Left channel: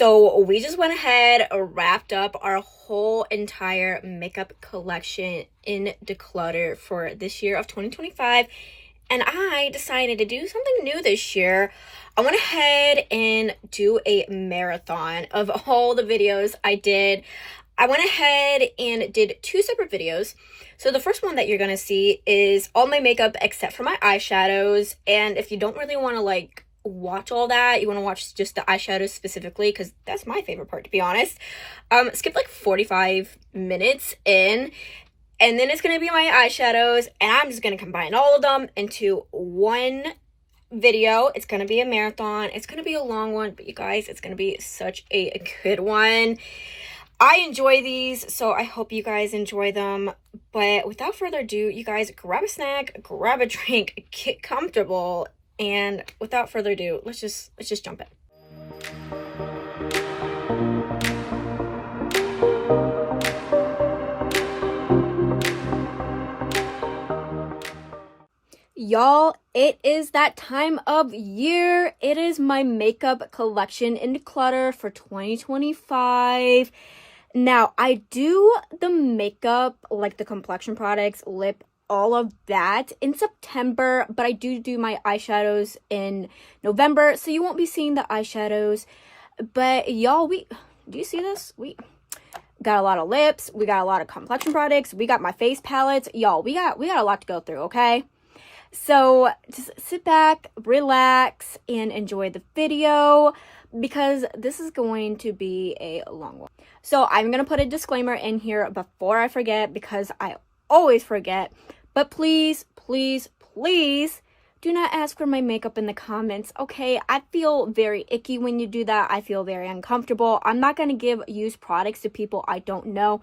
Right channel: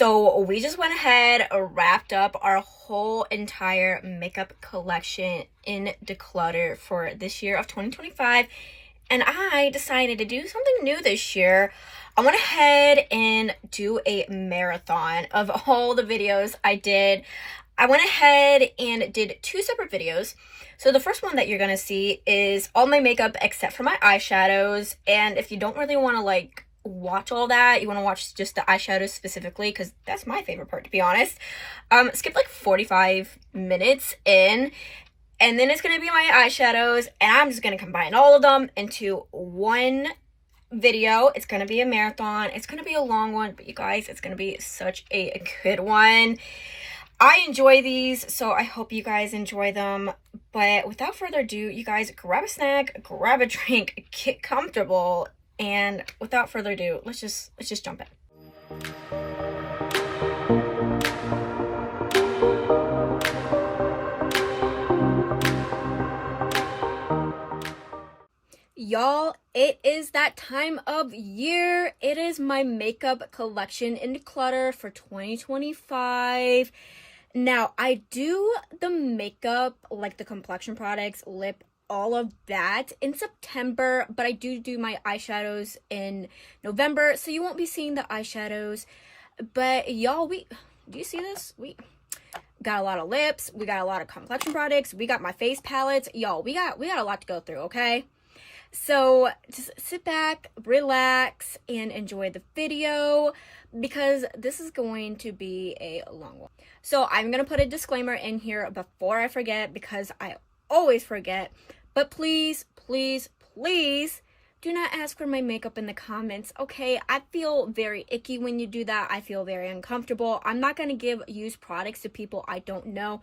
So we just went ahead, wrapped up our whole entire makeup collection in Declutter for this year of 2025. And I decided to do something new this year. I went ahead and do a marathon of all the videos I did. I went ahead and did 2 separate videos. So the first one that you're going to see is all my makeup except for my eyeshadows. And if you don't really want to like watch all that, you want to watch just the eyeshadows specifically, because that's my favorite part, to be honest, skip like 45 minutes in, and then it's going to be my eyeshadows, and I'm just going to combine all of them into one video. It's going to be a marathon. It's going to be a long one, but you guys, it's going to be such a good one. I enjoy these, so I hope you guys enjoy them. But without further ado, you guys, grab a snack, grab a drink, get comfortable, and without further ado, let's just jump in. Y'all, it is that time of year. It is my makeup collection in Declutter for 2025. Now, I do the makeup, like the complexion products, lip, all of that in September, but I do my eyeshadows in November, so you won't be seeing the eyeshadows. But y'all, do you see this? We got a lot of lips, we got a lot of complexion products, we got my face palettes. Y'all, we got a lot to go through, okay? So just sit back, relax, and enjoy the video, because this is going to be a long one. So I'm going to put a disclaimer in here before I forget, because I always forget. But please, please, please do not ask for my makeup in the comments, okay? I feel very icky when you do that. I feel very uncomfortable. I'm not going to give used products to people I don't know.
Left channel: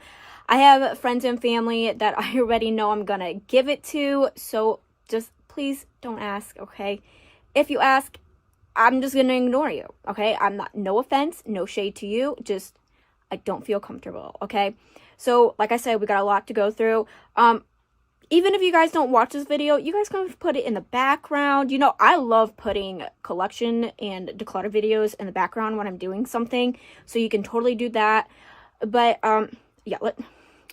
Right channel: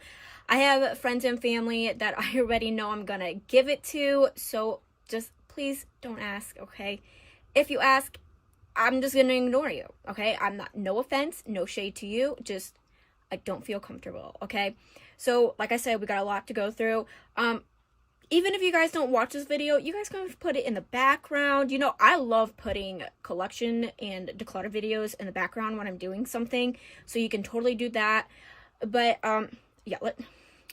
I have friends and family that I already know I'm going to give it to, so just please don't ask, okay? If you ask, I'm just going to ignore you, okay? No offense, no shade to you, just I don't feel comfortable, okay? So, like I said, we got a lot to go through. Even if you guys don't watch this video, you guys can put it in the background. You know, I love putting collection and declutter videos in the background when I'm doing something, so you can totally do that. But, yeah,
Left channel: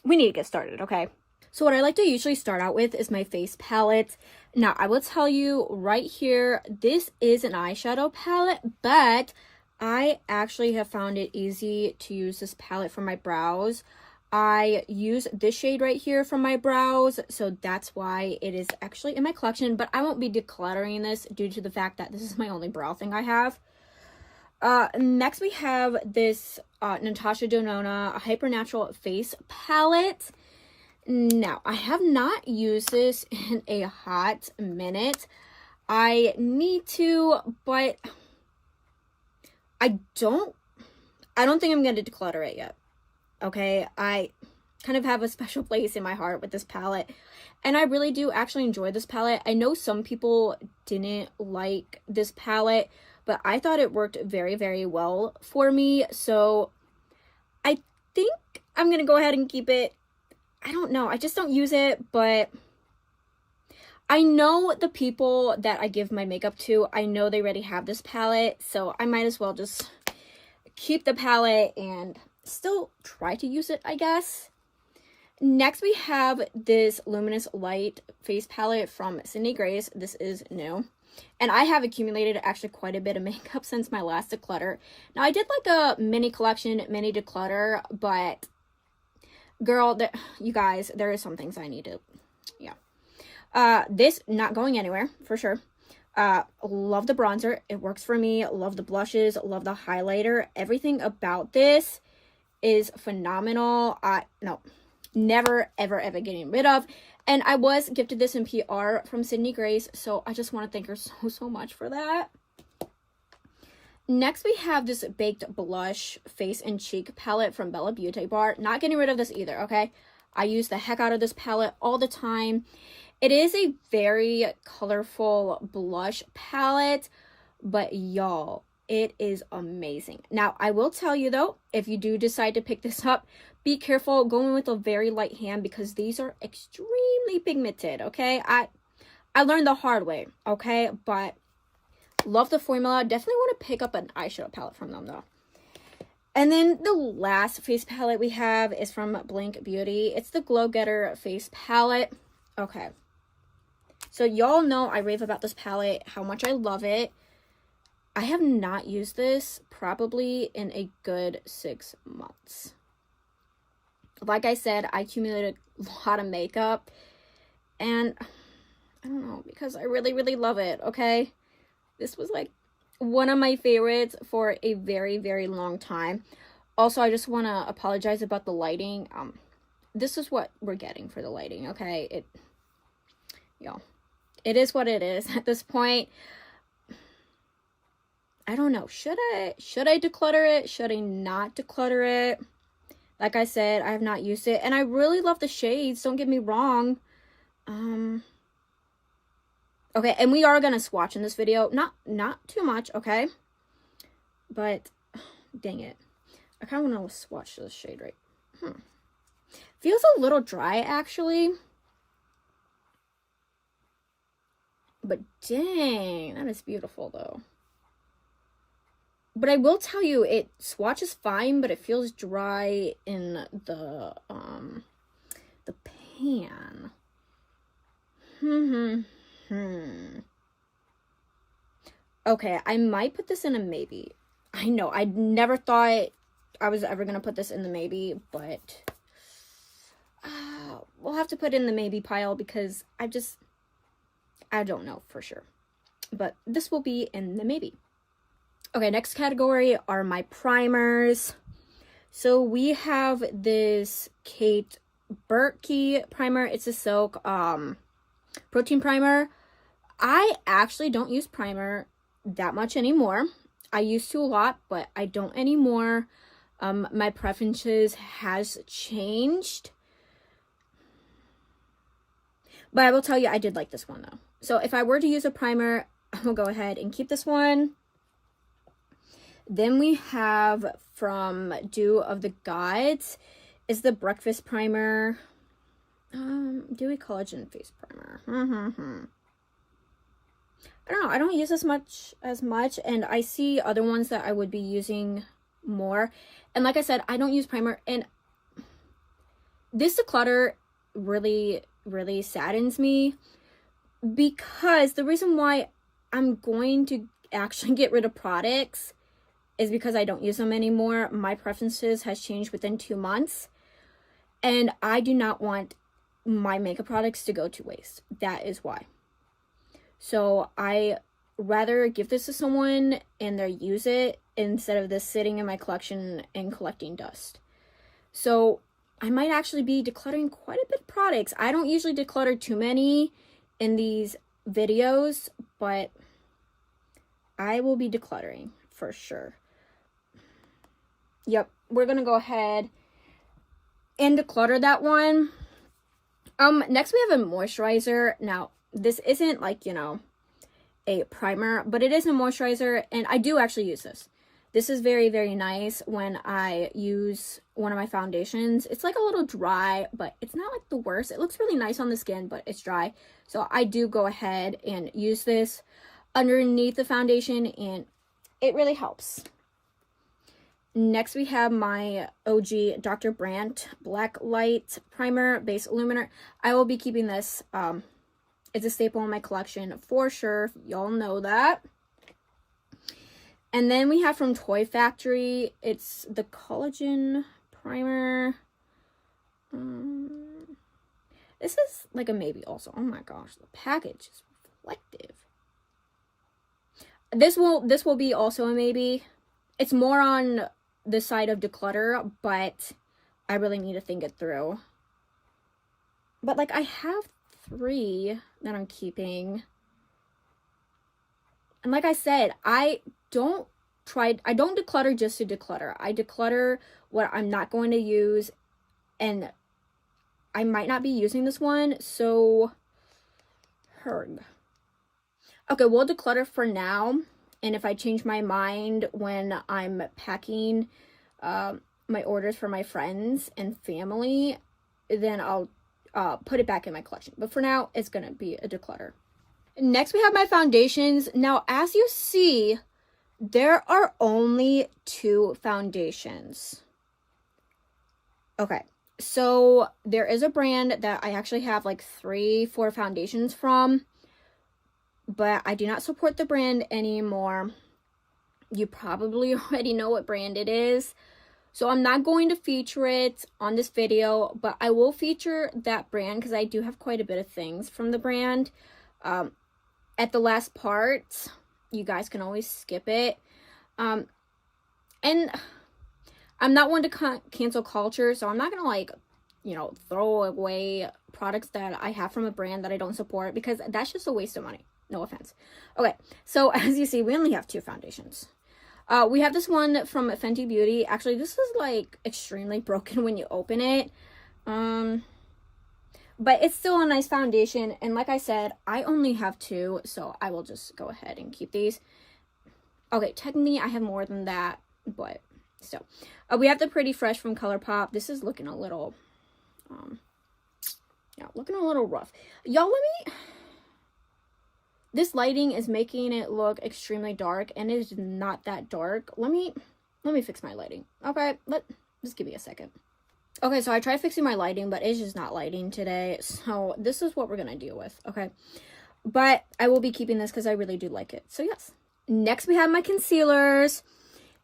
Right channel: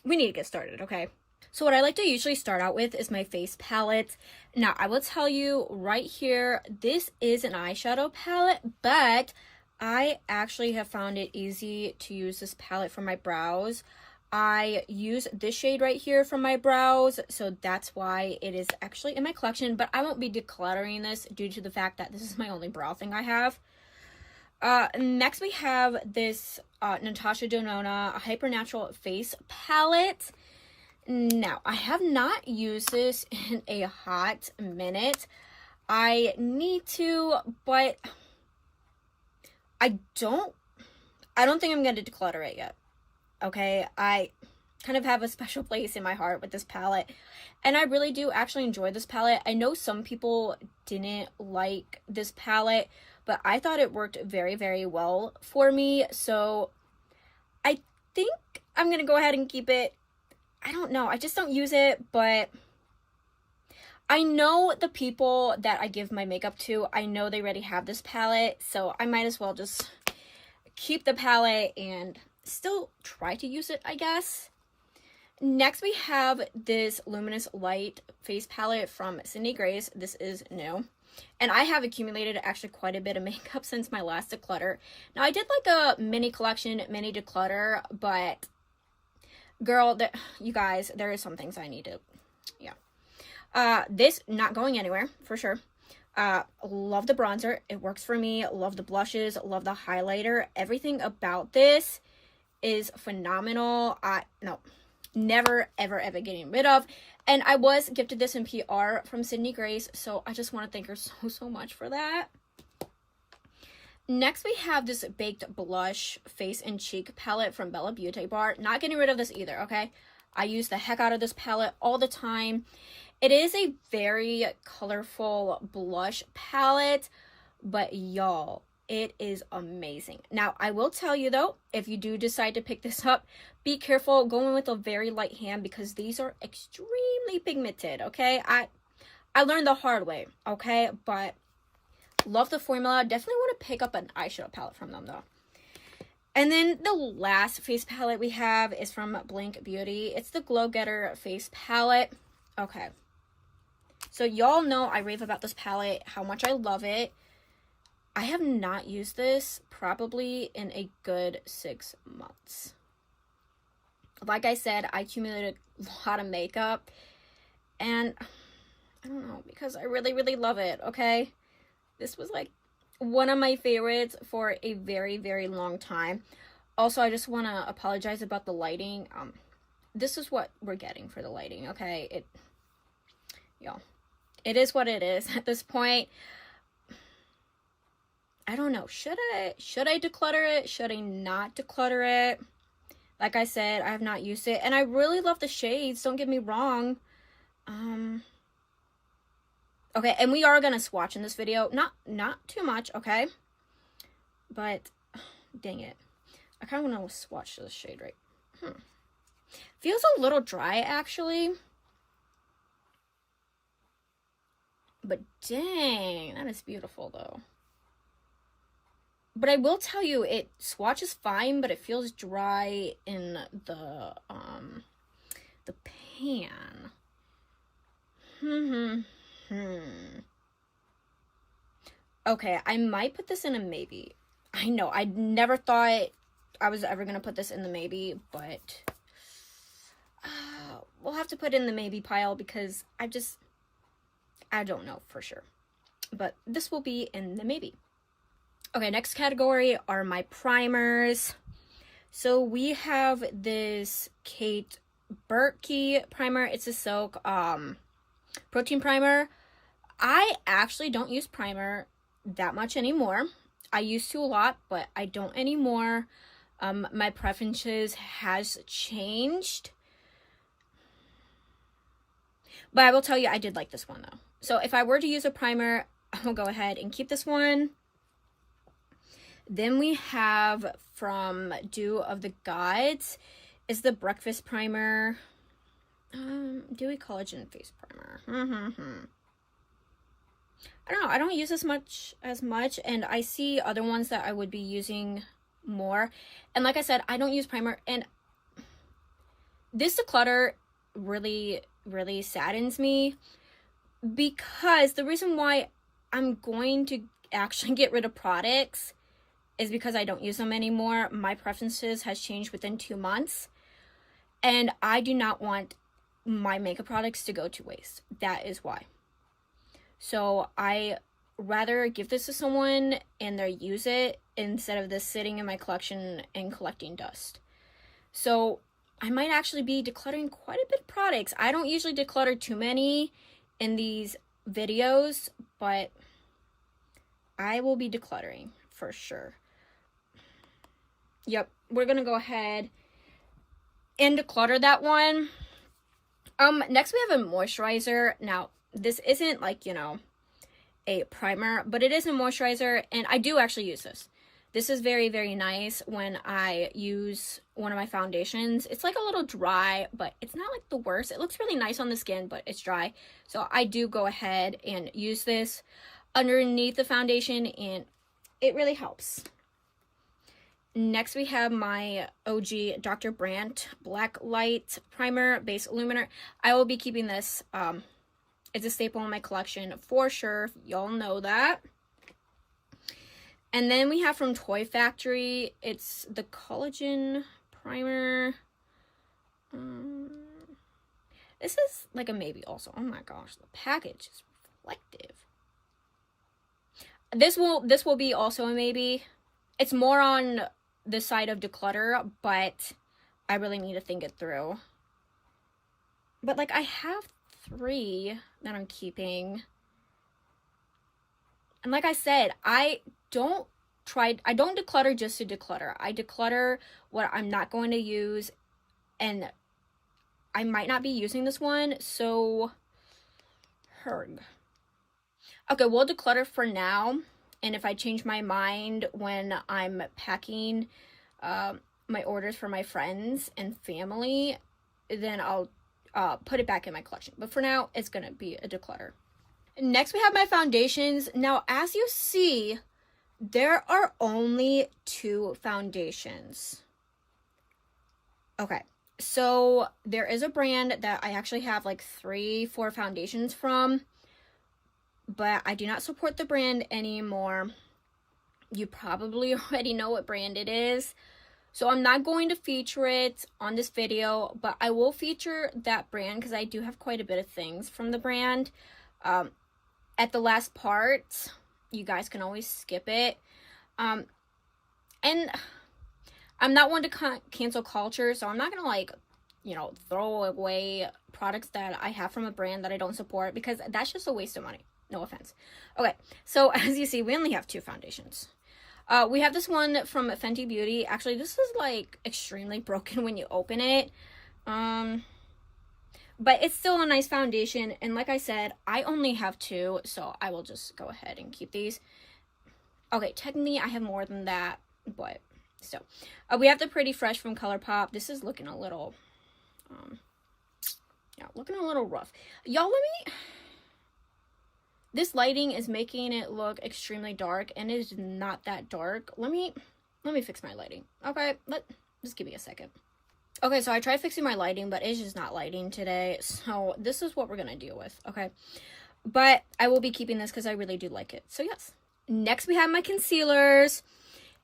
we need to get started, okay? So what I like to usually start out with is my face palette. Now, I will tell you right here, this is an eyeshadow palette, but I actually have found it easy to use this palette for my brows. I use this shade right here for my brows, so that's why it is actually in my collection, but I won't be decluttering this due to the fact that this is my only brow thing I have. Next we have this Natasha Denona Hypernatural Face Palette. Now, I have not used this in a hot minute. I need to, but I don't think I'm going to declutter it yet. Okay, I kind of have a special place in my heart with this palette, and I really do actually enjoy this palette. I know some people didn't like this palette, but I thought it worked very, very well for me, so I think I'm gonna go ahead and keep it. I don't know, I just don't use it, but I know the people that I give my makeup to, I know they already have this palette, so I might as well just keep the palette and still try to use it, I guess. Next we have this Luminous Light face palette from Sydney Grace. This is new, and I have accumulated actually quite a bit of makeup since my last declutter. Now, I did like a mini collection, mini declutter, but girl, you guys, there are some things I need to, yeah. This not going anywhere for sure. Love the bronzer, it works for me. Love the blushes, love the highlighter. Everything about this is phenomenal. No, never ever getting rid of. And I was gifted this in PR from Sydney Grace, so I just want to thank her so much for that. Next we have this Baked Blush Face and Cheek palette from Bella Beauty Bar. Not getting rid of this either, okay? I use the heck out of this palette all the time. It is a very colorful blush palette, but y'all, it is amazing. Now, I will tell you though, if you do decide to pick this up, be careful going with a very light hand, because these are extremely pigmented, okay? I learned the hard way, okay? But love the formula. Definitely want to pick up an eyeshadow palette from them though. And then the last face palette we have is from Blink Beauty. It's the Glow Getter face palette. Okay. So y'all know I rave about this palette, how much I love it. I have not used this probably in a good 6 months. Like I said, I accumulated a lot of makeup. And I don't know, because I really, really love it, okay? This was like one of my favorites for a very, very long time. Also, I just want to apologize about the lighting. This is what we're getting for the lighting, okay? It is what it is at this point. I don't know. Should I declutter it? Should I not declutter it? Like I said, I have not used it, and I really love the shades. Don't get me wrong. Okay, and we are gonna swatch in this video. Not too much, okay? But dang it, I kind of want to swatch this shade right. Feels a little dry actually. But dang, that is beautiful though. But I will tell you, it swatches fine, but it feels dry in the pan. Okay, I might put this in a maybe. I know, I never thought I was ever gonna put this in the maybe, but we'll have to put it in the maybe pile because I don't know for sure. But this will be in the maybe. Okay, next category are my primers. So we have this Kate Burke primer. It's a silk protein primer. I actually don't use primer that much anymore. I used to a lot, but I don't anymore. My preferences has changed. But I will tell you, I did like this one though. So if I were to use a primer, I will go ahead and keep this one. Then we have from Dew of the Gods is the Breakfast Primer. Dewy Collagen Face Primer. I don't know. I don't use as much, and I see other ones that I would be using more. And like I said, I don't use primer, and this declutter really, really saddens me because the reason why I'm going to actually get rid of products is because I don't use them anymore. My preferences has changed within 2 months, and I do not want my makeup products to go to waste. That is why. So I rather give this to someone and they use it instead of this sitting in my collection and collecting dust. So I might actually be decluttering quite a bit of products. I don't usually declutter too many in these videos, but I will be decluttering for sure. Yep, we're gonna go ahead and declutter that one. Next we have a moisturizer. Now, this isn't like, you know, a primer, but it is a moisturizer, and I do actually use this. This is very, very nice when I use one of my foundations. It's like a little dry, but it's not like the worst. It looks really nice on the skin, but it's dry. So I do go ahead and use this underneath the foundation, and it really helps. Next, we have my OG Dr. Brandt Black Light Primer Base Illuminer. I will be keeping this. It's a staple in my collection for sure. Y'all know that. And then we have from Toy Factory. It's the Collagen Primer. This is like a maybe also. Oh my gosh, the package is reflective. This will be also a maybe. It's more on the side of declutter, but I really need to think it through. But like I have 3 that I'm keeping. And like I said, I don't declutter just to declutter. I declutter what I'm not going to use, and I might not be using this one, so herg. Okay, we'll declutter for now. And if I change my mind when I'm packing my orders for my friends and family, then I'll put it back in my collection. But for now, it's going to be a declutter. Next, we have my foundations. Now, as you see There are only 2 foundations. Okay, so there is a brand that I actually have like 3-4 foundations from, but I do not support the brand anymore. You probably already know what brand it is, so I'm not going to feature it on this video, but I will feature that brand because I do have quite a bit of things from the brand. At the last part, you guys can always skip it. And I'm not one to cancel culture, so I'm not gonna like, you know, throw away products that I have from a brand that I don't support, because that's just a waste of money. No offense. Okay, so as you see, we only have 2 foundations. We have this one from Fenty Beauty. Actually, this is like extremely broken when you open it. But it's still a nice foundation. And like I said, I only have 2, so I will just go ahead and keep these. Okay, technically I have more than that, but still. We have the Pretty Fresh from ColourPop. This is looking a little, yeah, looking a little rough. Y'all, this lighting is making it look extremely dark, and it is not that dark. Let me fix my lighting. Okay, just give me a second. Okay, so I tried fixing my lighting, but it's just not lighting today. So this is what we're gonna deal with, okay? But I will be keeping this because I really do like it. So yes. Next, we have my concealers.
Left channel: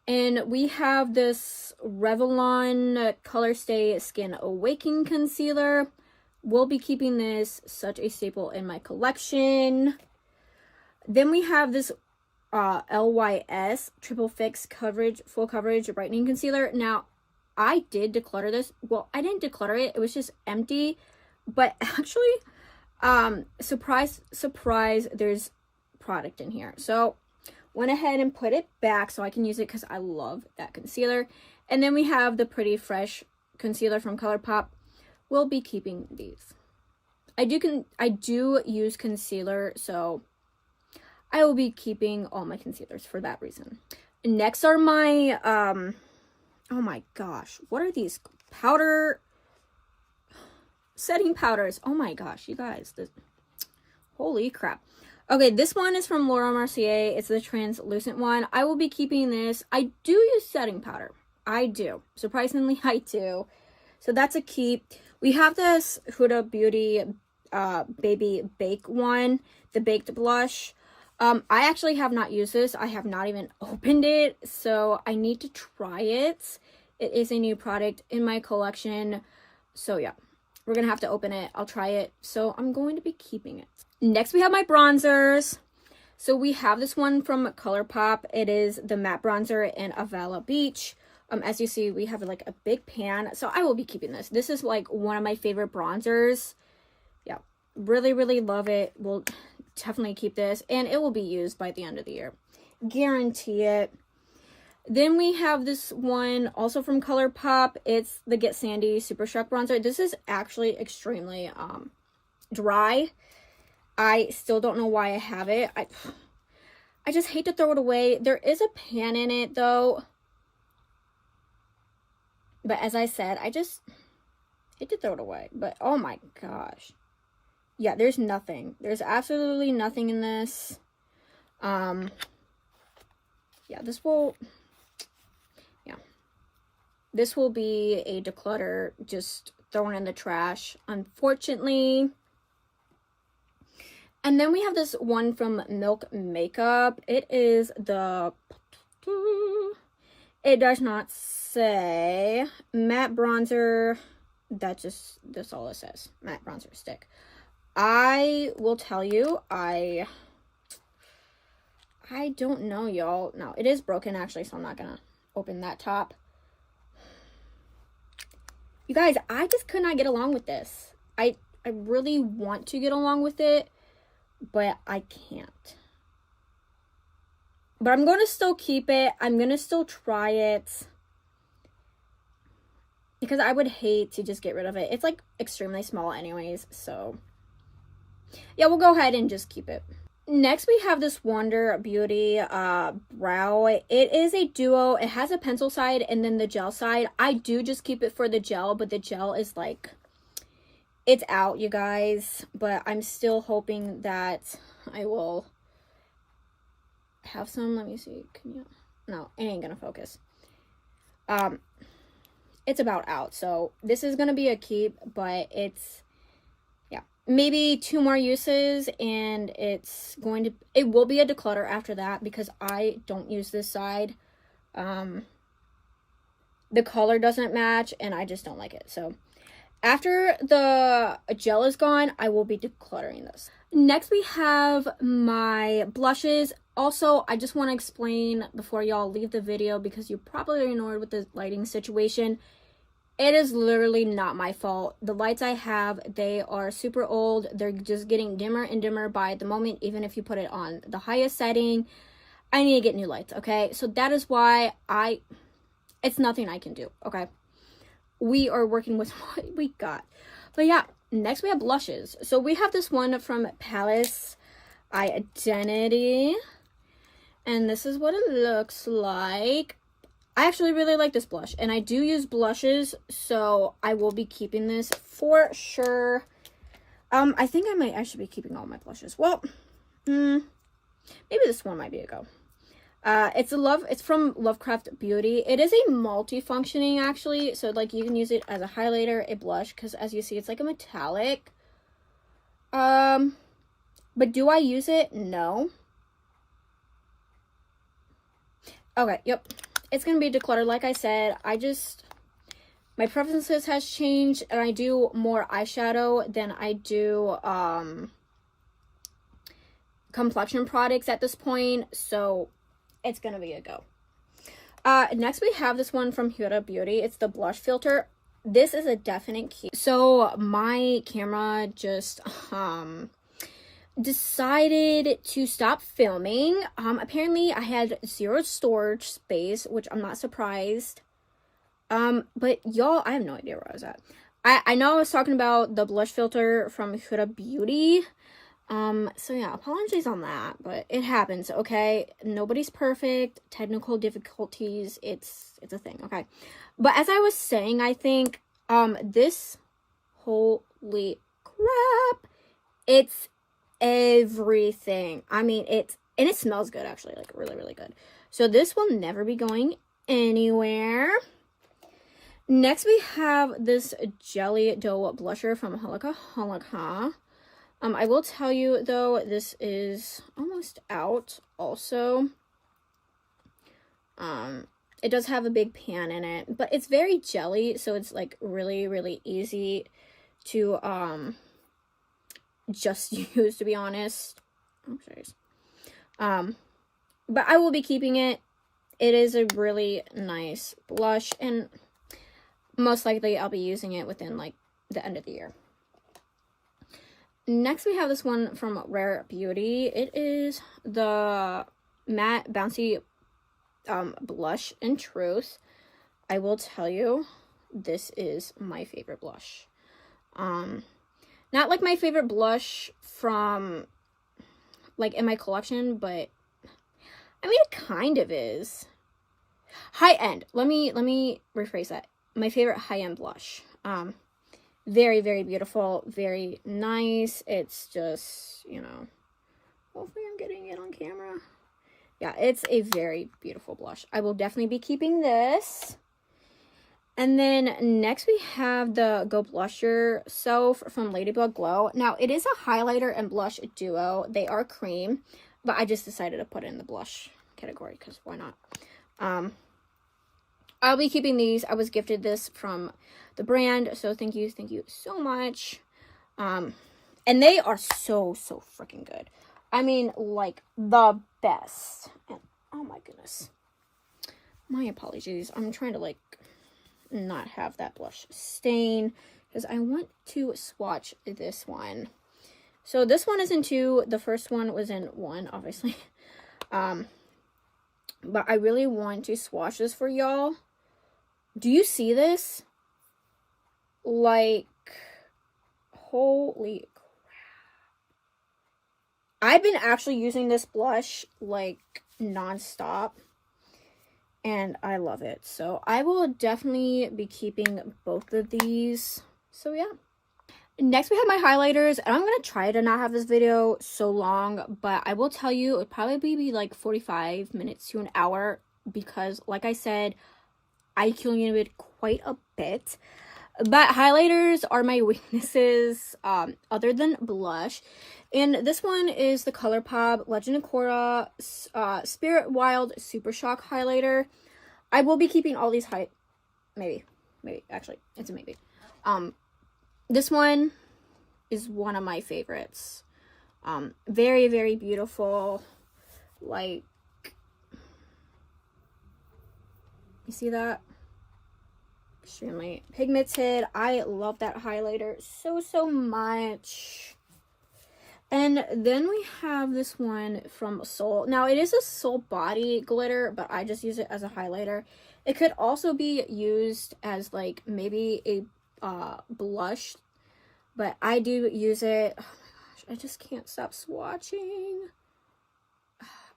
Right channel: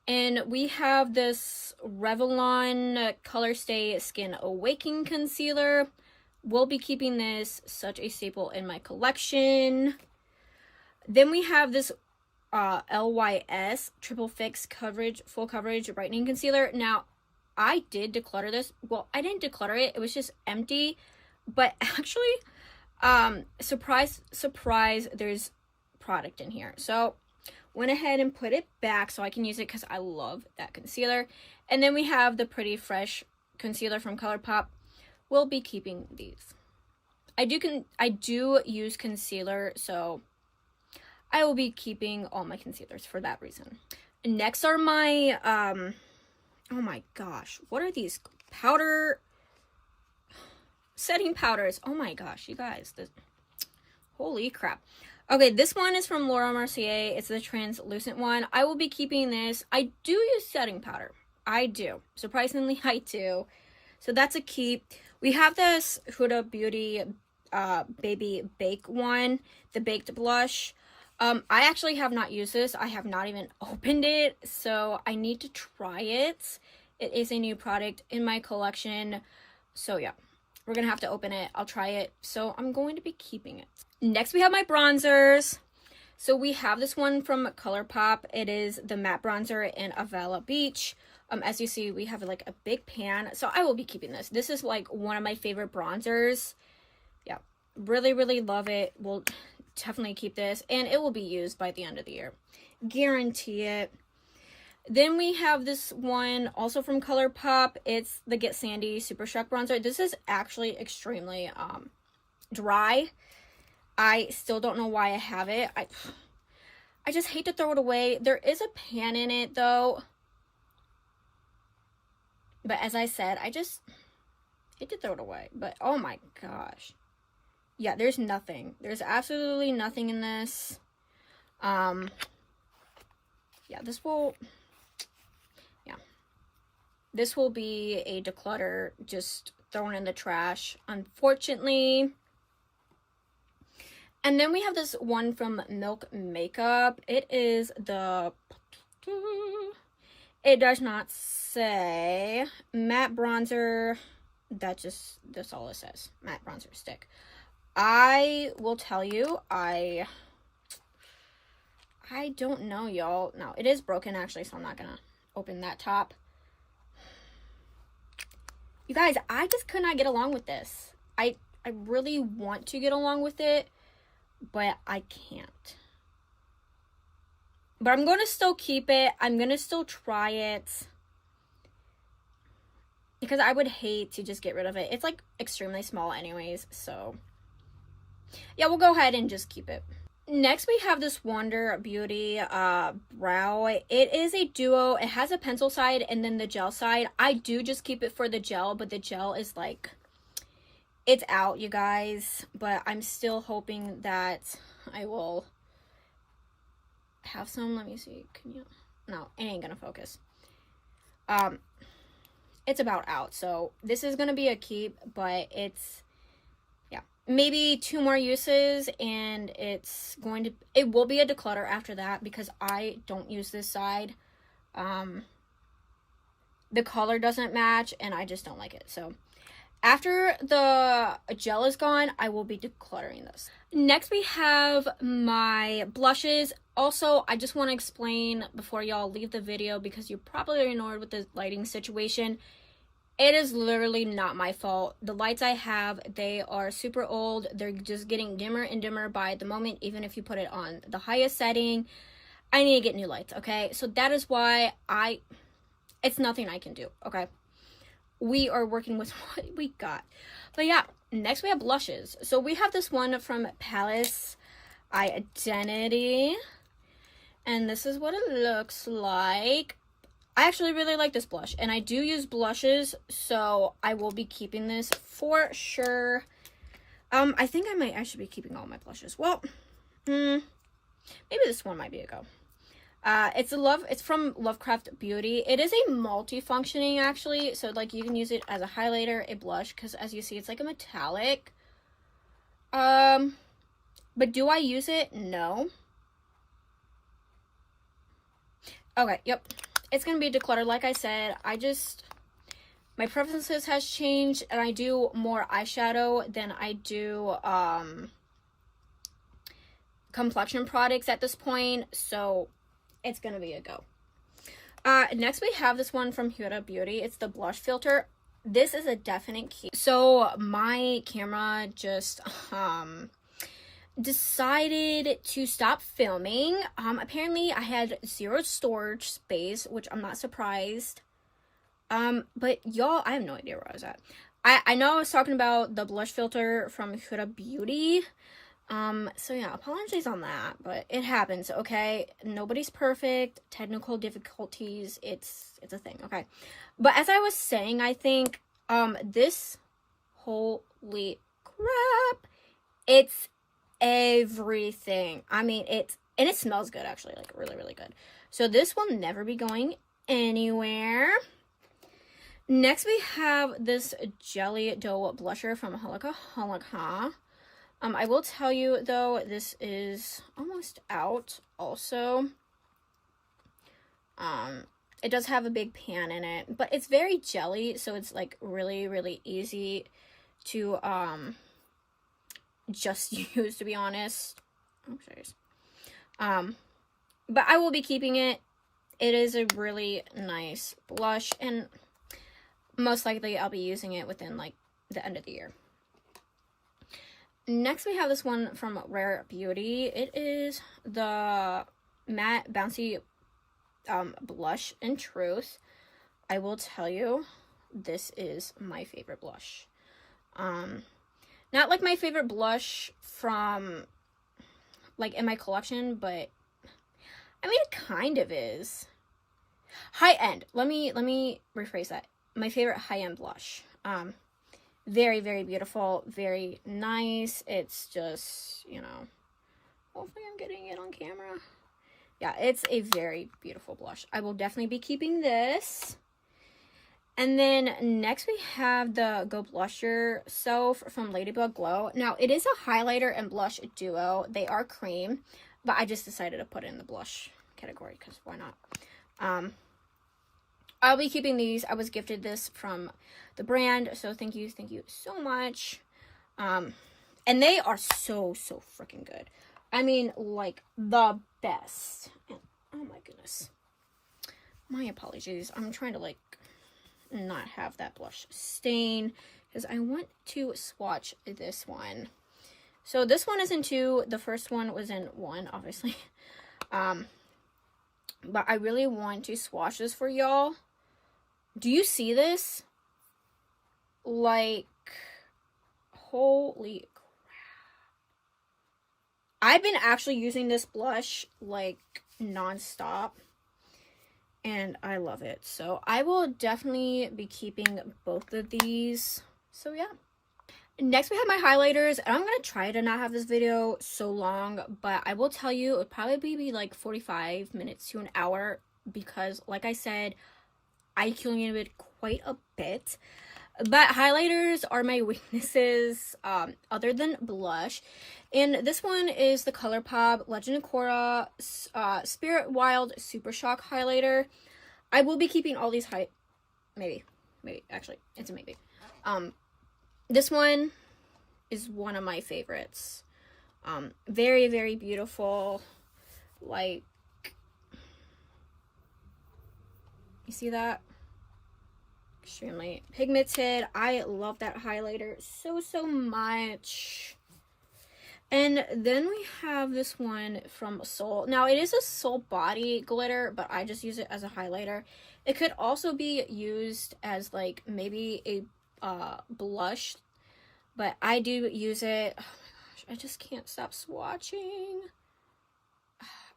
And we have this Revlon Color Stay Skin Awakening Concealer. We'll be keeping this, such a staple in my collection. Then we have this LYS Triple Fix Coverage, Full Coverage Brightening Concealer. Now, I did declutter this. Well, I didn't declutter it. It was just empty. But actually, surprise, surprise, there's product in here. So, went ahead and put it back so I can use it because I love that concealer. And then we have the Pretty Fresh concealer from ColourPop. We'll be keeping these. I do use concealer, so I will be keeping all my concealers for that reason. Next are my oh my gosh, what are these powder setting powders? Oh my gosh, you guys, holy crap. Okay, this one is from Laura Mercier. It's the translucent one. I will be keeping this. I do use setting powder. I do. Surprisingly, I do. So that's a keep. We have this Huda Beauty Baby Bake one, the baked blush. I actually have not used this. I have not even opened it, so I need to try it. It is a new product in my collection. So yeah, we're gonna have to open it. I'll try it. So I'm going to be keeping it. Next, we have my bronzers. So we have this one from ColourPop. It is the matte bronzer in Avila Beach. As you see, we have like a big pan. So I will be keeping this. This is like one of my favorite bronzers. Yeah, really, really love it. We'll definitely keep this. And it will be used by the end of the year. Guarantee it. Then we have this one also from ColourPop. It's the Get Sandy Super Shock Bronzer. This is actually extremely dry. I still don't know why I have it. I just hate to throw it away. There is a pan in it though. But as I said, I just hate to throw it away. But oh my gosh. Yeah, there's nothing. There's absolutely nothing in this. Yeah, this will be a declutter, just thrown in the trash, unfortunately. And then we have this one from Milk Makeup. It is the, it does not say, matte bronzer. That's all it says. Matte bronzer stick. I will tell you, I don't know, y'all. No, it is broken actually, so I'm not gonna open that top. You guys, I just could not get along with this. I really want to get along with it, but I can't. But I'm going to still keep it. I'm going to still try it. Because I would hate to just get rid of it. It's like extremely small anyways. So yeah, we'll go ahead and just keep it. Next, we have this Wonder Beauty brow. It is a duo. It has a pencil side and then the gel side. I do just keep it for the gel, but the gel is like, it's out, you guys. But I'm still hoping that I will have some. Let me see. Can you? No, it ain't gonna focus. It's about out. So this is gonna be a keep, but it's, yeah, maybe 2 more uses, and it will be a declutter after that because I don't use this side. The color doesn't match, and I just don't like it. So after the gel is gone, I will be decluttering this. Next, we have my blushes. Also, I just want to explain before y'all leave the video, because you probably are annoyed with the lighting situation. It is literally not my fault. The lights I have, they are super old. They're just getting dimmer and dimmer by the moment, even if you put it on the highest setting. I need to get new lights, okay? So that is why it's nothing I can do, okay? We are working with what we got. But yeah, next we have blushes. So we have this one from Palace Identity, and this is what it looks like. I actually really like this blush, and I do use blushes, so I will be keeping this for sure. I think I might actually be keeping all my blushes. Well, maybe this one might be a go. It's from Lovecraft Beauty. It is a multi-functioning, actually, so like you can use it as a highlighter, a blush, because as you see, it's like a metallic. But do I use it? No. Okay, yep. It's gonna be decluttered. Like I said, my preferences has changed, and I do more eyeshadow than I do complexion products at this point, so it's gonna be a go. Next we have this one from Huda Beauty. It's the blush filter. This is a definite key. So my camera just decided to stop filming. Apparently I had 0 storage space, which I'm not surprised. But y'all, I have no idea where I was at. I know I was talking about the blush filter from Huda Beauty. So yeah, apologies on that, but it happens, okay? Nobody's perfect. Technical difficulties, it's a thing, okay? But as I was saying, I think, this, holy crap, it's everything. I mean, and it smells good, actually, like really, really good. So this will never be going anywhere. Next, we have this Jelly Dough Blusher from Halika Halika. I will tell you, though, this is almost out also. It does have a big pan in it, but it's very jelly, so it's, like, really, really easy to, just use, to be honest. I'm serious. But I will be keeping it. It is a really nice blush, and most likely I'll be using it within, like, the end of the year. Next, we have this one from Rare Beauty. It is the Matte Bouncy Blush in Truth. I will tell you, this is my favorite blush. Not like my favorite blush from, like, in my collection, but, I mean, it kind of is. High-end. Let me rephrase that. My favorite high-end blush. Very, very beautiful, very nice. It's just, you know, hopefully I'm getting it on camera. Yeah, it's a very beautiful blush. I will definitely be keeping this. And then next we have the Go Blusher Self from Ladybug Glow. Now, it is a highlighter and blush duo. They are cream, but I just decided to put it in the blush category because why not? I'll be keeping these. I was gifted this from the brand, so thank you so much. And they are so freaking good. I mean, like, the best. And, oh my goodness, my apologies. I'm trying to, like, not have that blush stain because I want to swatch this one. So this one is in 2. The first one was in 1, obviously. But I really want to swatch this for y'all. Do you see this? Like, holy crap. I've been actually using this blush, like, non-stop. And I love it. So I will definitely be keeping both of these. So yeah. Next, we have my highlighters, and I'm going to try to not have this video so long, but I will tell you, it would probably be like 45 minutes to an hour, because like I said, I accumulated quite a bit. But highlighters are my weaknesses, other than blush. And this one is the ColourPop Legend of Korra Spirit Wild Super Shock highlighter. I will be keeping all these maybe, actually, it's a maybe. This one is one of my favorites. Very, very beautiful. Like, you see that? Extremely pigmented. I love that highlighter so much. And then we have this one from Soul. Now, it is a Soul body glitter, but I just use it as a highlighter. It could also be used as like maybe a blush, but I do use it. Oh my gosh, I just can't stop swatching.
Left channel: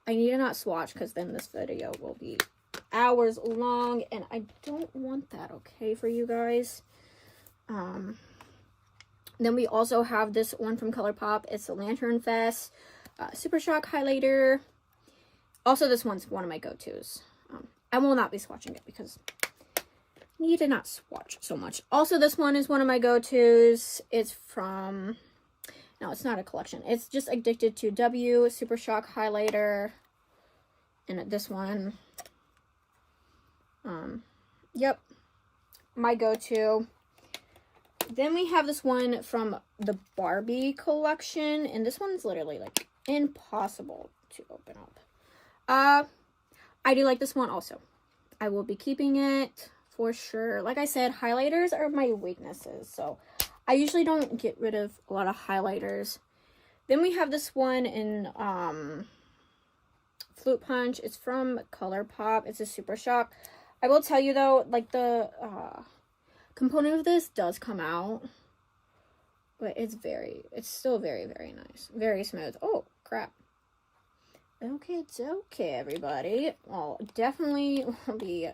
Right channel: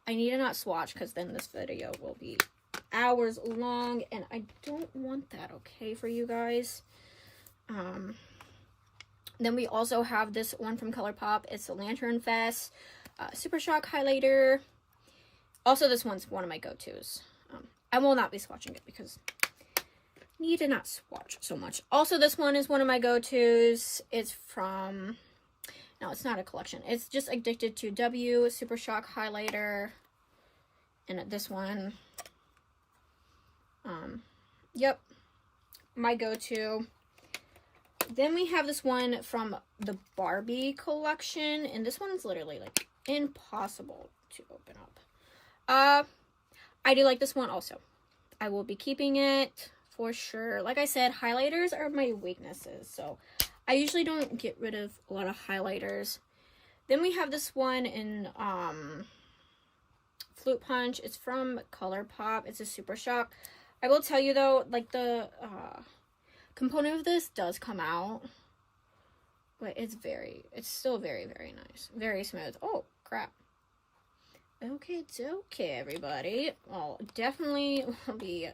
I need to not swatch, because then this video will be hours long, and I don't want that, okay, for you guys. Then we also have this one from ColourPop. It's the Lantern Fest Super Shock highlighter. Also, this one's one of my go-tos. I will not be swatching it because I need to not swatch so much. Also, this one is one of my go-tos. It's from, no, it's not a collection. It's just Addicted to W Super Shock highlighter. And this one, yep, my go-to. Then we have this one from the Barbie collection, and this one's literally like impossible to open up. I do like this one also. I will be keeping it for sure. Like I said, highlighters are my weaknesses, so I usually don't get rid of a lot of highlighters. Then we have this one in Flute Punch. It's from ColourPop. It's a Super Shock. I will tell you though, like the component of this does come out, but it's still very, very nice. Very smooth. Oh, crap. Okay, it's okay, everybody. I'll definitely will be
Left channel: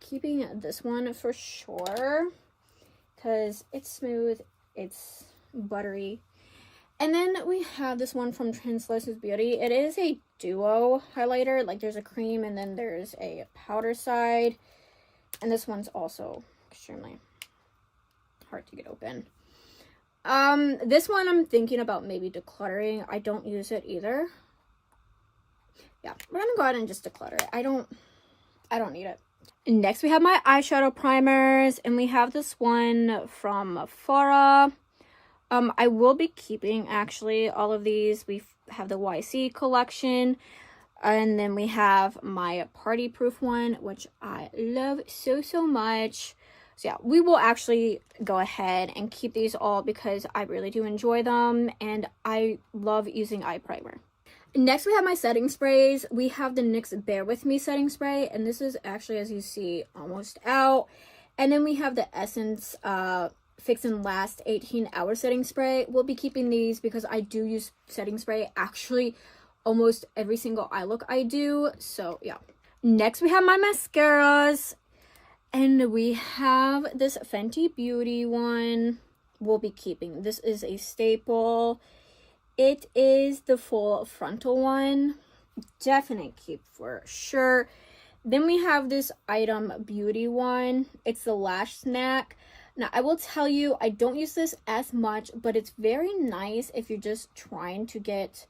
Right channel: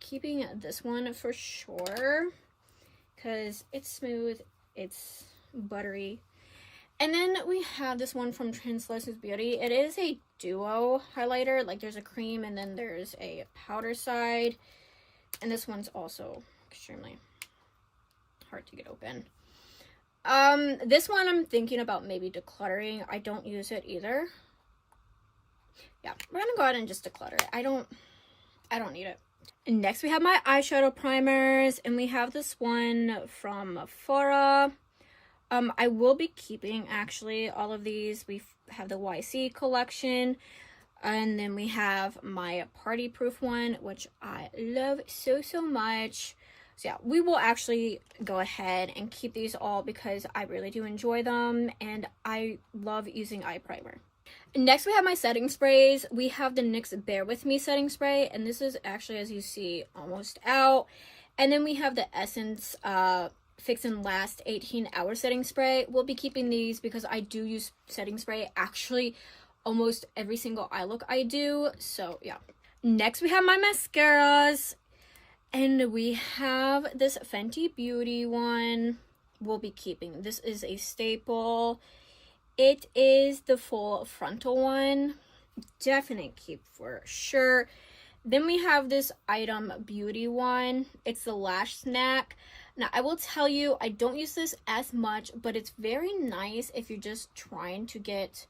keeping this one for sure, because it's smooth, it's buttery. And then we have this one from Translucent Beauty. It is a duo highlighter. Like, there's a cream and then there's a powder side. And this one's also extremely hard to get open. This one I'm thinking about maybe decluttering. I don't use it either. Yeah, we're gonna go ahead and just declutter it. I don't need it. Next, we have my eyeshadow primers, and we have this one from Farah. I will be keeping actually all of these. We have the YC collection, and then we have my party proof one, which I love so much. So yeah, we will actually go ahead and keep these all because I really do enjoy them, and I love using eye primer. Next, we have my setting sprays. We have the NYX Bear With Me setting spray, and this is actually, as you see, almost out. And then we have the Essence Fix and Last 18-hour setting spray. We'll be keeping these because I do use setting spray actually almost every single eye look I do. So yeah. Next, we have my mascaras, and we have this Fenty Beauty one. We'll be keeping. This is a staple. It is the full frontal one. Definite keep for sure. Then we have this Item Beauty one. It's the Lash Snack. Now, I will tell you, I don't use this as much, but it's very nice if you're just trying to get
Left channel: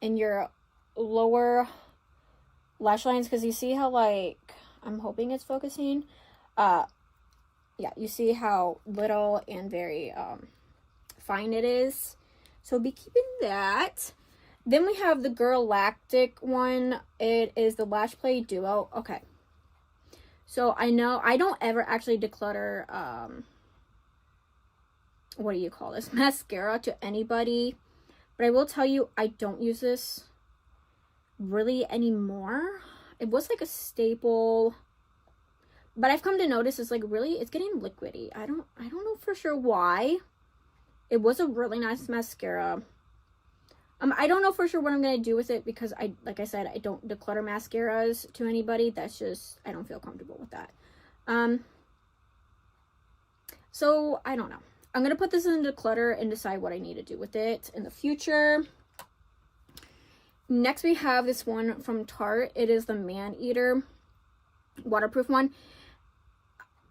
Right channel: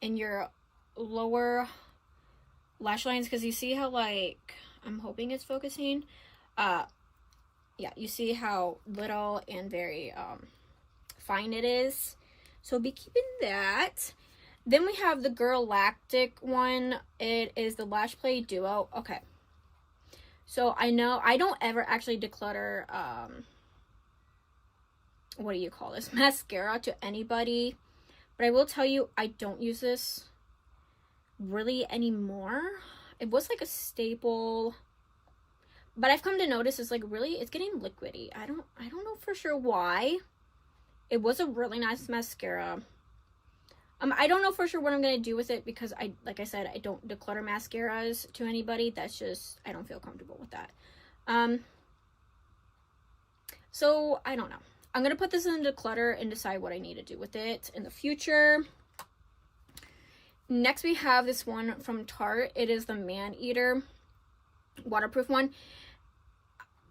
in your lower lash lines, because you see how, like, I'm hoping it's focusing. Yeah, you see how little and very fine it is. So be keeping that. Then we have the Girl Lactic one. It is the Lash Play Duo. Okay. So I know I don't ever actually declutter, what do you call this? Mascara to anybody. But I will tell you, I don't use this really anymore. It was like a staple. But I've come to notice it's like really, it's getting liquidy. I don't know for sure why. It was a really nice mascara. I don't know for sure what I'm going to do with it because like I said, I don't declutter mascaras to anybody. That's just, I don't feel comfortable with that. So I don't know. I'm going to put this in Declutter and decide what I need to do with it in the future. Next, we have this one from Tarte. It is the Man Eater waterproof one.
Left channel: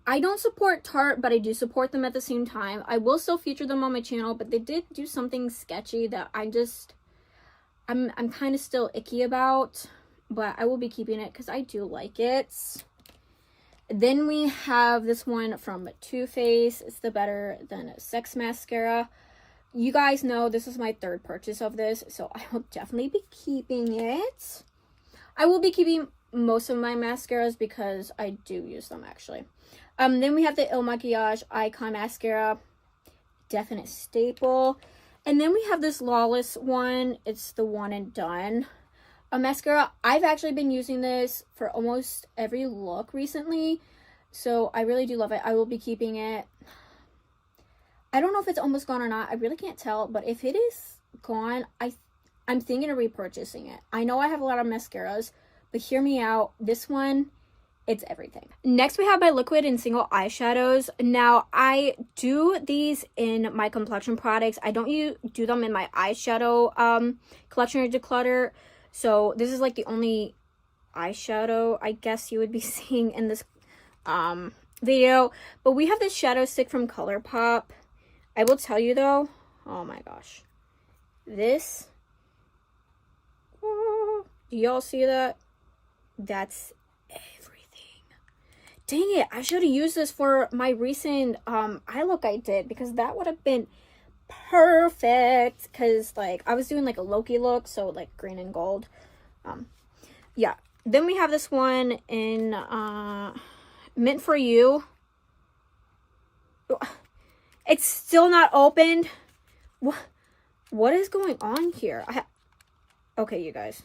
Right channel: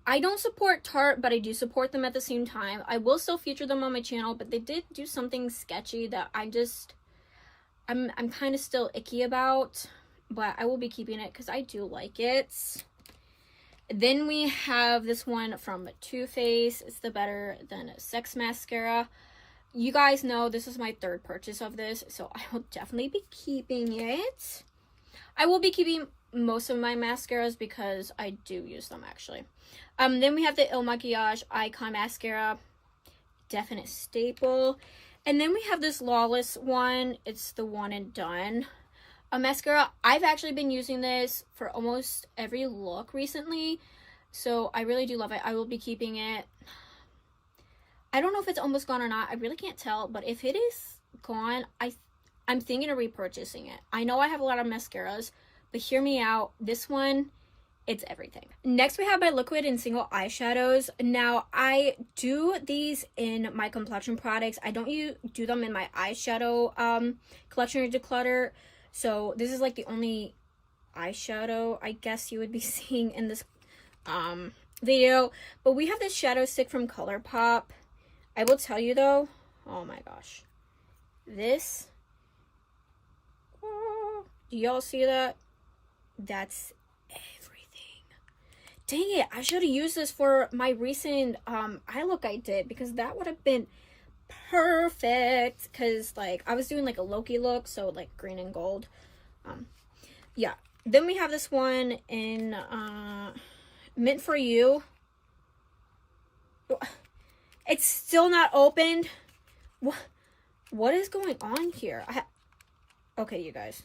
I don't support Tarte, but I do support them at the same time. I will still feature them on my channel, but they did do something sketchy that I'm kind of still icky about, but I will be keeping it because I do like it. Then we have this one from Too Faced. It's the Better Than Sex mascara. You guys know this is my third purchase of this, so I will definitely be keeping it. I will be keeping most of my mascaras because I do use them actually. Then we have the Il Makiage Icon Mascara. Definite staple. And then we have this Lawless one. It's the One and Done mascara. I've actually been using this for almost every look recently, so I really do love it. I will be keeping it. I don't know if it's almost gone or not. I really can't tell, but if it is gone, I'm thinking of repurchasing it. I know I have a lot of mascaras, but hear me out. This one, it's everything. Next, we have my liquid and single eyeshadows. Now, I do these in my complexion products. I don't do them in my eyeshadow collection or declutter. So this is like the only eyeshadow I guess you would be seeing in this video. But we have this shadow stick from ColourPop. I will tell you though, oh my gosh, this, do y'all see that? That's everything. Dang it, I should have used this for my recent eye look I did, because that would have been perfect, because like I was doing like a Loki look, so like green and gold. Yeah, then we have this one in Mint For You. It's still not opened. What is going on here? Okay, you guys,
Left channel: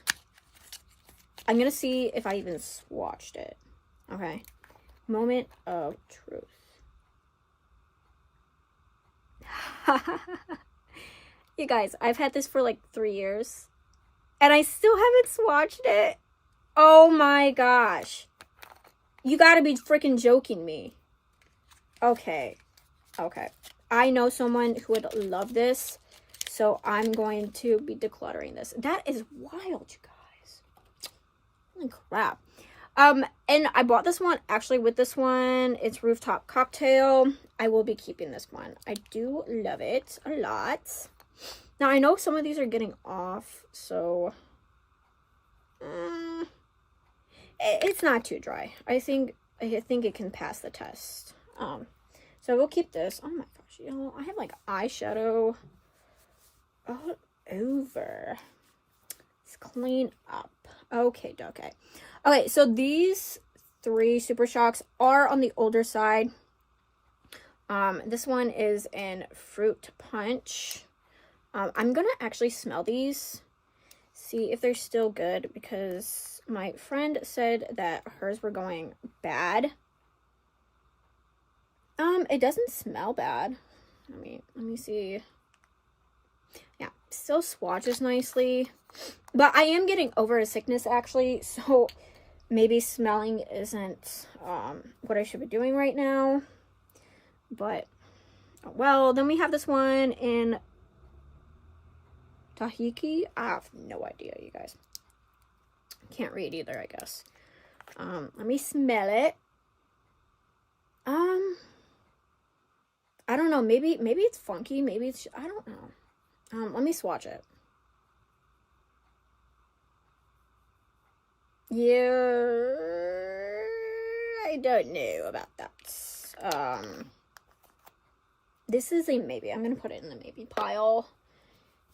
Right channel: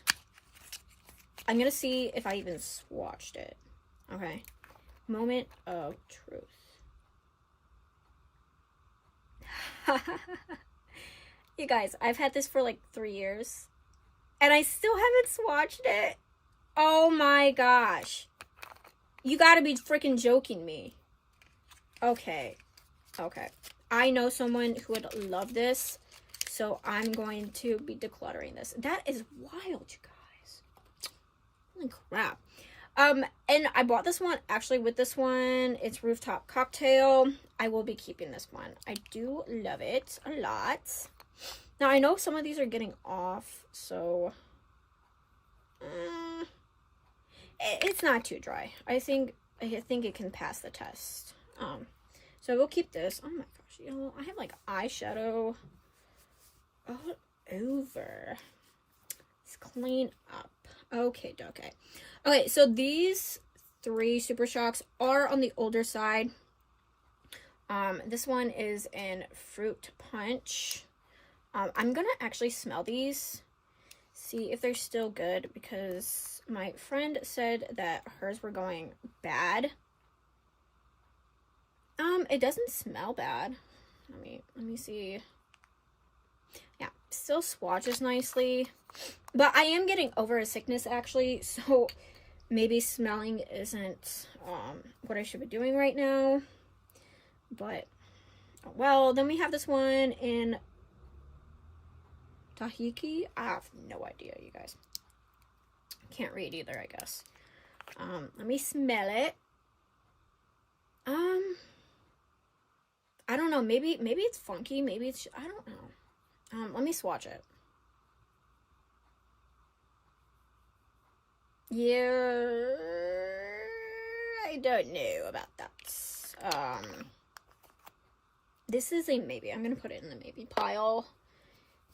I'm gonna see if I even swatched it. Okay, moment of truth. You guys, I've had this for like 3 years and I still haven't swatched it. Oh my gosh, you gotta be freaking joking me. Okay, I know someone who would love this, so I'm going to be decluttering this. That is wild, you guys. Holy crap. And I bought this one actually with this one. It's Rooftop Cocktail. I will be keeping this one. I do love it a lot. Now I know some of these are getting off, so it's not too dry. I think it can pass the test. So we'll keep this. Oh my gosh, y'all, I have like eyeshadow all over. Let's clean up. Okay. Okay, so these 3 Super Shocks are on the older side. This one is in Fruit Punch. I'm gonna actually smell these, see if they're still good, because my friend said that hers were going bad. It doesn't smell bad. Let me see. Yeah, still swatches nicely, but I am getting over a sickness actually, so maybe smelling isn't what I should be doing right now. But well, then we have this one in Tahiki. I have no idea, you guys. Can't read either, I guess. Let me smell it. I don't know, maybe it's funky, maybe it's, I don't know. Let me swatch it. Yeah, I don't know about that. This is a maybe. I'm gonna put it in the maybe pile,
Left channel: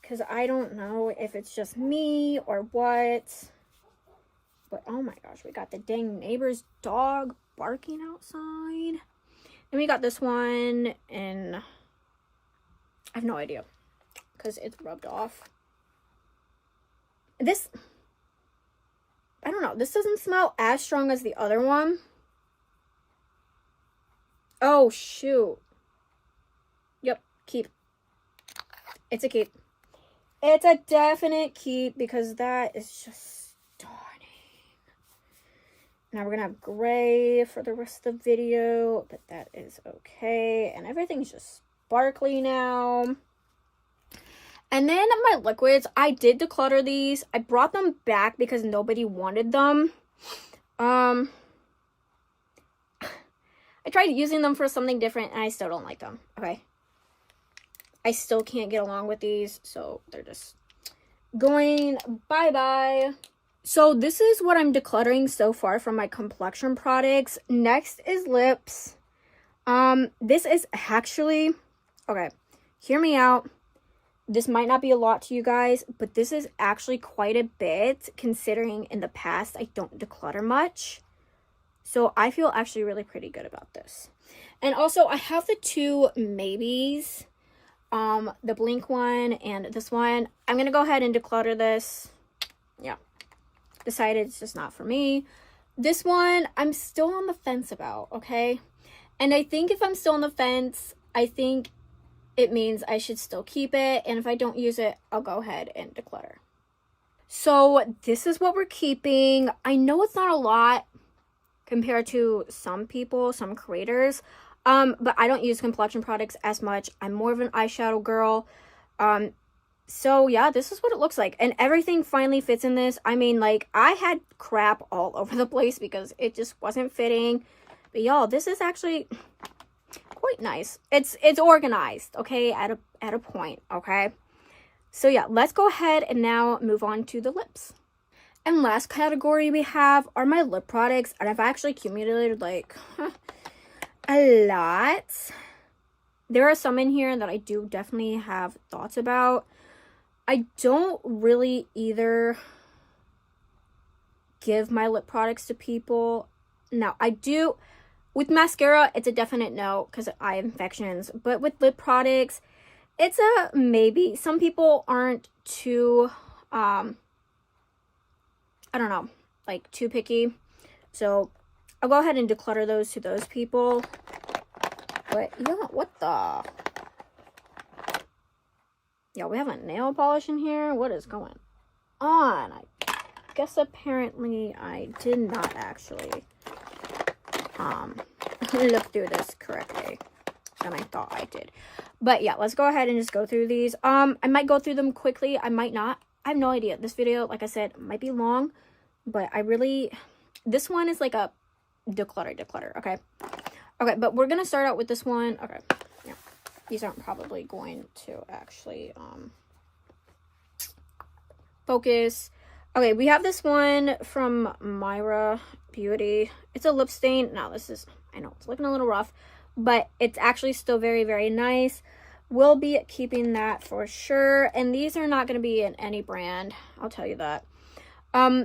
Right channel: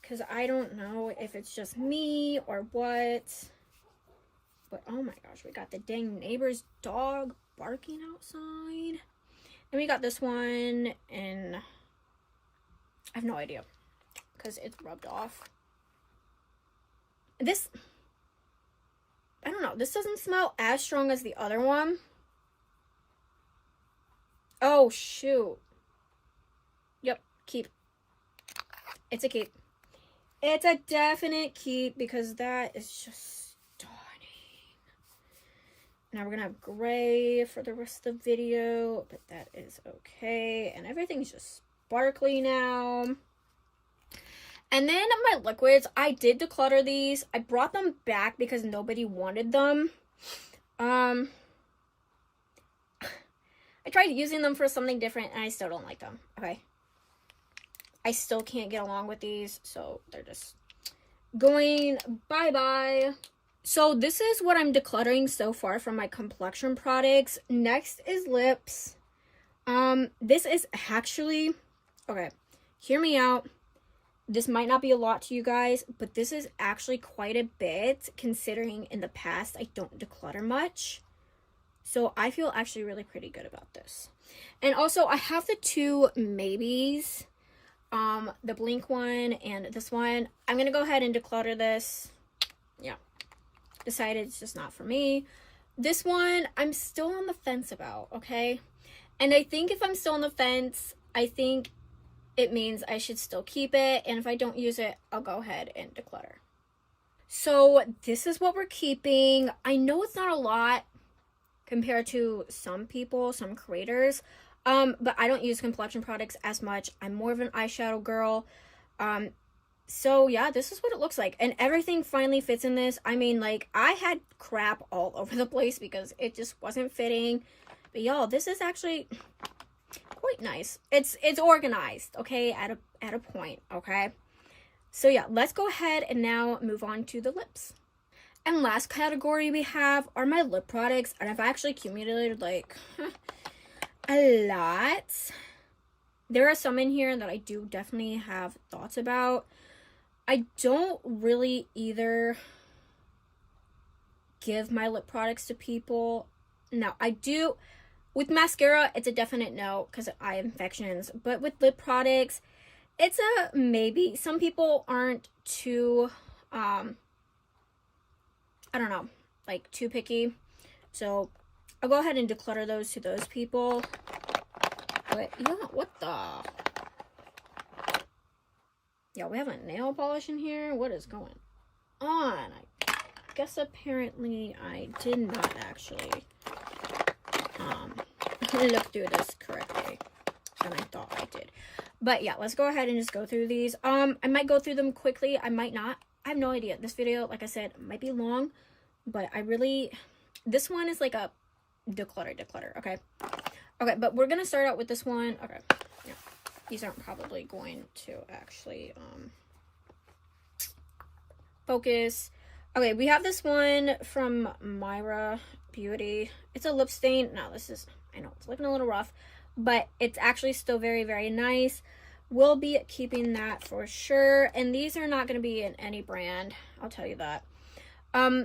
because I don't know if it's just me or what. But oh my gosh, we got the dang neighbor's dog barking outside. And we got this one in, I have no idea, because it's rubbed off. This, I don't know, this doesn't smell as strong as the other one. Oh shoot. Yep, keep. It's a keep. It's a definite keep, because that is just stunning. Now we're gonna have gray for the rest of the video, but that is okay. And everything's just sparkly now. And then my liquids, I did declutter these. I brought them back because nobody wanted them. I tried using them for something different and I still don't like them. Okay. I still can't get along with these, so they're just going bye-bye. So this is what I'm decluttering so far from my complexion products. Next is lips. This is actually, okay, hear me out. This might not be a lot to you guys, but this is actually quite a bit considering in the past I don't declutter much. So I feel actually really pretty good about this. And also I have the two maybes, the Blink one and this one. I'm gonna go ahead and declutter this. Yeah, decided it's just not for me. This one I'm still on the fence about, okay? And I think if I'm still on the fence, I think it means I should still keep it. And if I don't use it, I'll go ahead and declutter. So this is what we're keeping. I know it's not a lot compared to some people, some creators. But I don't use complexion products as much. I'm more of an eyeshadow girl. So yeah, this is what it looks like. And everything finally fits in this. I mean, like, I had crap all over the place because it just wasn't fitting. But y'all, this is actually quite nice. It's organized, okay, at a point, okay? So yeah, let's go ahead and now move on to the lips. And last category we have are my lip products. And I've actually accumulated like a lot. There are some in here that I do definitely have thoughts about. I don't really either give my lip products to people. Now, I do, with mascara, it's a definite no because I have infections. But with lip products, it's a maybe. Some people aren't too, I don't know, like too picky. So I'll go ahead and declutter those to those people. But yeah, what the? Yeah, we have a nail polish in here. What is going on? I guess apparently I did not actually look through this correctly. And I thought I did. But yeah, let's go ahead and just go through these. I might go through them quickly. I might not. I have no idea. This video, like I said, might be long. But I really... This one is like a declutter, okay? Okay, but we're going to start out with this one. Okay, yeah. These aren't probably going to actually focus. Okay, we have this one from Myra Beauty. It's a lip stain. Now, this is... I know, it's looking a little rough. But it's actually still very, very nice. We'll be keeping that for sure. And these are not going to be in any brand. I'll tell you that.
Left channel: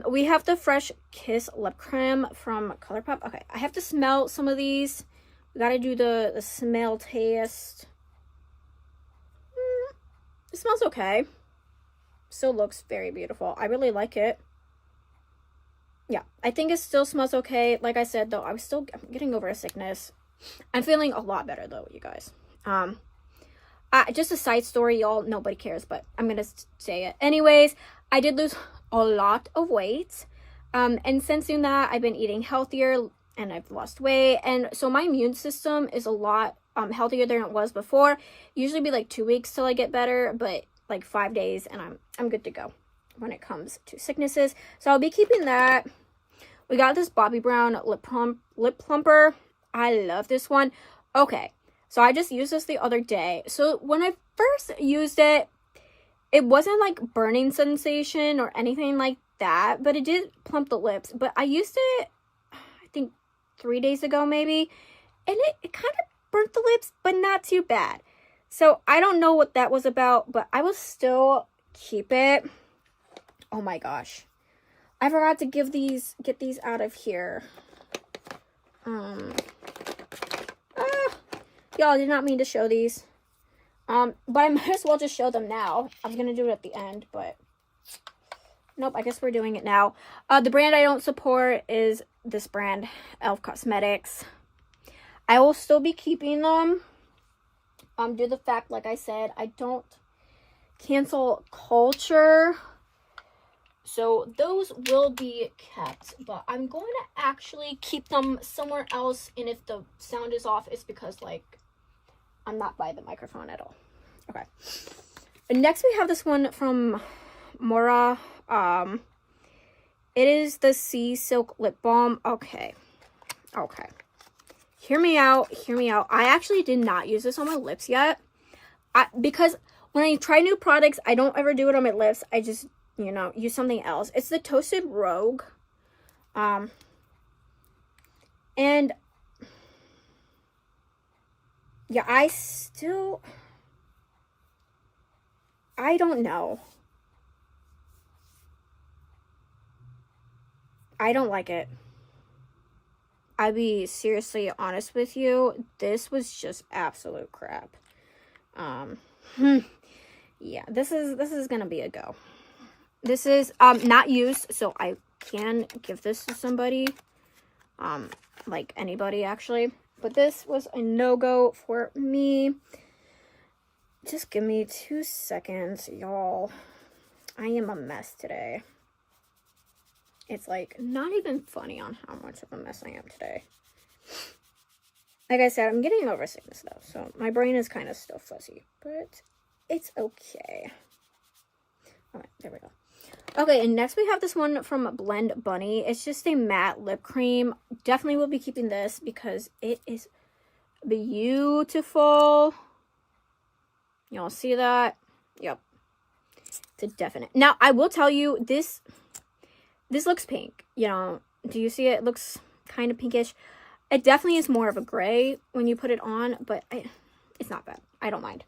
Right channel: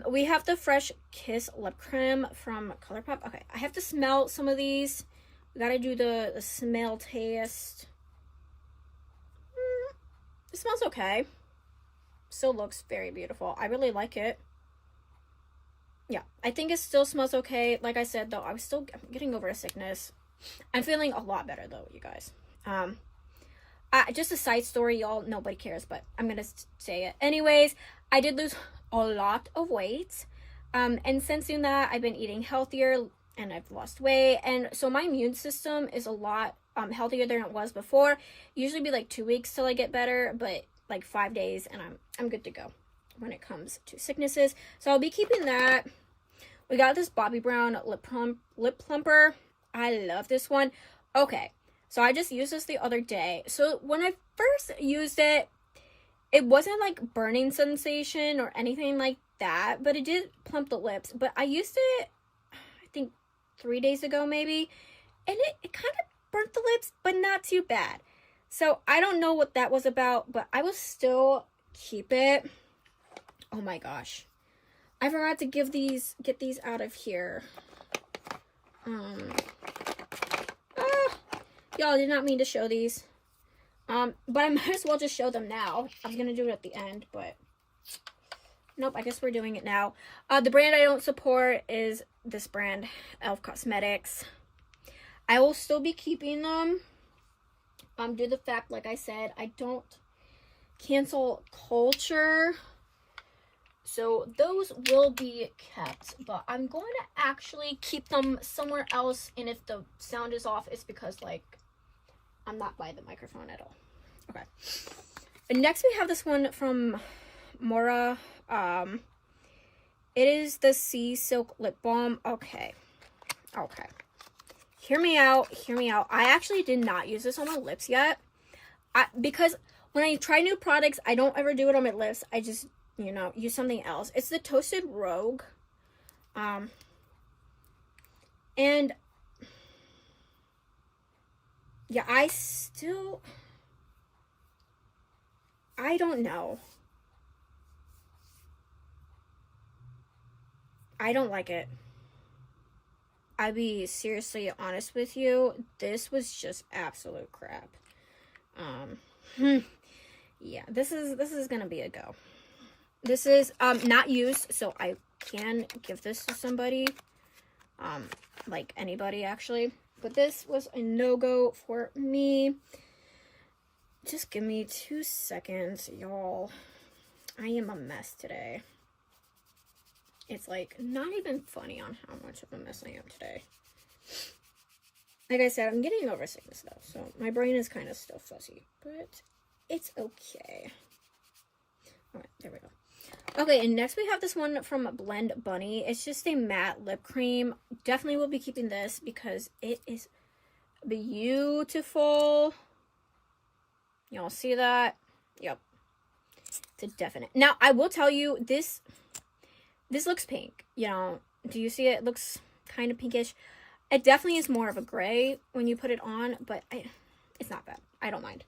We have the Fresh Kiss Lip Cream from ColourPop. Okay, I have to smell some of these. We got to do the smell test. It smells okay. Still looks very beautiful. I really like it. Yeah, I think it still smells okay. Like I said, though, I'm getting over a sickness. I'm feeling a lot better, though, you guys. Just a side story, y'all. Nobody cares, but I'm gonna say it. Anyways, I did lose a lot of weight. And since doing that, I've been eating healthier and I've lost weight. And so my immune system is a lot healthier than it was before. Usually be like 2 weeks till I get better, but like 5 days and I'm good to go when it comes to sicknesses. So I'll be keeping that. We got this Bobbi Brown lip plumper. I love this one. Okay, so I just used this the other day. So when I first used it, it wasn't like burning sensation or anything like that, but it did plump the lips. But I used it, I think 3 days ago maybe, and it kind of burnt the lips, but not too bad. So I don't know what that was about, but I will still keep it. Oh my gosh. I forgot to get these out of here. Y'all, did not mean to show these. But I might as well just show them now. I was gonna do it at the end, but nope, I guess we're doing it now. The brand I don't support is this brand, Elf Cosmetics. I will still be keeping them. Due to the fact, like I said, I don't cancel culture. So those will be kept, but I'm going to actually keep them somewhere else. And if the sound is off, it's because like I'm not by the microphone at all. Okay. And next we have this one from Mora. It is the Sea Silk Lip Balm. Okay. Hear me out. I actually did not use this on my lips yet. Because when I try new products, I don't ever do it on my lips. I just, you know, use something else. It's the Toasted Rogue. And yeah, I don't know. I don't like it. I'll be seriously honest with you. This was just absolute crap. Yeah, this is gonna be a go. This is not used, so I can give this to somebody. Like anybody actually. But this was a no-go for me. Just give me 2 seconds, y'all. I am a mess today. It's like not even funny on how much of a mess I am today. Like I said, I'm getting over sickness though, so my brain is kind of still fuzzy, but it's okay. All right, there we go. Okay, and next we have this one from Blend Bunny. It's just a matte lip cream. Definitely will be keeping this because it is beautiful. Y'all see that? Yep. It's a definite. Now, I will tell you, this looks pink. You know, do you see it? It looks kind of pinkish. It definitely is more of a gray when you put it on, but it's not bad. I don't mind.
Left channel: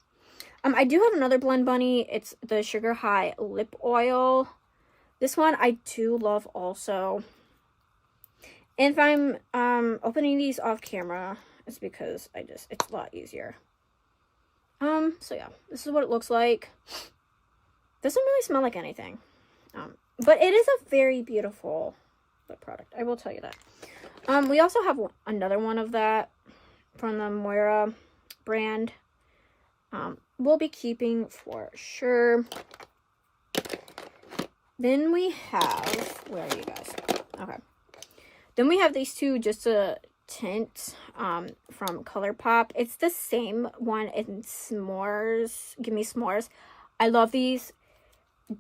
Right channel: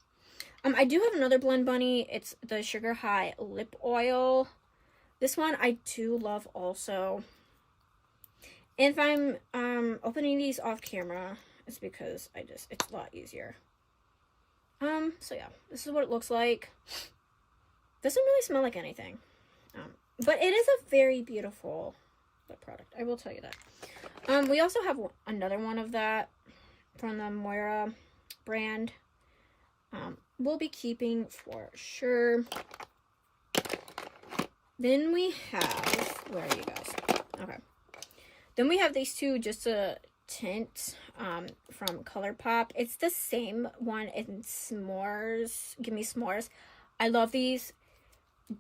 I do have another Blend Bunny. It's the Sugar High Lip Oil. This one I do love also. And if I'm opening these off camera, it's because it's a lot easier. So yeah, this is what it looks like. Doesn't really smell like anything. But it is a very beautiful lip product. I will tell you that. We also have another one of that from the Moira brand. We'll be keeping for sure. Then we have, where are you guys? Okay. Then we have these two just a tint from ColourPop. It's the same one in S'mores. Give me S'mores. I love these.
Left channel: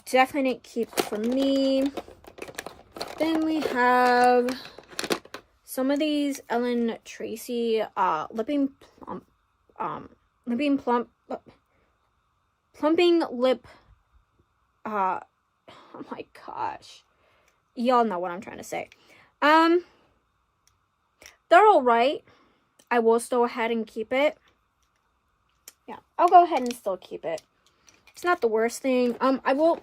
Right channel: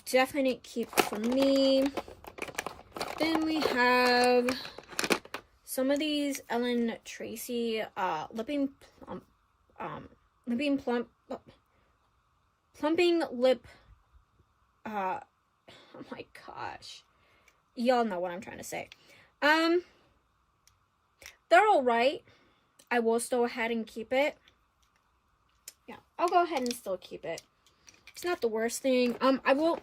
Definite keep for me. Then we have some of these Ellen Tracy plumping lip. Oh my gosh, y'all know what I'm trying to say. They're all right. I will still go ahead and keep it. Yeah, I'll go ahead and still keep it. It's not the worst thing. I will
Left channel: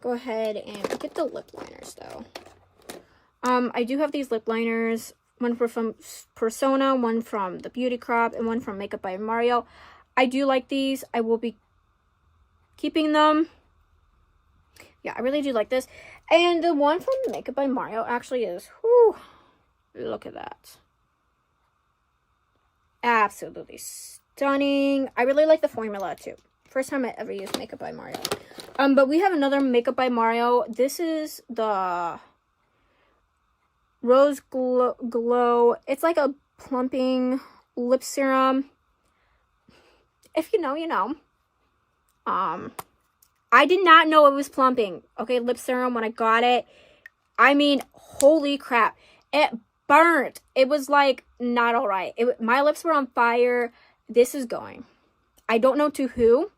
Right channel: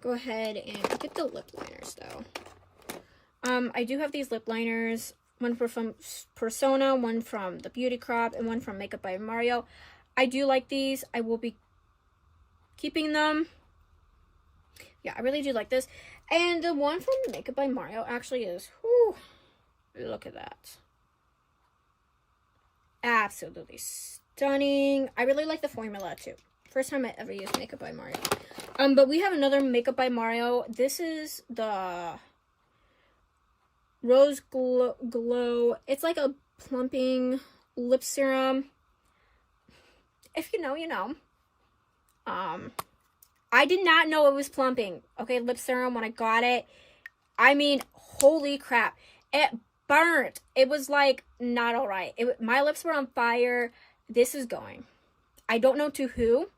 go ahead and get the lip liners though. I do have these lip liners. One from Persona, one from the Beauty Crop, and one from Makeup by Mario. I do like these. I will be keeping them. Yeah, I really do like this. And the one from Makeup by Mario actually is, whew, look at that. Absolutely stunning. I really like the formula too. First time I ever used Makeup by Mario. But we have another Makeup by Mario. This is the Rose Glow. It's like a plumping lip serum. If you know, you know. I did not know it was plumping. Okay, lip serum when I got it. I mean, holy crap. It burnt. It was like not all right. My lips were on fire. This is going. I don't know to who,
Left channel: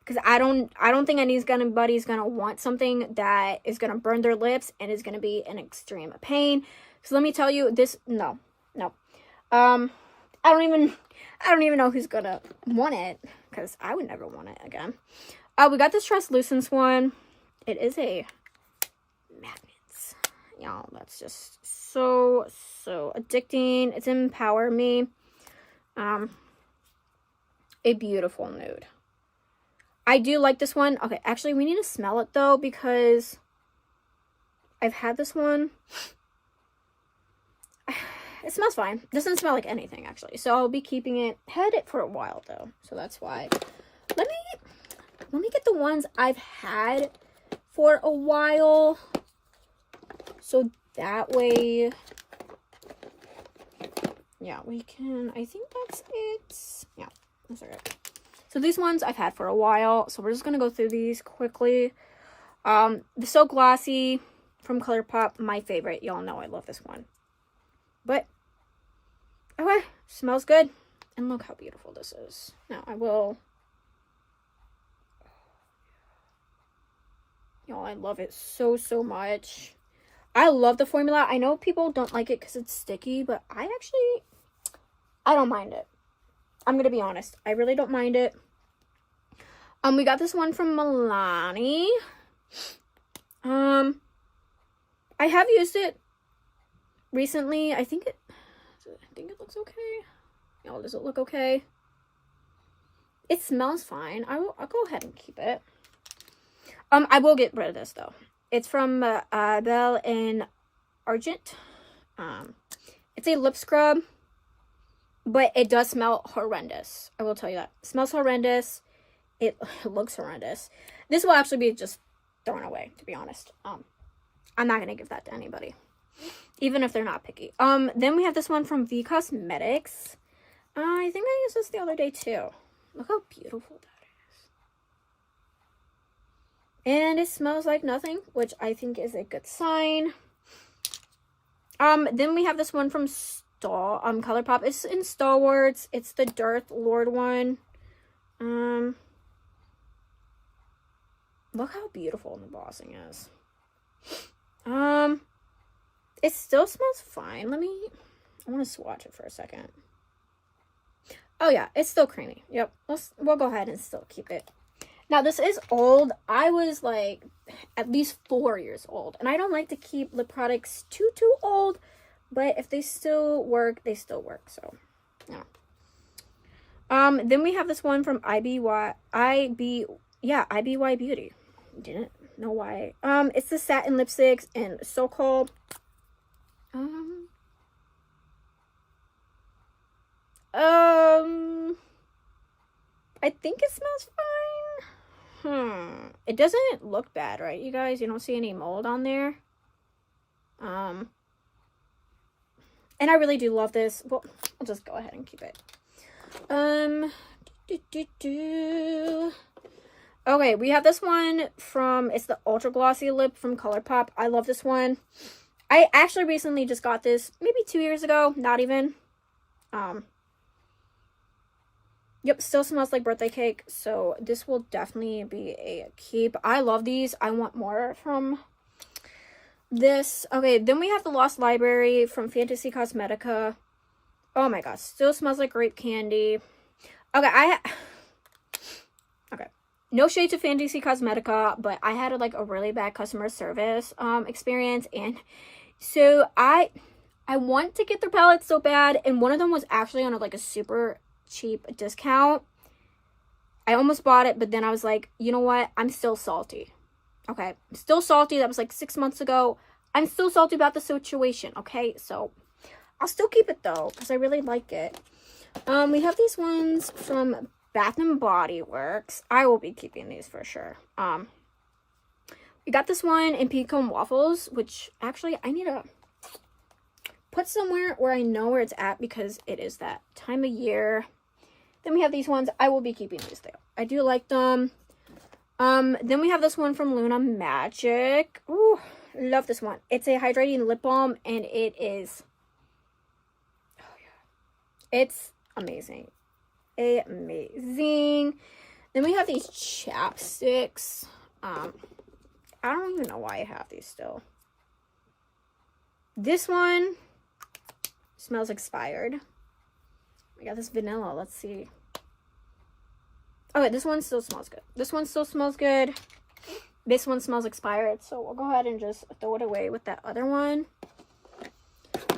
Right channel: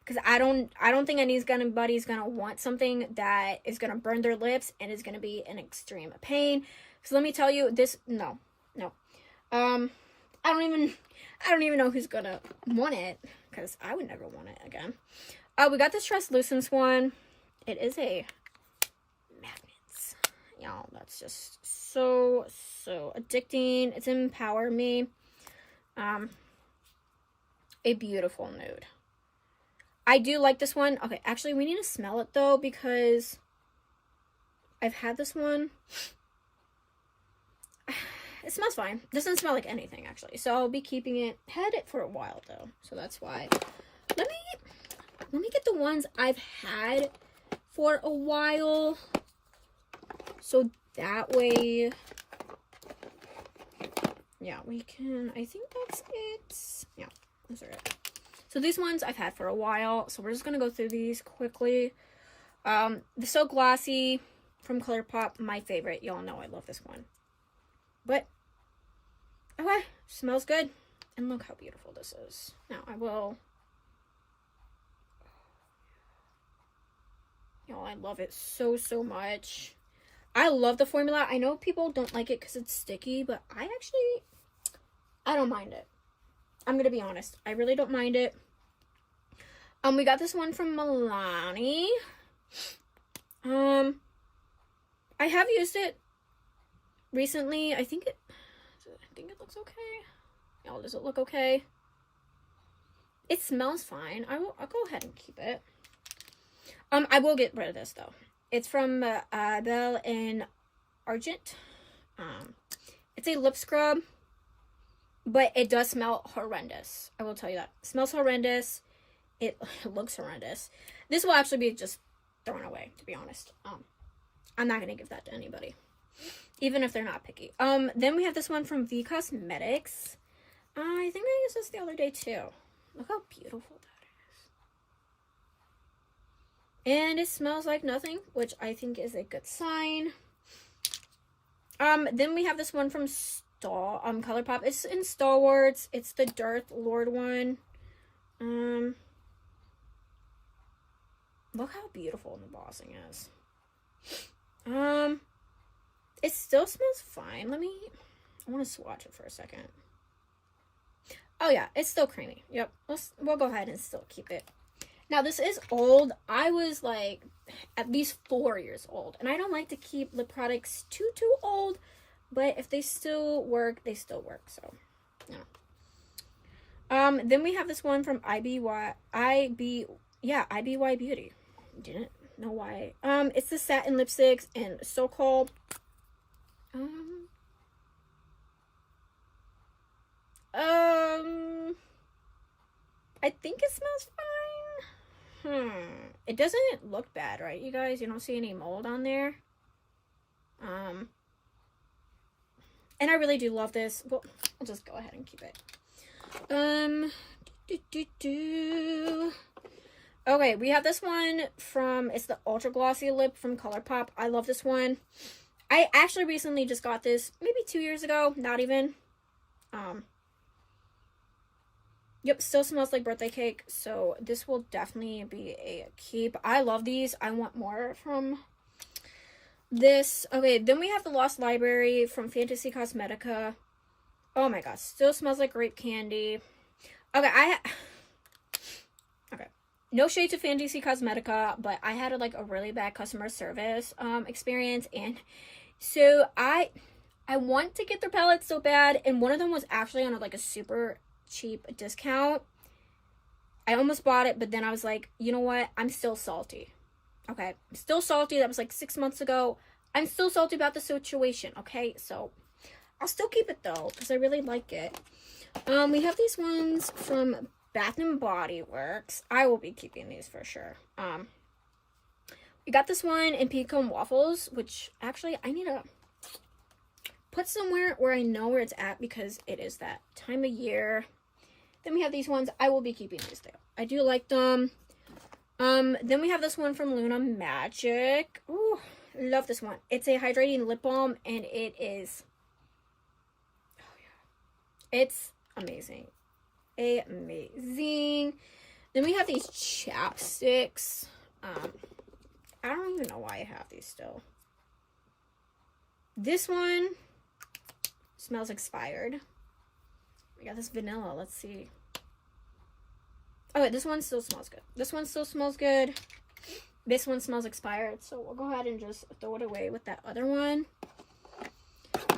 because I don't think anybody's gonna want something that is gonna burn their lips and is gonna be an extreme pain. So let me tell you, this no. I don't even know who's gonna want it, because I would never want it again. We got this translucent one. It is a magnet. Y'all, that's just so addicting. It's Empower Me. A beautiful nude. I do like this one. Okay, actually, we need to smell it though, because I've had this one. It smells fine. Doesn't smell like anything actually. So I'll be keeping it. Had it for a while though, so that's why. Let me get the ones I've had for a while, so that way, yeah, we can, I think that's it. Yeah, That's all right. So these ones I've had for a while, so we're just gonna go through these quickly. The So Glossy from ColourPop, my favorite. Y'all know I love this one. But, okay, smells good. And look how beautiful this is. Now, y'all, I love it so, so much. I love the formula. I know people don't like it because it's sticky, but I don't mind it. I'm going to be honest. I really don't mind it. We got this one from Milani. I have used it recently. I think it looks okay. Y'all, does it look okay? It smells fine. I'll go ahead and keep it. I will get rid of this though. It's from Belle and Argent. It's a lip scrub, but it does smell horrendous. I will tell you that. It smells horrendous. It looks horrendous. This will actually be just thrown away, to be honest. I'm not gonna give that to anybody, even if they're not picky. Then we have this one from V Cosmetics. I think I used this the other day too. Look how beautiful that is. And it smells like nothing, which I think is a good sign. Then we have this one from ColourPop. It's in Star Wars. It's the Darth Lord one. Look how beautiful the embossing is. It still smells fine. I want to swatch it for a second. Oh yeah, it's still creamy. Yep, we'll go ahead and still keep it. Now this is old. I was like at least 4 years old, and I don't like to keep lip products too old, but if they still work, they still work. So yeah. Then we have this one from IBY Beauty. Didn't know why. It's the satin lipsticks and so-called. I think it smells fine. It doesn't look bad, right, you guys? You don't see any mold on there. And I really do love this. Well, I'll just go ahead and keep it. Okay, we have this one it's the Ultra Glossy Lip from ColourPop. I love this one. I actually recently just got this, maybe 2 years ago, not even. Yep, still smells like birthday cake, so this will definitely be a keep. I love these. I want more from this. Okay, then we have the Lost Library from Fantasy Cosmetica. Oh my gosh, still smells like grape candy. Okay, okay. No shade to Fantasy Cosmetica, but I had a really bad customer service experience, and so I want to get their palettes so bad, and one of them was actually on a super cheap discount. I almost bought it, but then I was like, you know what? I'm still salty. Okay, I'm still salty. That was like 6 months ago. I'm still salty about the situation. Okay, so I'll still keep it though because I really like it. We have these ones from Bath and Body Works. I will be keeping these for sure. We got this one in Pecan Waffles, which actually I need to put somewhere where I know where it's at because it is that time of year. Then we have these ones. I will be keeping these there. I do like them. Then we have this one from Luna Magic. Ooh, love this one. It's a hydrating lip balm, and it is, oh yeah, it's amazing. Amazing. Then we have these chapsticks. I don't even know why I have these still. This one smells expired. We got this vanilla. Let's see. Okay, this one still smells good. This one still smells good. This one smells expired, so we'll go ahead and just throw it away with that other one.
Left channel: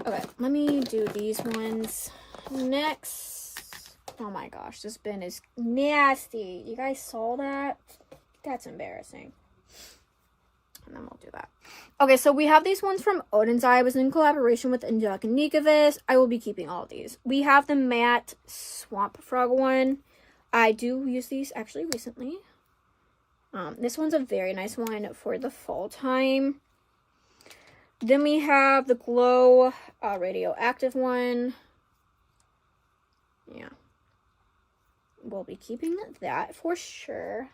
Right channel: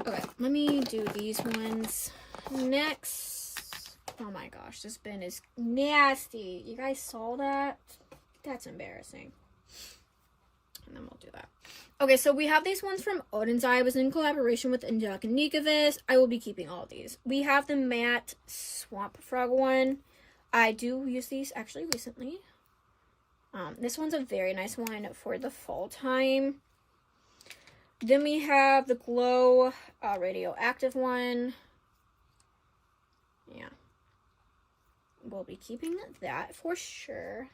Okay, let me do these ones next. Oh my gosh, this bin is nasty. You guys saw that? That's embarrassing. And then we'll do that. Okay, so we have these ones from Odin's Eye. It was in collaboration with Angelica Nikovic. I will be keeping all of these. We have the matte Swamp Frog one. I do use these actually recently. This one's a very nice one for the fall time. Then we have the Glow Radioactive one. Yeah. we'll be keeping that for sure.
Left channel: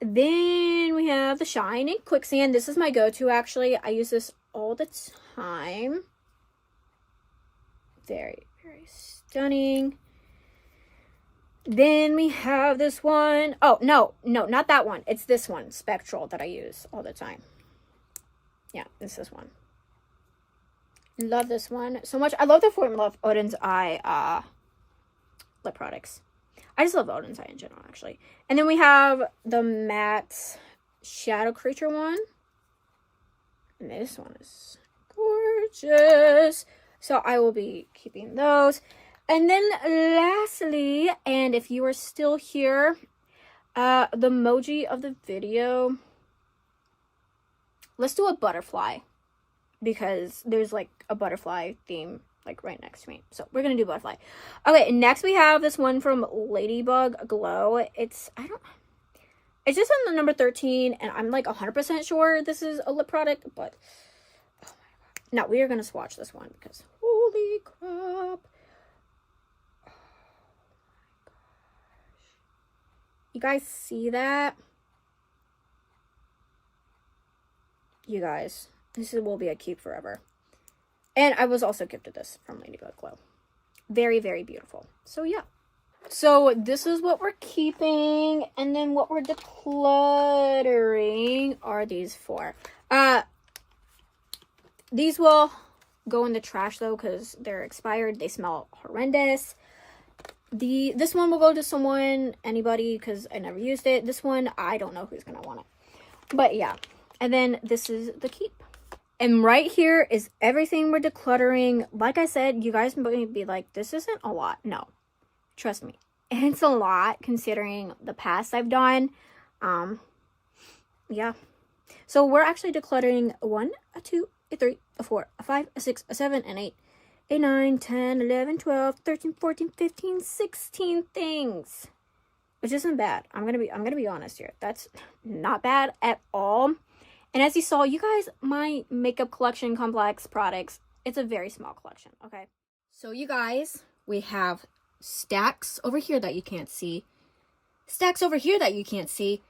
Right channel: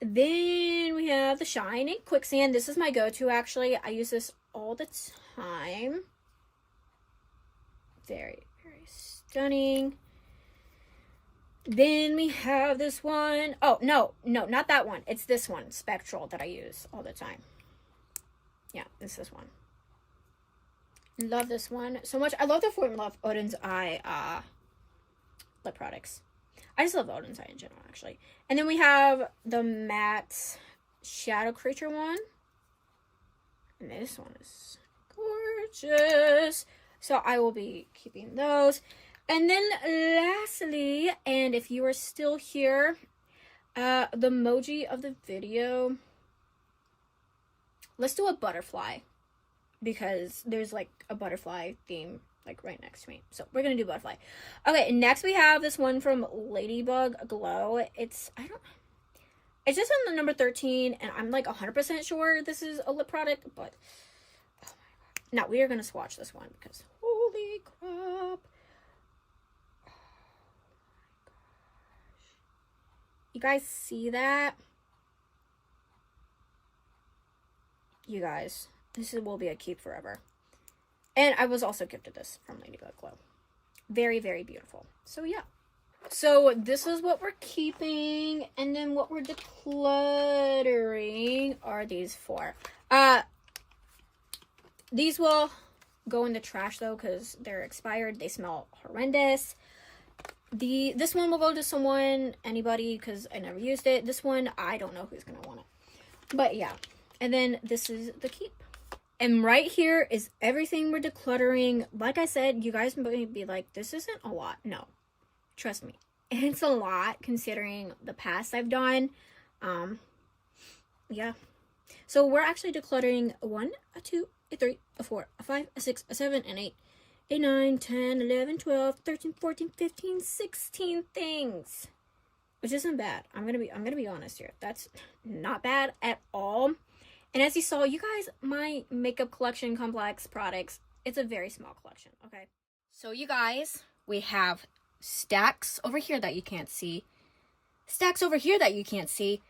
Then we have the Shine and Quicksand. This is my go-to, actually. I use this all the time. Very, very stunning. Then we have this one. Oh, no, not that one. It's this one, Spectral, that I use all the time. Yeah, it's this one. Love this one so much. I love the formula of Odin's Eye lip products. I just love Odin's Eye in general, actually. And then we have the matte Shadow Creature one. And this one is gorgeous. So I will be keeping those. And then lastly, and if you are still here, the emoji of the video, let's do a butterfly, because there's like a butterfly theme like right next to me. So we're gonna do butterfly. Okay, next we have this one from Ladybug Glow. It's just on the number 13, and I'm like 100% sure this is a lip product, but oh my god. Now we are gonna swatch this one because holy crap. You guys see that? You guys, will be a keep forever. And I was also gifted this from Ladybug Glow. Very, very beautiful. So yeah. So this is what we're keeping. And then what we're decluttering are these four. These will go in the trash though, because they're expired. They smell horrendous. This one will go to someone, anybody, because I never used it. This one, I don't know who's gonna want it. But yeah. And then this is the keep. And right here is everything we're decluttering. Like I said, you guys might be like, this isn't a lot. No, trust me. And it's a lot considering the past I've done. Yeah. So we're actually decluttering 1, 2, 3, 4, 5, 6, 7, and 8. 8, 9, 10, 11, 12, 13, 14, 15, 16 things. Which isn't bad. I'm gonna be honest here. That's not bad at all. And as you saw, you guys, my makeup collection complex products, it's a very small collection, okay? So you guys, we have stacks over here that you can't see. Stacks over here that you can't see.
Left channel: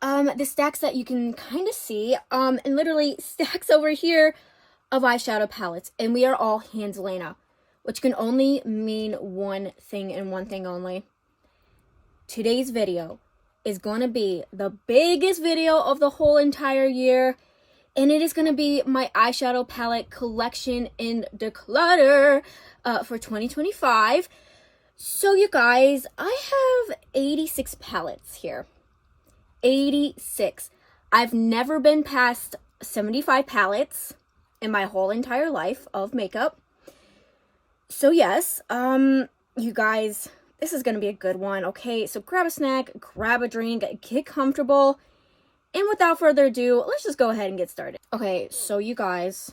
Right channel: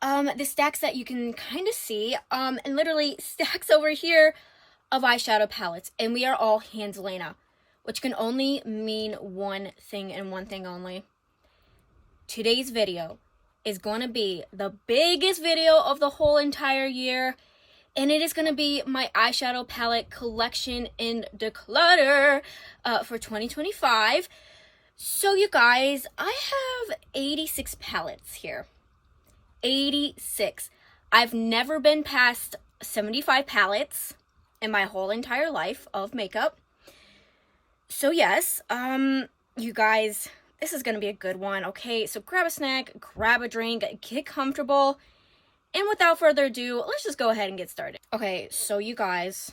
The stacks that you can kind of see. And literally stacks over here of eyeshadow palettes. And we are all hands Lena, which can only mean one thing and one thing only. Today's video is going to be the biggest video of the whole entire year, and it is going to be my eyeshadow palette collection in Declutter for 2025. So you guys, I have 86 palettes here. 86. I've never been past 75 palettes in my whole entire life of makeup. So yes, you guys, this is going to be a good one, okay? So grab a snack, grab a drink, get comfortable. And without further ado, let's just go ahead and get started. Okay, so you guys,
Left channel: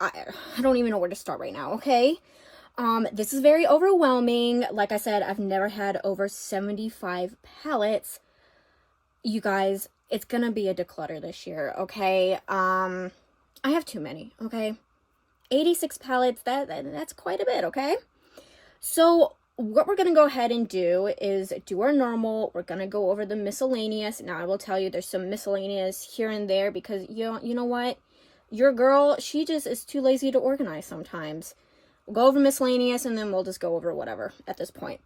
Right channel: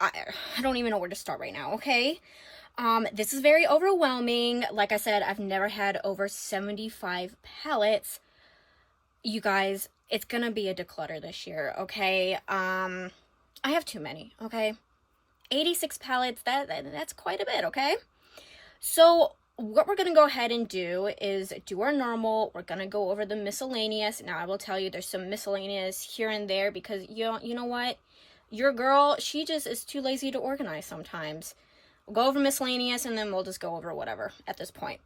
I don't even know where to start right now, okay? This is very overwhelming. Like I said, I've never had over 75 palettes. You guys, it's going to be a declutter this year, okay? I have too many, okay? 86 palettes, that's quite a bit, okay? So what we're going to go ahead and do is do our normal. We're going to go over the miscellaneous. Now, I will tell you there's some miscellaneous here and there because, you know what? Your girl, she just is too lazy to organize sometimes. We'll go over miscellaneous and then we'll just go over whatever at this point.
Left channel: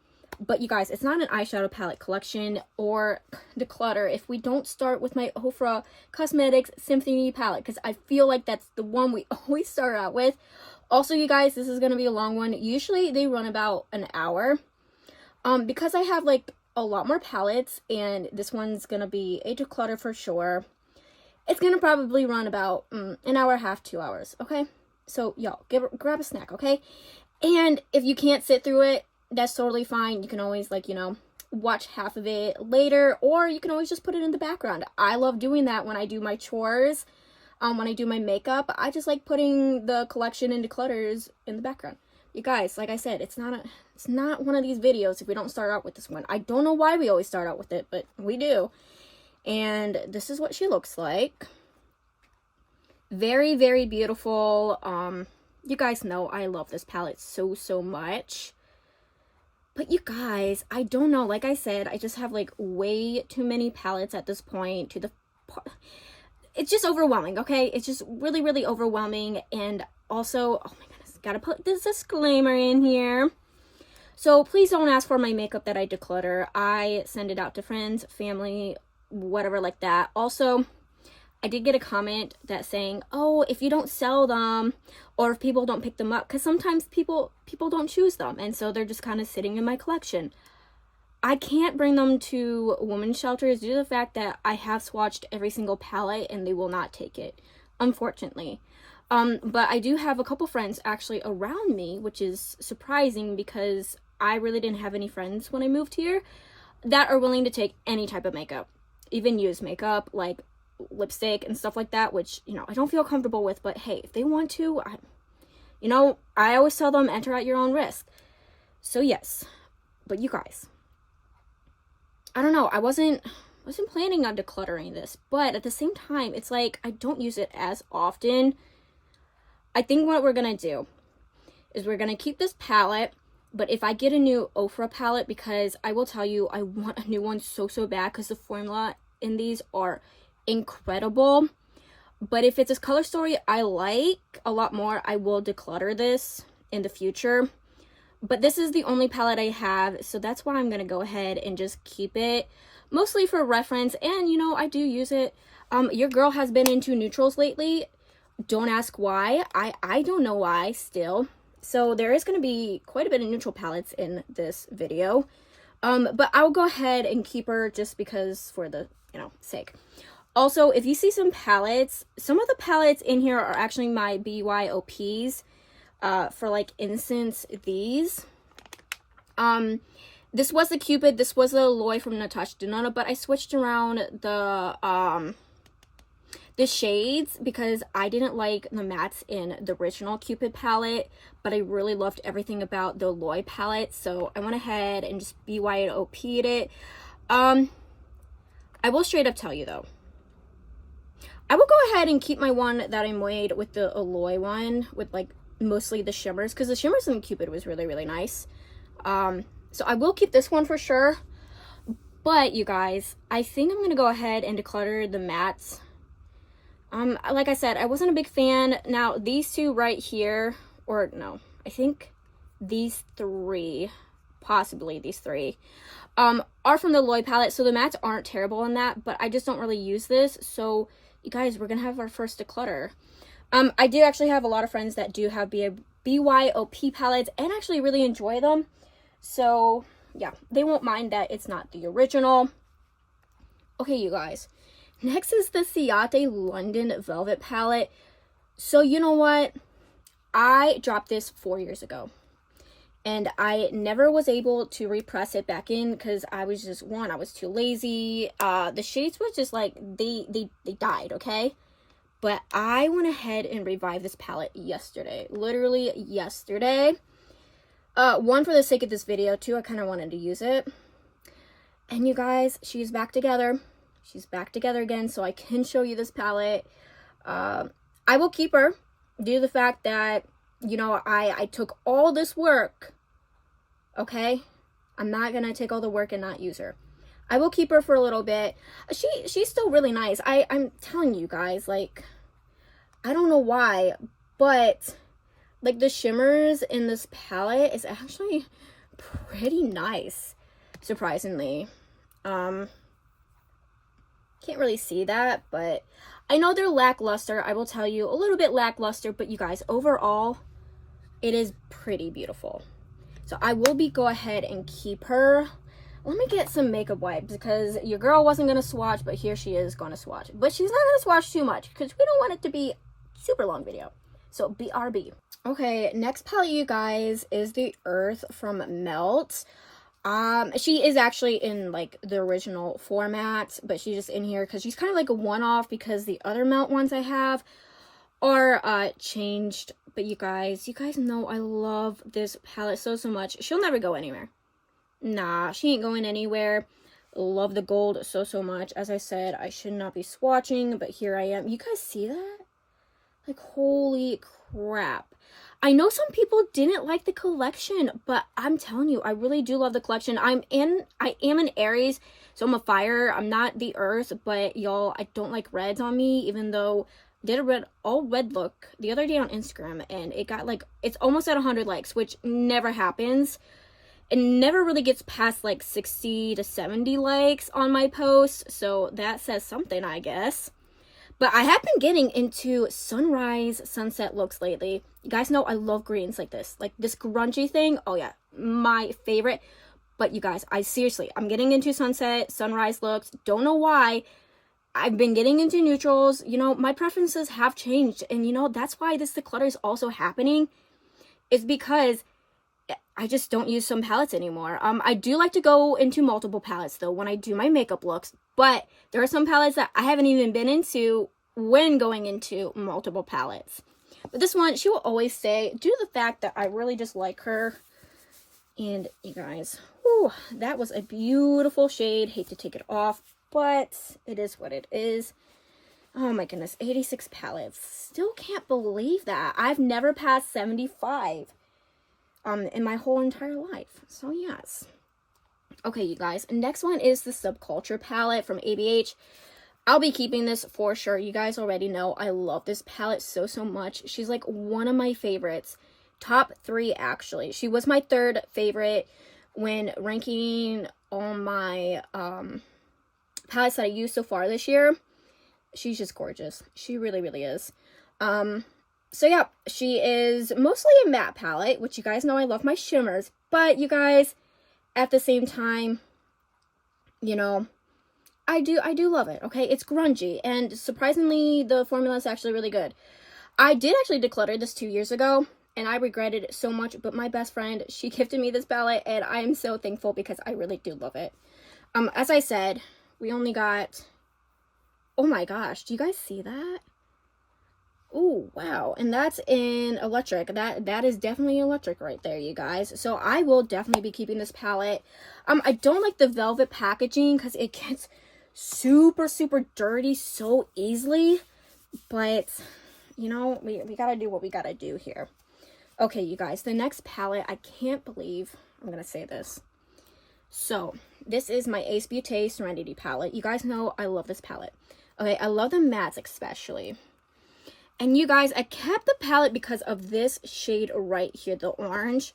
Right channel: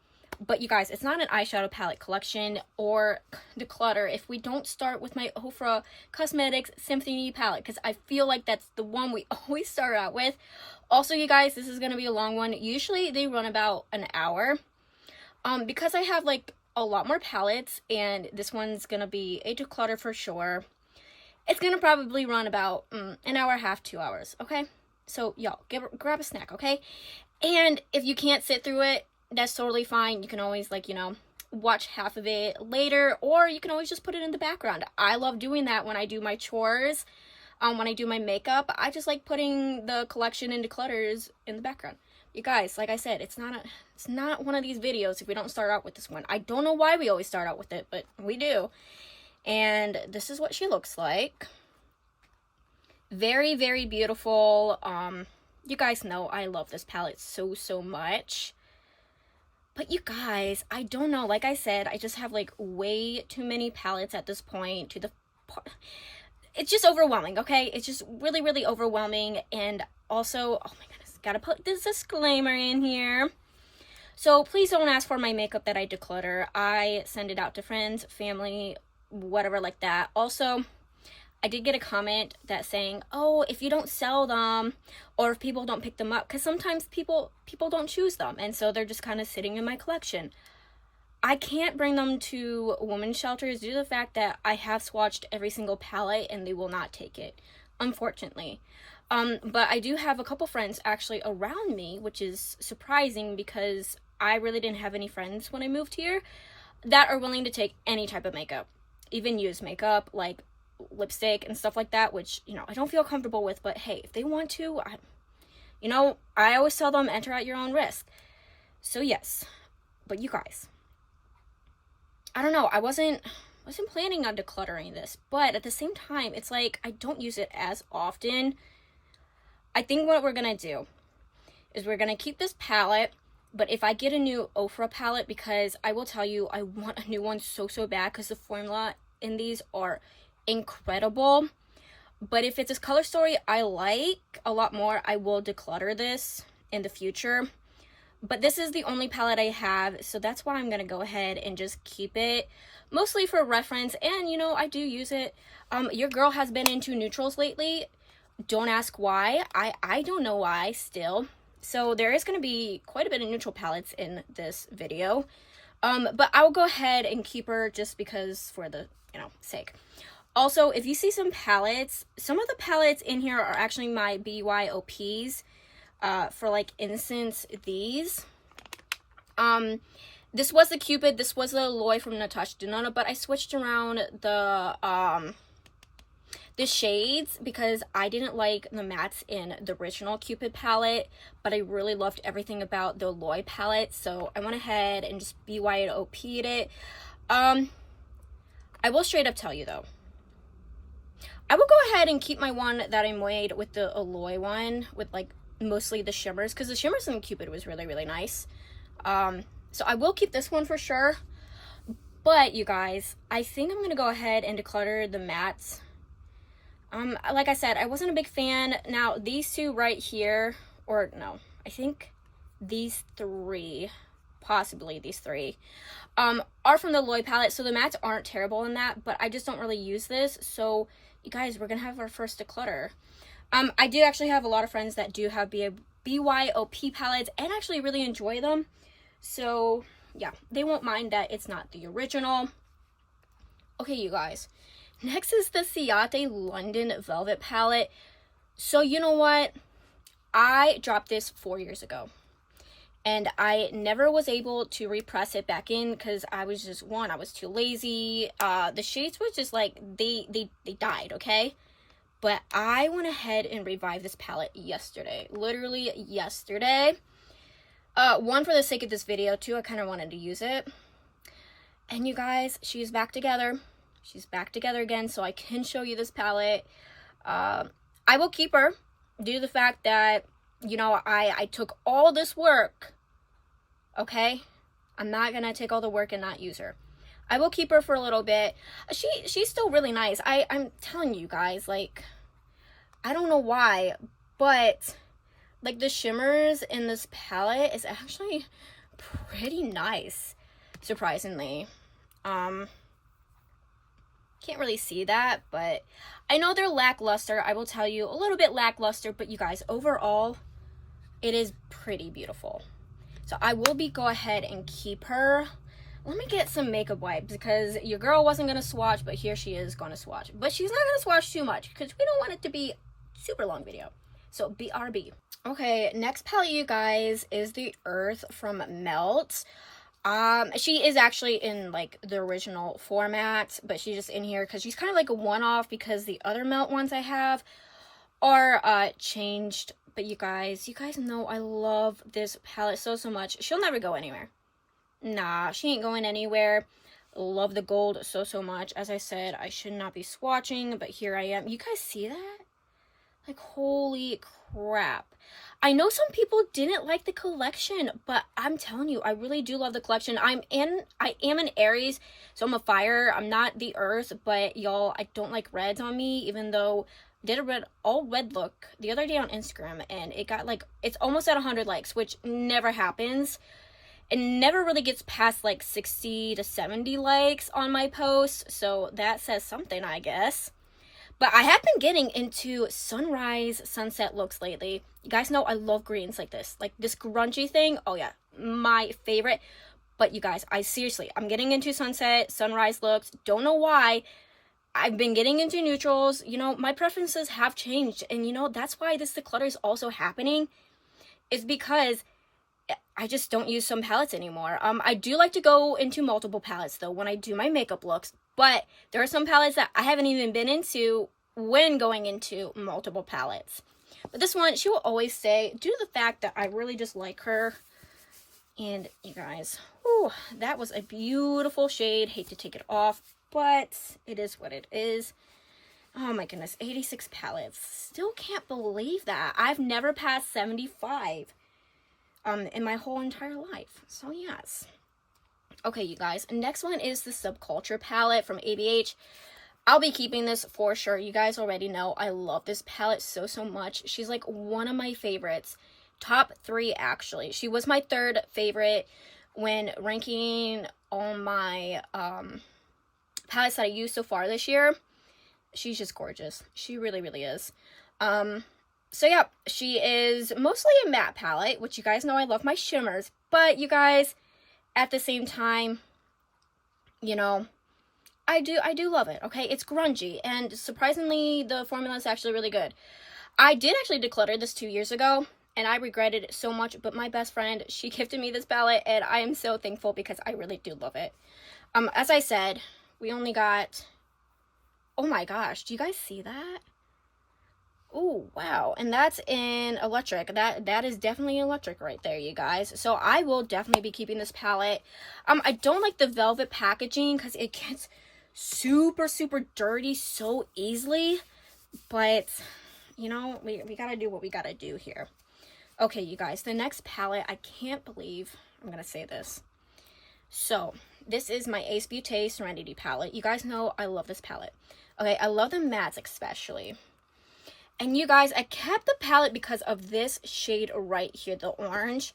But you guys, it's not an eyeshadow palette collection or declutter if we don't start with my Ofra Cosmetics Symphony palette, because I feel like that's the one we always start out with. Also, you guys, this is going to be a long one. Usually they run about an hour. Because I have like a lot more palettes and this one's going to be a declutter for sure. It's going to probably run about an hour and a half, 2 hours, okay? So y'all, grab a snack, okay? And if you can't sit through it, that's totally fine. You can always, like, you know, watch half of it later, or you can always just put it in the background. I love doing that when I do my chores, when I do my makeup. I just like putting the collection and declutters in the background. You guys, like I said, it's not one of these videos if we don't start out with this one. I don't know why we always start out with it, but we do. And this is what she looks like. Very, very beautiful. You guys know I love this palette so much. But you guys, I don't know. Like I said, I just have like way too many palettes at this point to the it's just overwhelming, okay? It's just really, really overwhelming. And also, oh my goodness, gotta put this disclaimer in here. So please don't ask for my makeup that I declutter. I send it out to friends, family, whatever like that. Also, I did get a comment that saying, oh, if you don't sell them or if people don't pick them up, because sometimes people don't choose them, and so they're just kind of sitting in my collection. I can't bring them to women's shelters due to the fact that I have swatched every single palette and they will not take it, unfortunately. But I do have a couple friends actually around me, which is surprising because I really didn't have any friends when I moved here that are willing to take any type of makeup, even used makeup, like lipstick and stuff like that, which, you know, I don't feel comfortable with. But hey, if they want to, I always tell them enter at your own risk. So yes, but you guys, I don't know, I wasn't planning on decluttering this, but at the same time, it's like I don't use it as often. I think what we're gonna do is we're gonna keep this palette, but if I get a new Ofra palette, because I will tell you, I want a new one so bad because the formula in these are incredible. But if it's a color story I like a lot more, I will declutter this in the future. But this is the only palette I have, so that's why I'm gonna go ahead and just keep it, mostly for reference. And you know, I do use it. Your girl has been into neutrals lately. Don't ask why. I don't know why still. So there is going to be quite a bit of neutral palettes in this video. But I'll go ahead and keep her just because for the, sake. Also, if you see some palettes, some of the palettes in here are actually my BYOPs. For like instance, these. This was the Cupid, this was the Aloy from Natasha Denona, but I switched around the shades because I didn't like the mattes in the original Cupid palette, but I really loved everything about the Aloy palette, so I went ahead and just BYOP'd it. I will straight up tell you though, I will go ahead and keep my one that I made with the Aloy one, with like mostly the shimmers, because the shimmers in Cupid was really, really nice. So I will keep this one for sure. But you guys, I think I'm going to go ahead and declutter the mattes. Like I said, I wasn't a big fan. Now, these two right here, or no, I think these three, possibly these three, are from the Aloy palette. So the mattes aren't terrible in that, but I just don't really use this. So you guys, we're going to have our first declutter. I do actually have a lot of friends that do have BYOP palettes and actually really enjoy them. So yeah, they won't mind that it's not the original. Okay, you guys. Next is the Ciate London Velvet palette. So you know what? I dropped this 4 years ago. And I never was able to repress it back in because I was just, I was too lazy. The shades was just like, they died, okay? But I went ahead and revived this palette yesterday. Literally yesterday. One, for the sake of this video. Two, I kind of wanted to use it. And you guys, she's back together. She's back together again, so I can show you this palette. I will keep her due to the fact that, I took all this work. Okay? I'm not going to take all the work and not use her. I will keep her for a little bit. She's still really nice. I'm telling you guys, like, I don't know why, but like the shimmers in this palette is actually pretty nice, surprisingly. Can't really see that, but I know they're lackluster. I will tell you, a little bit lackluster, but you guys, overall, it is pretty beautiful. So I will go ahead and keep her. Let me get some makeup wipes because your girl wasn't going to swatch, but here she is going to swatch. But she's not going to swatch too much because we don't want it to be super long video. So BRB. Okay, next palette, you guys, is the Earth from Melt. She is actually in like the original format, but she's just in here because she's kind of like a one-off because the other Melt ones I have are changed. But you guys know I love this palette so much. She'll never go anywhere. Nah, she ain't going anywhere. Love the gold so much. As I said, I should not be swatching, but here I am. You guys see that? Like, holy crap. I know some people didn't like the collection, but I'm telling you, I really do love the collection. I am an Aries, so I'm a fire. I'm not the earth, but y'all, I don't like reds on me, even though I did a all red look the other day on Instagram, and it got like, it's almost at 100 likes, which never happens. It never really gets past like 60 to 70 likes on my posts, so that says something, I guess. But I have been getting into sunrise, sunset looks lately. You guys know I love greens like this grungy thing. Oh yeah, my favorite. But you guys, I'm getting into sunset, sunrise looks. Don't know why. I've been getting into neutrals. You know, my preferences have changed. And you know, that's why this declutter is also happening. Is because I just don't use some palettes anymore. I do like to go into multiple palettes though when I do my makeup looks, but there are some palettes that I haven't even been into when going into multiple palettes. But this one, she will always say, due to the fact that I really just like her. And you guys, whew, that was a beautiful shade. Hate to take it off, but it is what it is. Oh my goodness, 86 palettes. Still can't believe that. I've never passed 75. In my whole entire life. So yes. Okay, you guys. Next one is the Subculture palette from ABH. I'll be keeping this for sure. You guys already know I love this palette so much. She's like one of my favorites. Top 3 actually. She was my 3rd favorite when ranking all my palettes that I used so far this year. She's just gorgeous. She really, really is. So yeah, she is mostly a matte palette, which you guys know I love my shimmers, but you guys, at the same time, you know, I do love it, okay? It's grungy, and surprisingly, the formula is actually really good. I did actually declutter this 2 years ago, and I regretted it so much, but my best friend, she gifted me this palette, and I am so thankful because I really do love it. As I said, we only got, oh my gosh, do you guys see that? Oh, wow. And that's in electric. That is definitely electric right there, you guys. So I will definitely be keeping this palette. I don't like the velvet packaging because it gets super, super dirty so easily. But, you know, we gotta do what we gotta do here. Okay, you guys. The next palette, I can't believe I'm gonna say this. So, this is my Ace Beauté Serenity palette. You guys know I love this palette. Okay, I love the mattes especially. And you guys, I kept the palette because of this shade right here, the orange.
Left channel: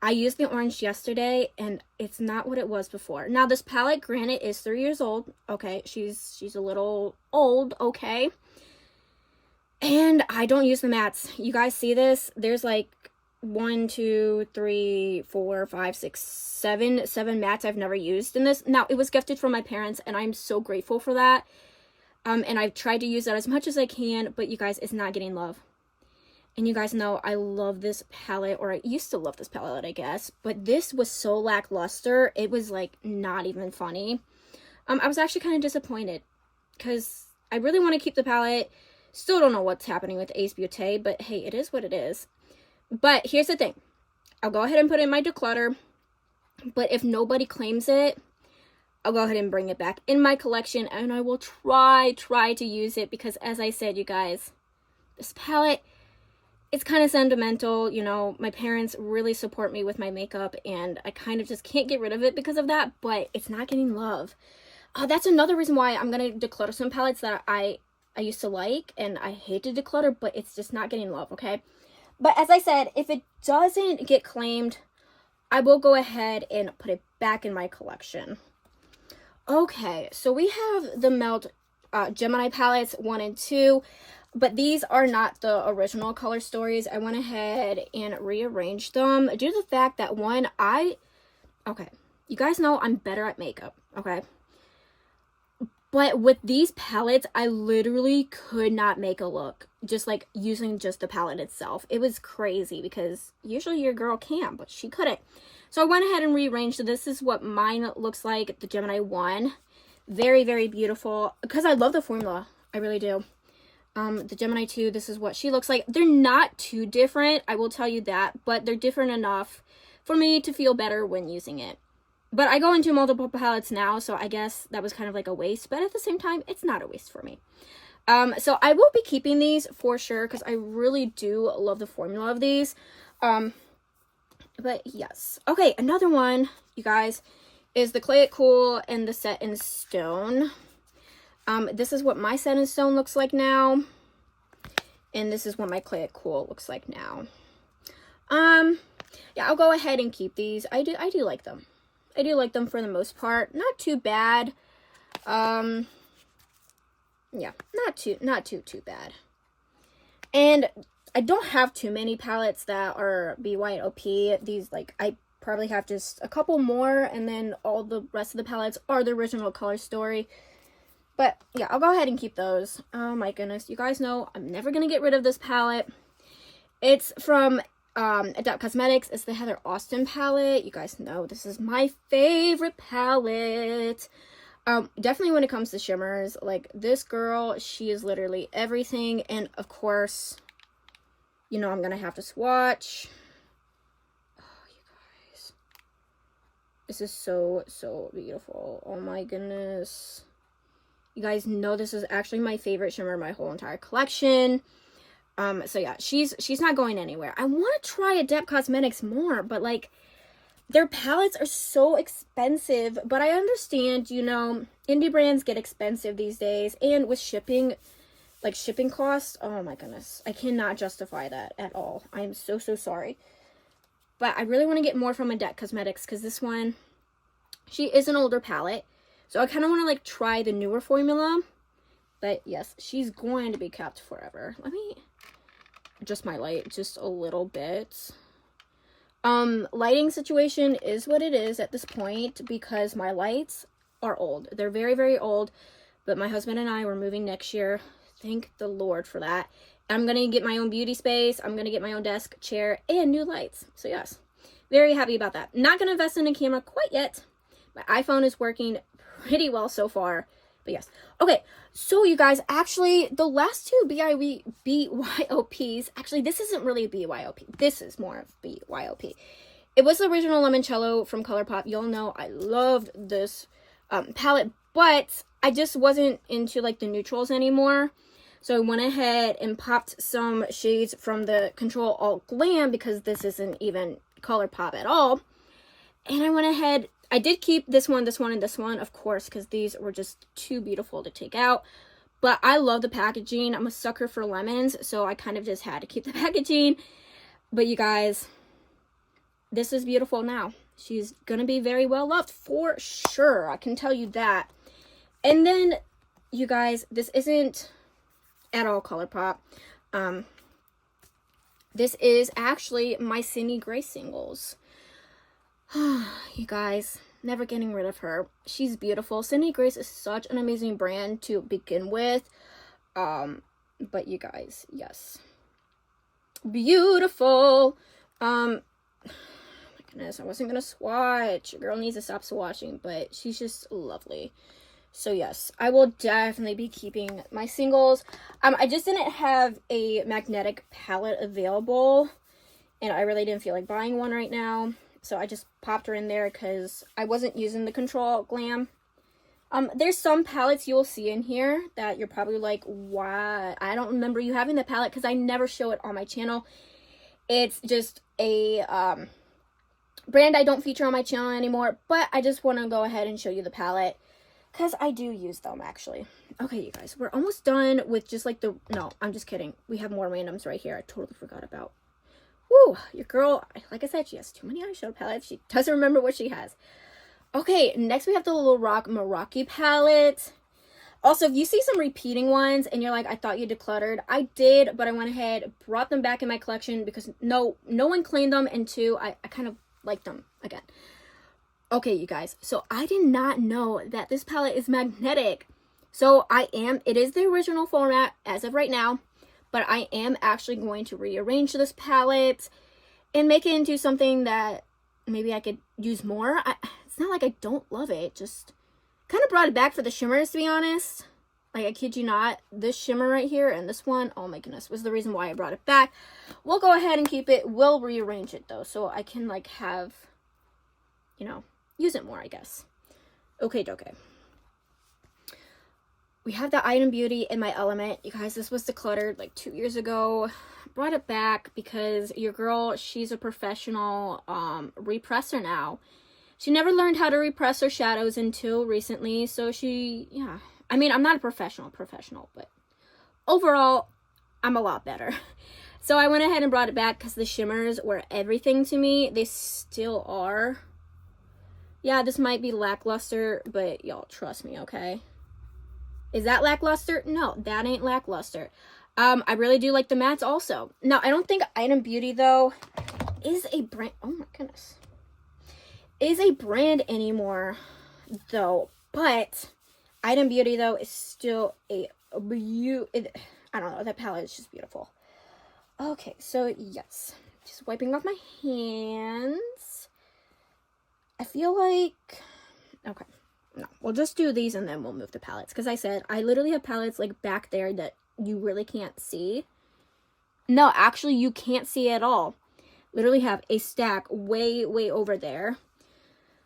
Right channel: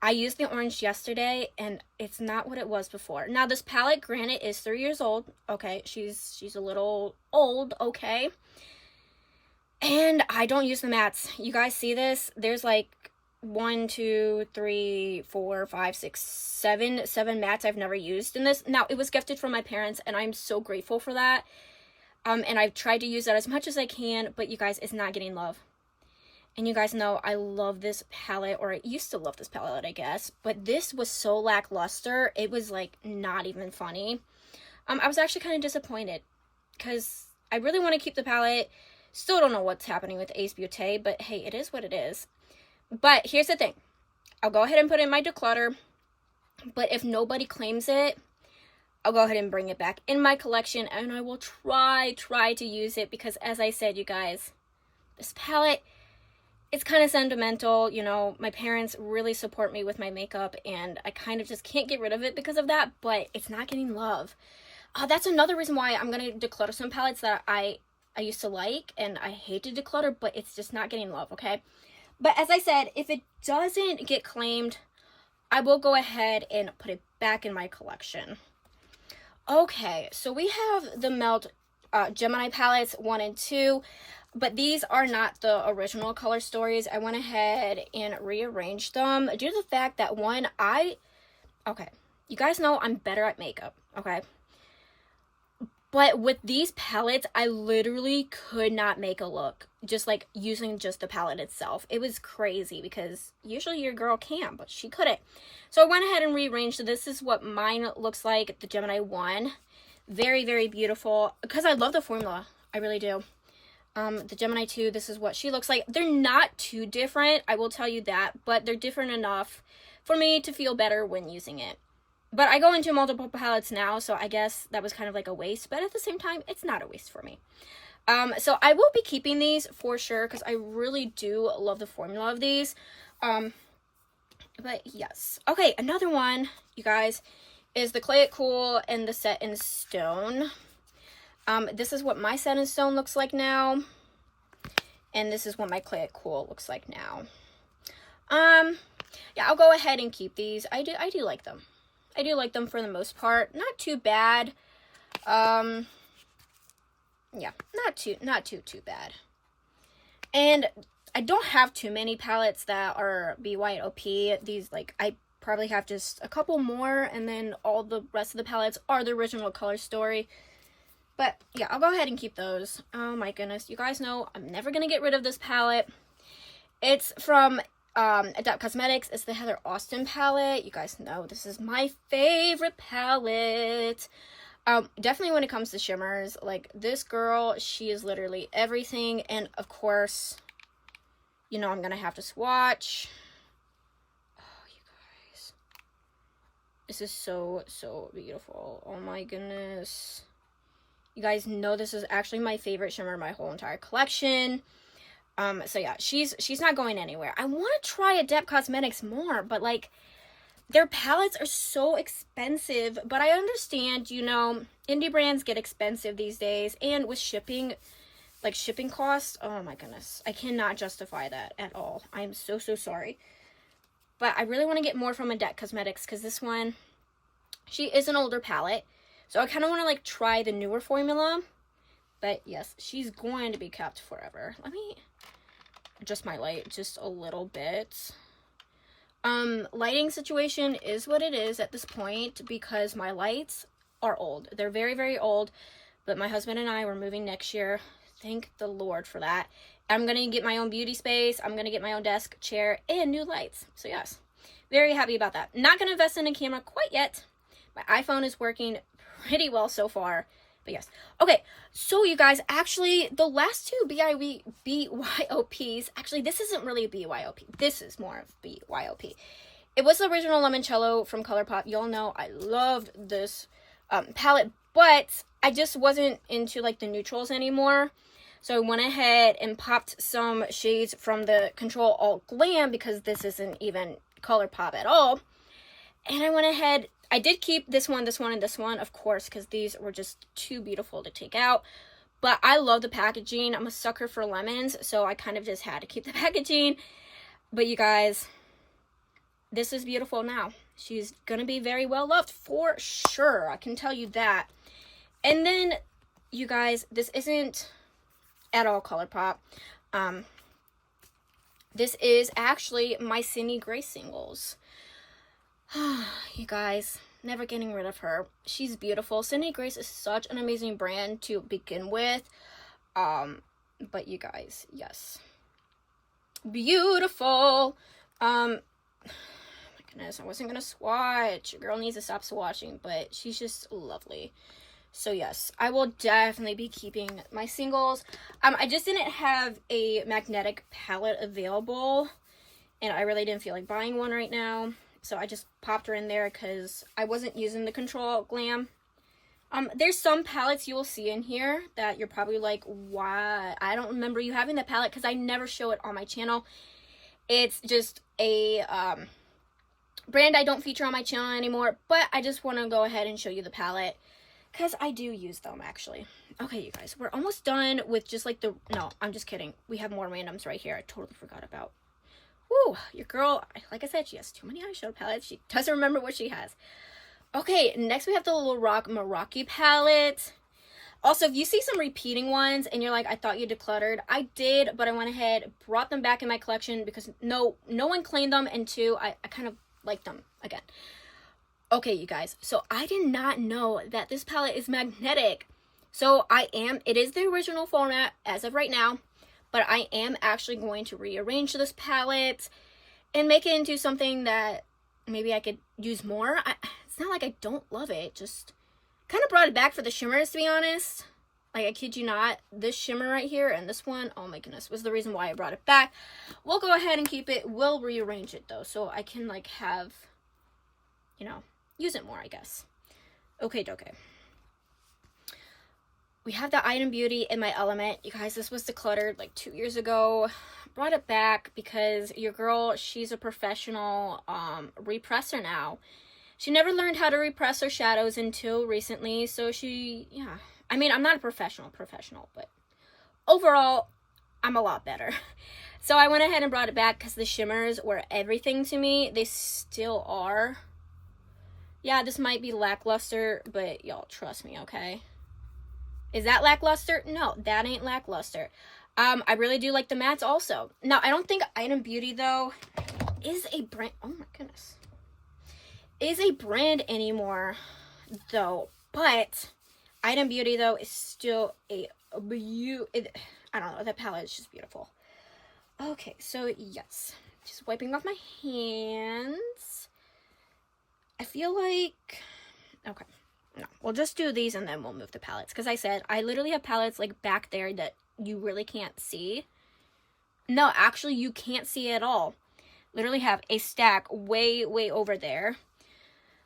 I used the orange yesterday, and it's not what it was before. Now, this palette, granted, is 3 years old. Okay, she's a little old, okay. And I don't use the mattes. You guys see this? There's like 1, 2, 3, 4, 5, 6, 7 mattes I've never used in this. Now, it was gifted from my parents, and I'm so grateful for that. And I've tried to use that as much as I can, but you guys, it's not getting love. And you guys know I love this palette, or I used to love this palette, I guess. But this was so lackluster, it was like not even funny. I was actually kind of disappointed because I really want to keep the palette. Still don't know what's happening with Ace Beauté, but hey, it is what it is. But here's the thing. I'll go ahead and put it in my declutter. But if nobody claims it, I'll go ahead and bring it back in my collection, and I will try to use it because, as I said, you guys, this palette, it's kind of sentimental. You know, my parents really support me with my makeup, and I kind of just can't get rid of it because of that, but it's not getting love. That's another reason why I'm going to declutter some palettes that I used to like, and I hate to declutter, but it's just not getting love, okay? But as I said, if it doesn't get claimed, I will go ahead and put it back in my collection. Okay, so we have the Melt Gemini palettes 1 and 2, but these are not the original color stories. I went ahead and rearranged them due to the fact that okay, you guys know I'm better at makeup, okay? But with these palettes, I literally could not make a look just like using just the palette itself. It was crazy because usually your girl can, but she couldn't. So I went ahead and rearranged. This is what mine looks like, the Gemini 1. Very, very beautiful because I love the formula. I really do. The Gemini 2, this is what she looks like. They're not too different, I will tell you that, but they're different enough for me to feel better when using it. But I go into multiple palettes now, so I guess that was kind of like a waste. But at the same time, it's not a waste for me. So I will be keeping these for sure because I really do love the formula of these. But yes. Okay, another one, you guys, is the Clay It Cool and the Set in Stone. This is what my Set in Stone looks like now. And this is what my Clay It Cool looks like now. Yeah, I'll go ahead and keep these. I do like them. I do like them for the most part. Not too bad. Yeah, not too bad. And I don't have too many palettes that are BYOP. These, like, I probably have just a couple more, and then all the rest of the palettes are the original Color Story. But yeah, I'll go ahead and keep those. Oh my goodness, you guys know I'm never gonna get rid of this palette. It's from Adept Cosmetics. It's the Heather Austin palette. You guys know this is my favorite palette. Definitely when it comes to shimmers, like, this girl, she is literally everything. And of course, you know I'm gonna have to swatch. Oh, you guys, this is so beautiful. Oh my goodness, you guys know this is actually my favorite shimmer in my whole entire collection. So yeah, she's not going anywhere. I want to try Adept Cosmetics more, but like, their palettes are so expensive. But I understand, you know, indie brands get expensive these days, and with shipping, like, shipping costs, oh my goodness, I cannot justify that at all. I'm so sorry. But I really want to get more from Adept Cosmetics, because this one, she is an older palette, so I kind of want to, like, try the newer formula. But yes, she's going to be kept forever. Let me adjust my light just a little bit. Lighting situation is what it is at this point, because my lights are old. They're very old, but my husband and I were moving next year. Thank the Lord for that. I'm gonna get my own beauty space. I'm gonna get my own desk, chair, and new lights. So yes, very happy about that. Not gonna invest in a camera quite yet. My iPhone is working pretty well so far. But yes. Okay, so you guys, actually, the last two BYOPs, actually, this isn't really a BYOP. This is more of BYOP. It was the original Limoncello from ColourPop. Y'all know I loved this palette, but I just wasn't into, like, the neutrals anymore. So I went ahead and popped some shades from the Control Alt Glam, because this isn't even ColourPop at all. And I went ahead, I did keep this one, and this one, of course, because these were just too beautiful to take out. But I love the packaging. I'm a sucker for lemons, so I kind of just had to keep the packaging. But you guys, this is beautiful now. She's gonna be very well loved for sure. I can tell you that. And then, you guys, this isn't at all ColourPop. This is actually my Cindy Gray singles. You guys, never getting rid of her. She's beautiful. Cindy Grace is such an amazing brand to begin with. But you guys, yes, beautiful. Oh my goodness, I wasn't gonna swatch. Your girl needs to stop swatching, but she's just lovely. So yes, I will definitely be keeping my singles. I just didn't have a magnetic palette available, and I really didn't feel like buying one right now. So I just popped her in there because I wasn't using the Control Glam. There's some palettes you'll see in here that you're probably like, why? I don't remember you having the palette, because I never show it on my channel. It's just a brand I don't feature on my channel anymore, but I just want to go ahead and show you the palette, because I do use them, actually. Okay, you guys, we're almost done with just like the, no, I'm just kidding. We have more randoms right here I totally forgot about. Woo, your girl, like I said, she has too many eyeshadow palettes. She doesn't remember what she has. Okay, next we have the Little Rock Meraki palette. Also, if you see some repeating ones and you're like, I thought you decluttered, I did, but I went ahead, brought them back in my collection because no one claimed them, and two, I kind of liked them again. Okay, you guys, so I did not know that this palette is magnetic. So it is the original format as of right now, but I am actually going to rearrange this palette and make it into something that maybe I could use more. It's not like I don't love it, just kind of brought it back for the shimmers, to be honest. Like, I kid you not, this shimmer right here and this one, oh my goodness, was the reason why I brought it back. We'll go ahead and keep it. We'll rearrange it, though, so I can, like, have, you know, use it more, I guess. Okay. we have the Item Beauty in my element. You guys, this was decluttered like 2 years ago. Brought it back because your girl, she's a professional represser now. She never learned how to repress her shadows until recently, so yeah. I mean, I'm not a professional, but overall, I'm a lot better. So I went ahead and brought it back because the shimmers were everything to me. They still are. Yeah, this might be lackluster, but y'all trust me, okay? Is that lackluster? No, that ain't lackluster. I really do like the mattes also. Now, I don't think Item Beauty, though, is a brand. Oh my goodness. Is a brand anymore, though. But Item Beauty, though, is still a I don't know. That palette is just beautiful. Okay, so yes. Just wiping off my hands. I feel like... Okay. No, we'll just do these and then we'll move the palettes. Because I said, I literally have palettes like back there that you really can't see. No, actually, you can't see at all. Literally have a stack way, way over there.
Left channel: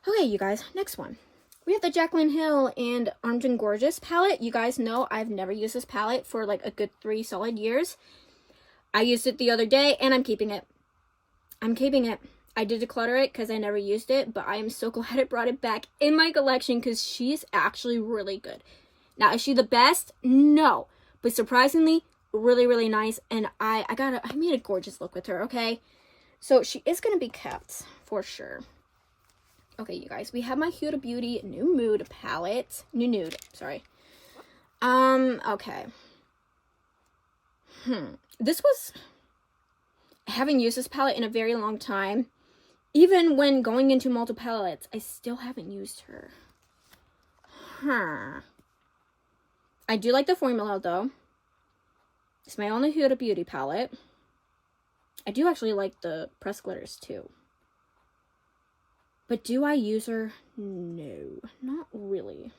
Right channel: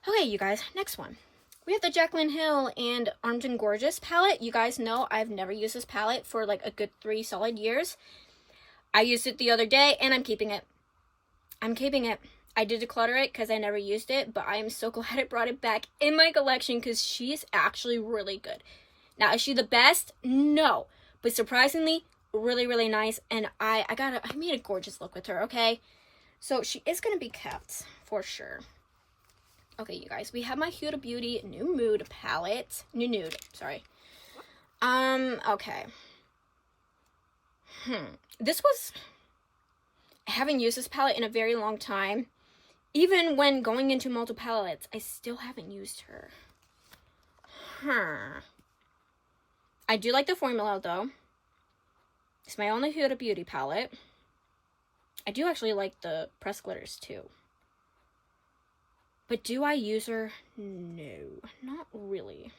Okay, you guys, next one. We have the Jaclyn Hill and Armed and Gorgeous palette. You guys know I've never used this palette for like a good 3 solid years. I used it the other day and I'm keeping it. I'm keeping it. I did declutter it because I never used it, but I am so glad I brought it back in my collection because she's actually really good. Now, is she the best? No. But surprisingly, really, really nice. And I made a gorgeous look with her, okay? So she is going to be kept for sure. Okay, you guys, we have my Huda Beauty New Mood palette. New Nude, sorry. Okay. This was... I haven't used this palette in a very long time. Even when going into multiple palettes, I still haven't used her. I do like the formula, though. It's my only Huda Beauty palette. I do actually like the pressed glitters, too. But do I use her? No, not really.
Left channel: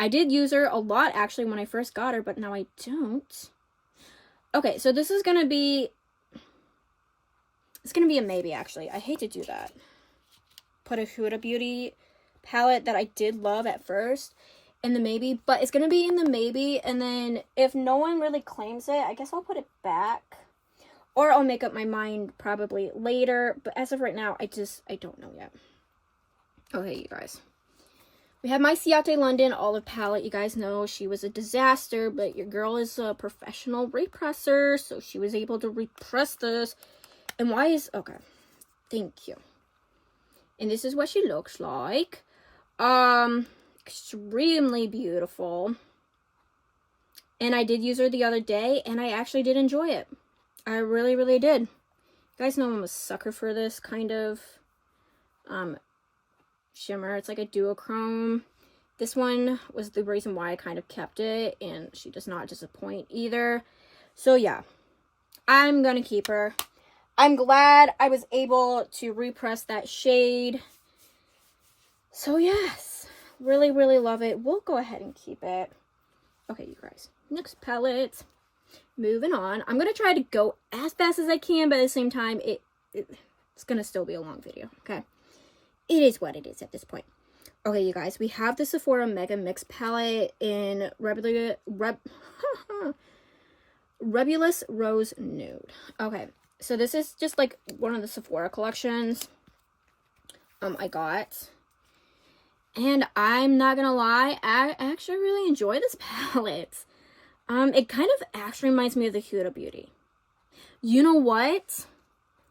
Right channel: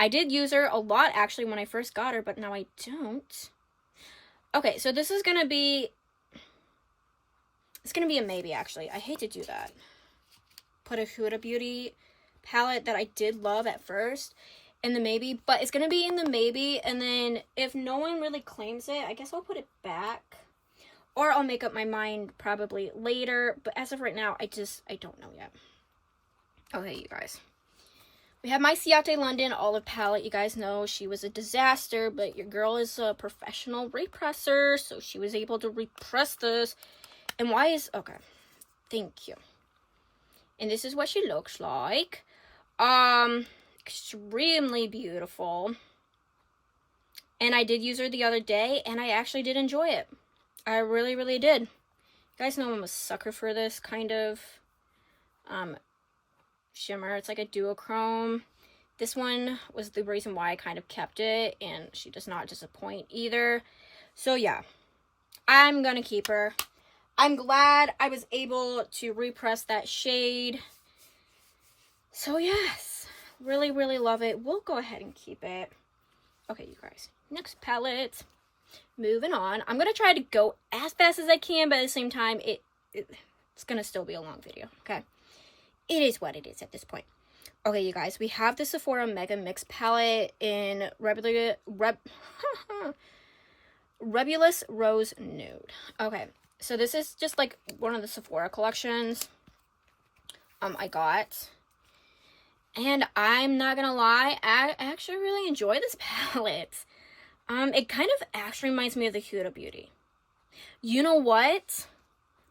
I did use her a lot, actually, when I first got her, but now I don't. Okay, so this is going to be... It's going to be a maybe, actually. I hate to do that. Put a Huda Beauty palette that I did love at first in the maybe. But it's going to be in the maybe. And then if no one really claims it, I guess I'll put it back. Or I'll make up my mind probably later. But as of right now, I don't know yet. Okay, you guys. We have my Ciate London Olive palette. You guys know she was a disaster. But your girl is a professional represser. So she was able to repress this. And why is... Okay. Thank you. And this is what she looks like. Extremely beautiful. And I did use her the other day. And I actually did enjoy it. I really, really did. You guys know I'm a sucker for this kind of shimmer. It's like a duochrome. This one was the reason why I kind of kept it. And she does not disappoint either. So yeah. I'm going to keep her. I'm glad I was able to repress that shade. So yes, really, really love it. We'll go ahead and keep it. Okay, you guys, next palette. Moving on. I'm going to try to go as fast as I can, but at the same time, it's going to still be a long video, okay? It is what it is at this point. Okay, you guys, we have the Sephora Mega Mix palette in Rebulous Rose Nude. Okay. So this is just like one of the Sephora collections I got. And I'm not gonna lie, I actually really enjoy this palette. It kind of actually reminds me of the Huda Beauty. You know what?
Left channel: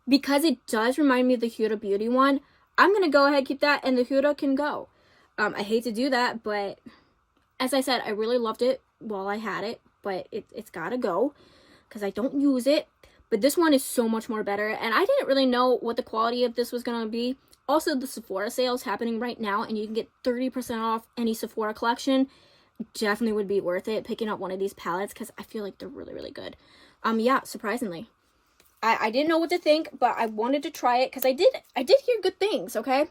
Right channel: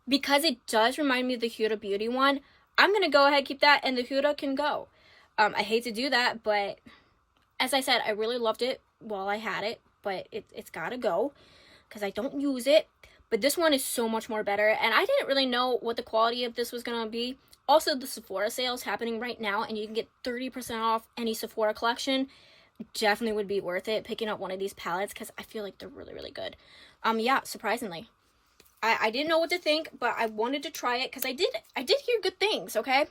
Because it does remind me of the Huda Beauty one, I'm gonna go ahead and keep that and the Huda can go. I hate to do that, but as I said, I really loved it while I had it, but it's gotta go because I don't use it. But this one is so much more better. And I didn't really know what the quality of this was going to be. Also, the Sephora sale is happening right now. And you can get 30% off any Sephora collection. Definitely would be worth it picking up one of these palettes. Because I feel like they're really, really good. Yeah, surprisingly. I didn't know what to think. But I wanted to try it. Because I did hear good things, okay?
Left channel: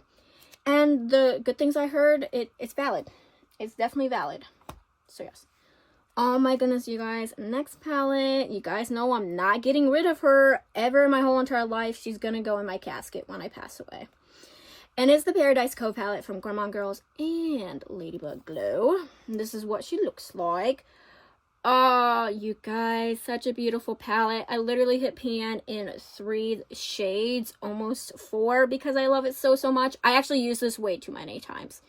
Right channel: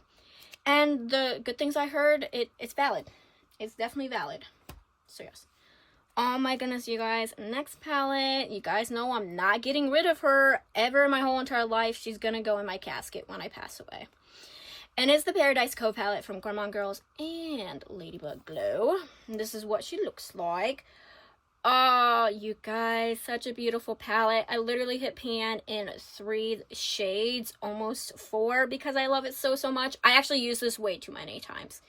And the good things I heard, it's valid. It's definitely valid. So, yes. Oh my goodness, you guys. Next palette. You guys know I'm not getting rid of her ever in my whole entire life. She's gonna go in my casket when I pass away. And it's the Paradise Co palette from Gourmande Girls and Ladybug Glow. And this is what she looks like. Oh, you guys, such a beautiful palette. I literally hit pan in 3 shades, almost 4, because I love it so, so much. I actually use this way too many times.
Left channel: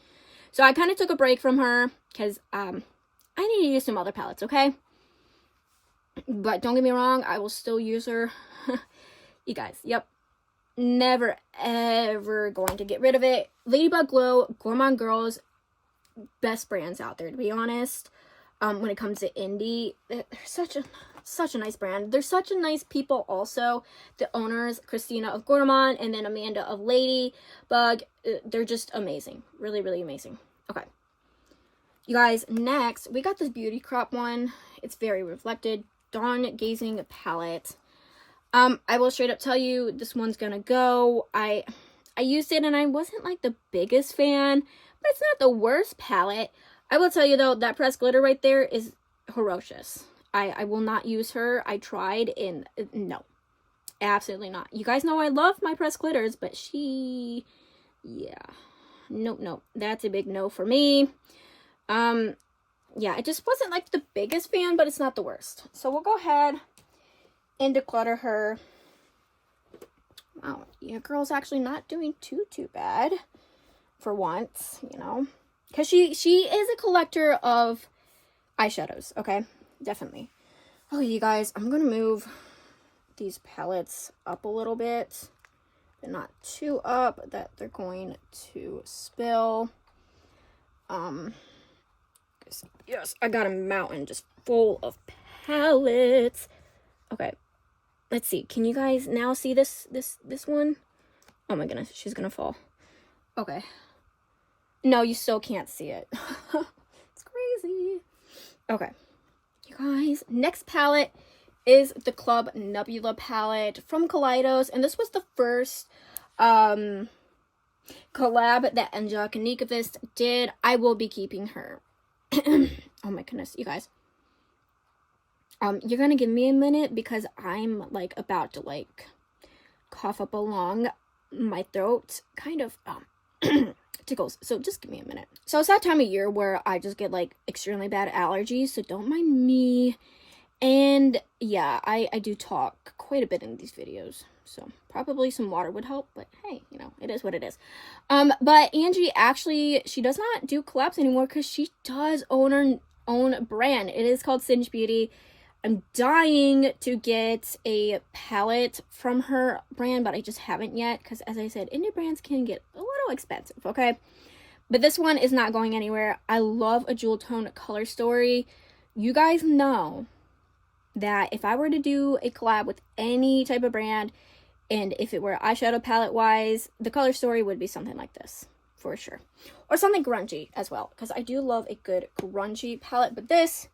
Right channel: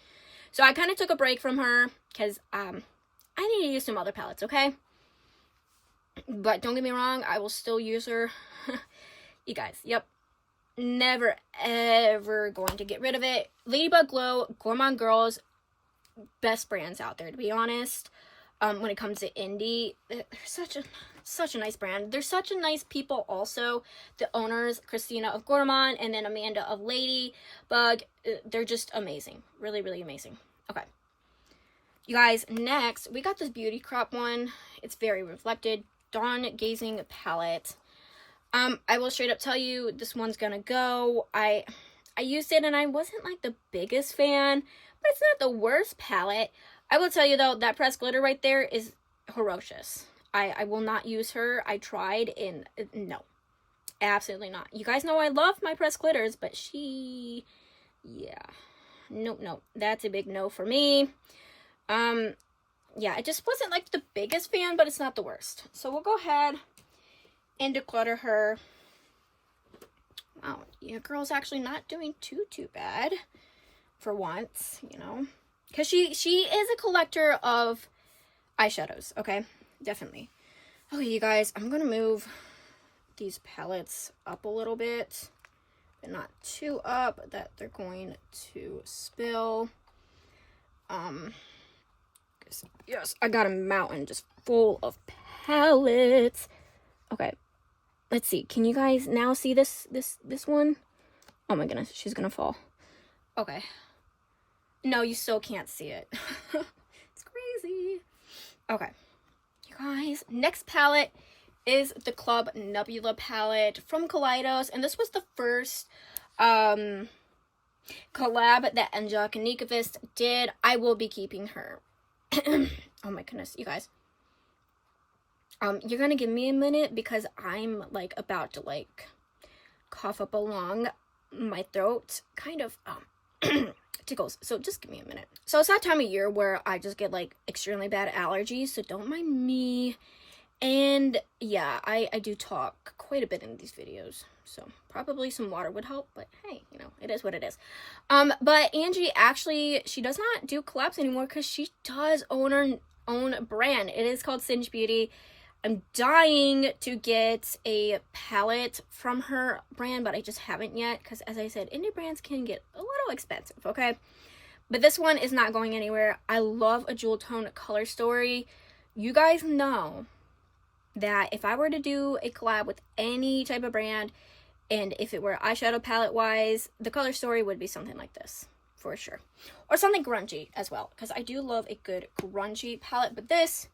So I kind of took a break from her because I need to use some other palettes, okay? But don't get me wrong, I will still use her. You guys, yep. Never, ever going to get rid of it. Ladybug Glow, Gourmande Girls, best brands out there, to be honest. When it comes to indie, they're such a nice brand. They're such a nice people also. The owners, Christina of Gourmande and then Amanda of Ladybug, they're just amazing. Really, really amazing. Okay. You guys, next, we got this Beauty Crop one. It's very reflected. Dawn Gazing palette. I will straight up tell you, this one's gonna go. I used it and I wasn't like the biggest fan, but it's not the worst palette. I will tell you though, that pressed glitter right there is ferocious. I will not use her. I tried and no, absolutely not. You guys know I love my pressed glitters, but she, yeah, nope, that's a big no for me. Yeah, I just wasn't like the biggest fan, but it's not the worst. So we'll go ahead and declutter her. Wow, yeah, girl's actually not doing too bad for once, you know, because she is a collector of eyeshadows. Okay, definitely. Oh, you guys, I'm gonna move these palettes up a little bit, but not too up that they're going to spill. Yes, I got a mountain just full of palettes. Okay, let's see. Can you guys now see this one? Oh my goodness, she's gonna fall. Okay. No, you still can't see it. It's crazy. Okay. You guys, next palette is the Club Nebula palette from Kaleidos. And this was the first collab that Angelica Nikovist did. I will be keeping her. Oh my goodness, you guys. You're gonna give me a minute because I'm like about to like cough up along my throat, kind of tickles, so just give me a minute. So it's that time of year where I just get like extremely bad allergies, so don't mind me. And yeah, I do talk quite a bit in these videos, so probably some water would help, but hey, you know, it is what it is. But Angie actually, she does not do collabs anymore because she does own her own brand. It is called Singe Beauty. I'm dying to get a palette from her brand, but I just haven't yet because, as I said, indie brands can get a little expensive, okay? But this one is not going anywhere. I love a jewel tone color story. You guys know that if I were to do a collab with any type of brand, and if it were eyeshadow palette wise, the color story would be something like this, for sure. Or something grungy as well, because I do love a good grungy palette, but this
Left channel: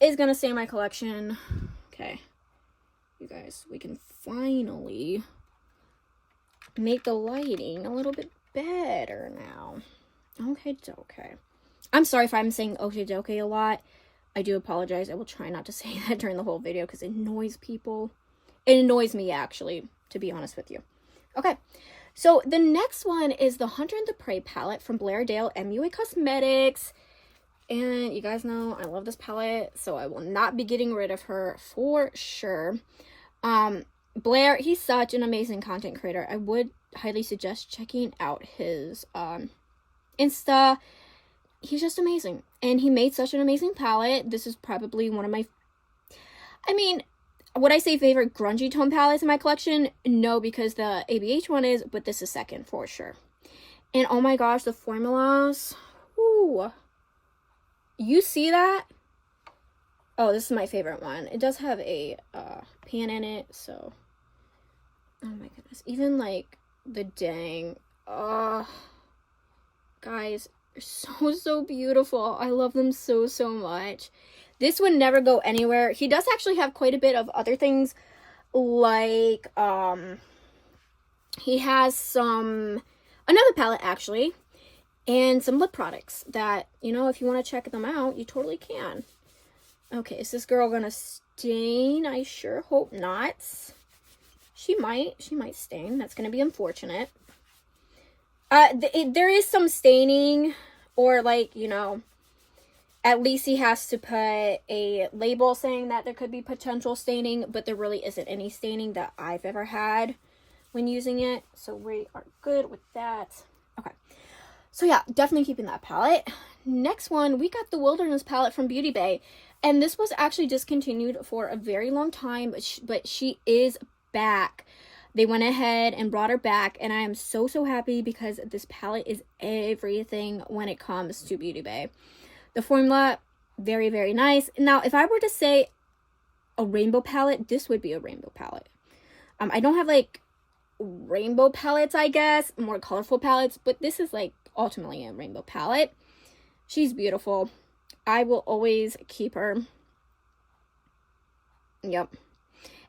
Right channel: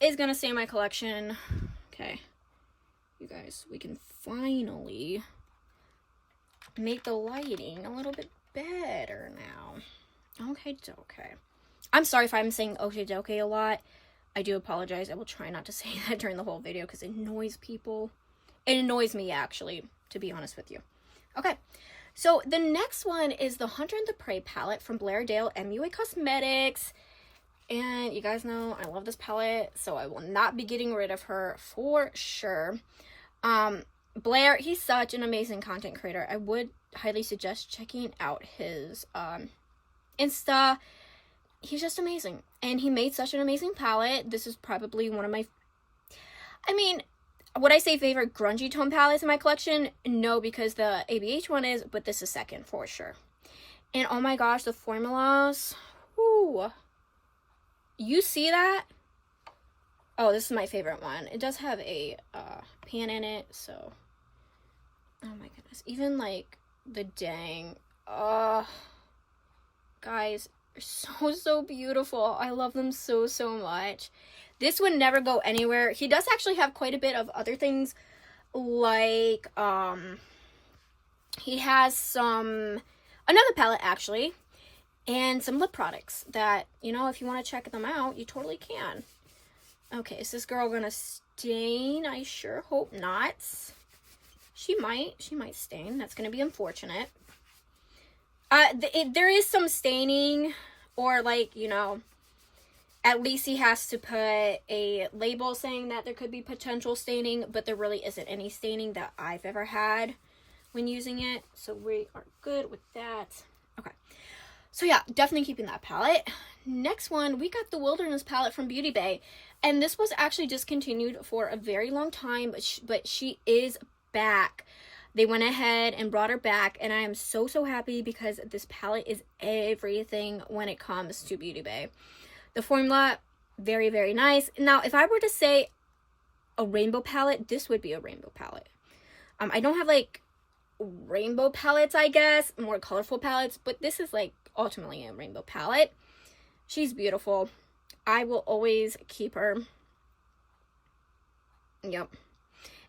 is gonna stay in my collection. Okay, you guys, we can finally make the lighting a little bit better now. Okay. I'm sorry if I'm saying okay dokie a lot. I do apologize. I will try not to say that during the whole video because it annoys people. It annoys me, actually, to be honest with you. Okay, so the next one is the Hunter and the Prey palette from Blairdale MUA Cosmetics. And you guys know I love this palette, so I will not be getting rid of her for sure. Blair, he's such an amazing content creator. I would highly suggest checking out his Insta. He's just amazing. And he made such an amazing palette. This is probably one of my, I mean, would I say favorite grungy tone palettes in my collection? No, because the ABH one is, but this is second for sure. And oh my gosh, the formulas. Ooh. You see that? Oh, this is my favorite one. It does have a pan in it, so. Oh my goodness. Even like the dang. Guys, they're so beautiful. I love them so much. This would never go anywhere. He does actually have quite a bit of other things, like he has another palette actually, and some lip products that, you know, if you want to check them out, you totally can. Okay, is this girl gonna stain? I sure hope not. She might stain. That's gonna be unfortunate. There is some staining, or like, you know, at least he has to put a label saying that there could be potential staining, but there really isn't any staining that I've ever had when using it. So we are good with that. Okay. So yeah, definitely keeping that palette. Next one, we got the Wilderness palette from Beauty Bay. And this was actually discontinued for a very long time, but she is back. They went ahead and brought her back, and I am so, so happy because this palette is everything when it comes to Beauty Bay. The formula, very, very nice. Now, if I were to say a rainbow palette, this would be a rainbow palette. I don't have, like, rainbow palettes, I guess, more colorful palettes, but this is, like, ultimately a rainbow palette. She's beautiful. I will always keep her. Yep.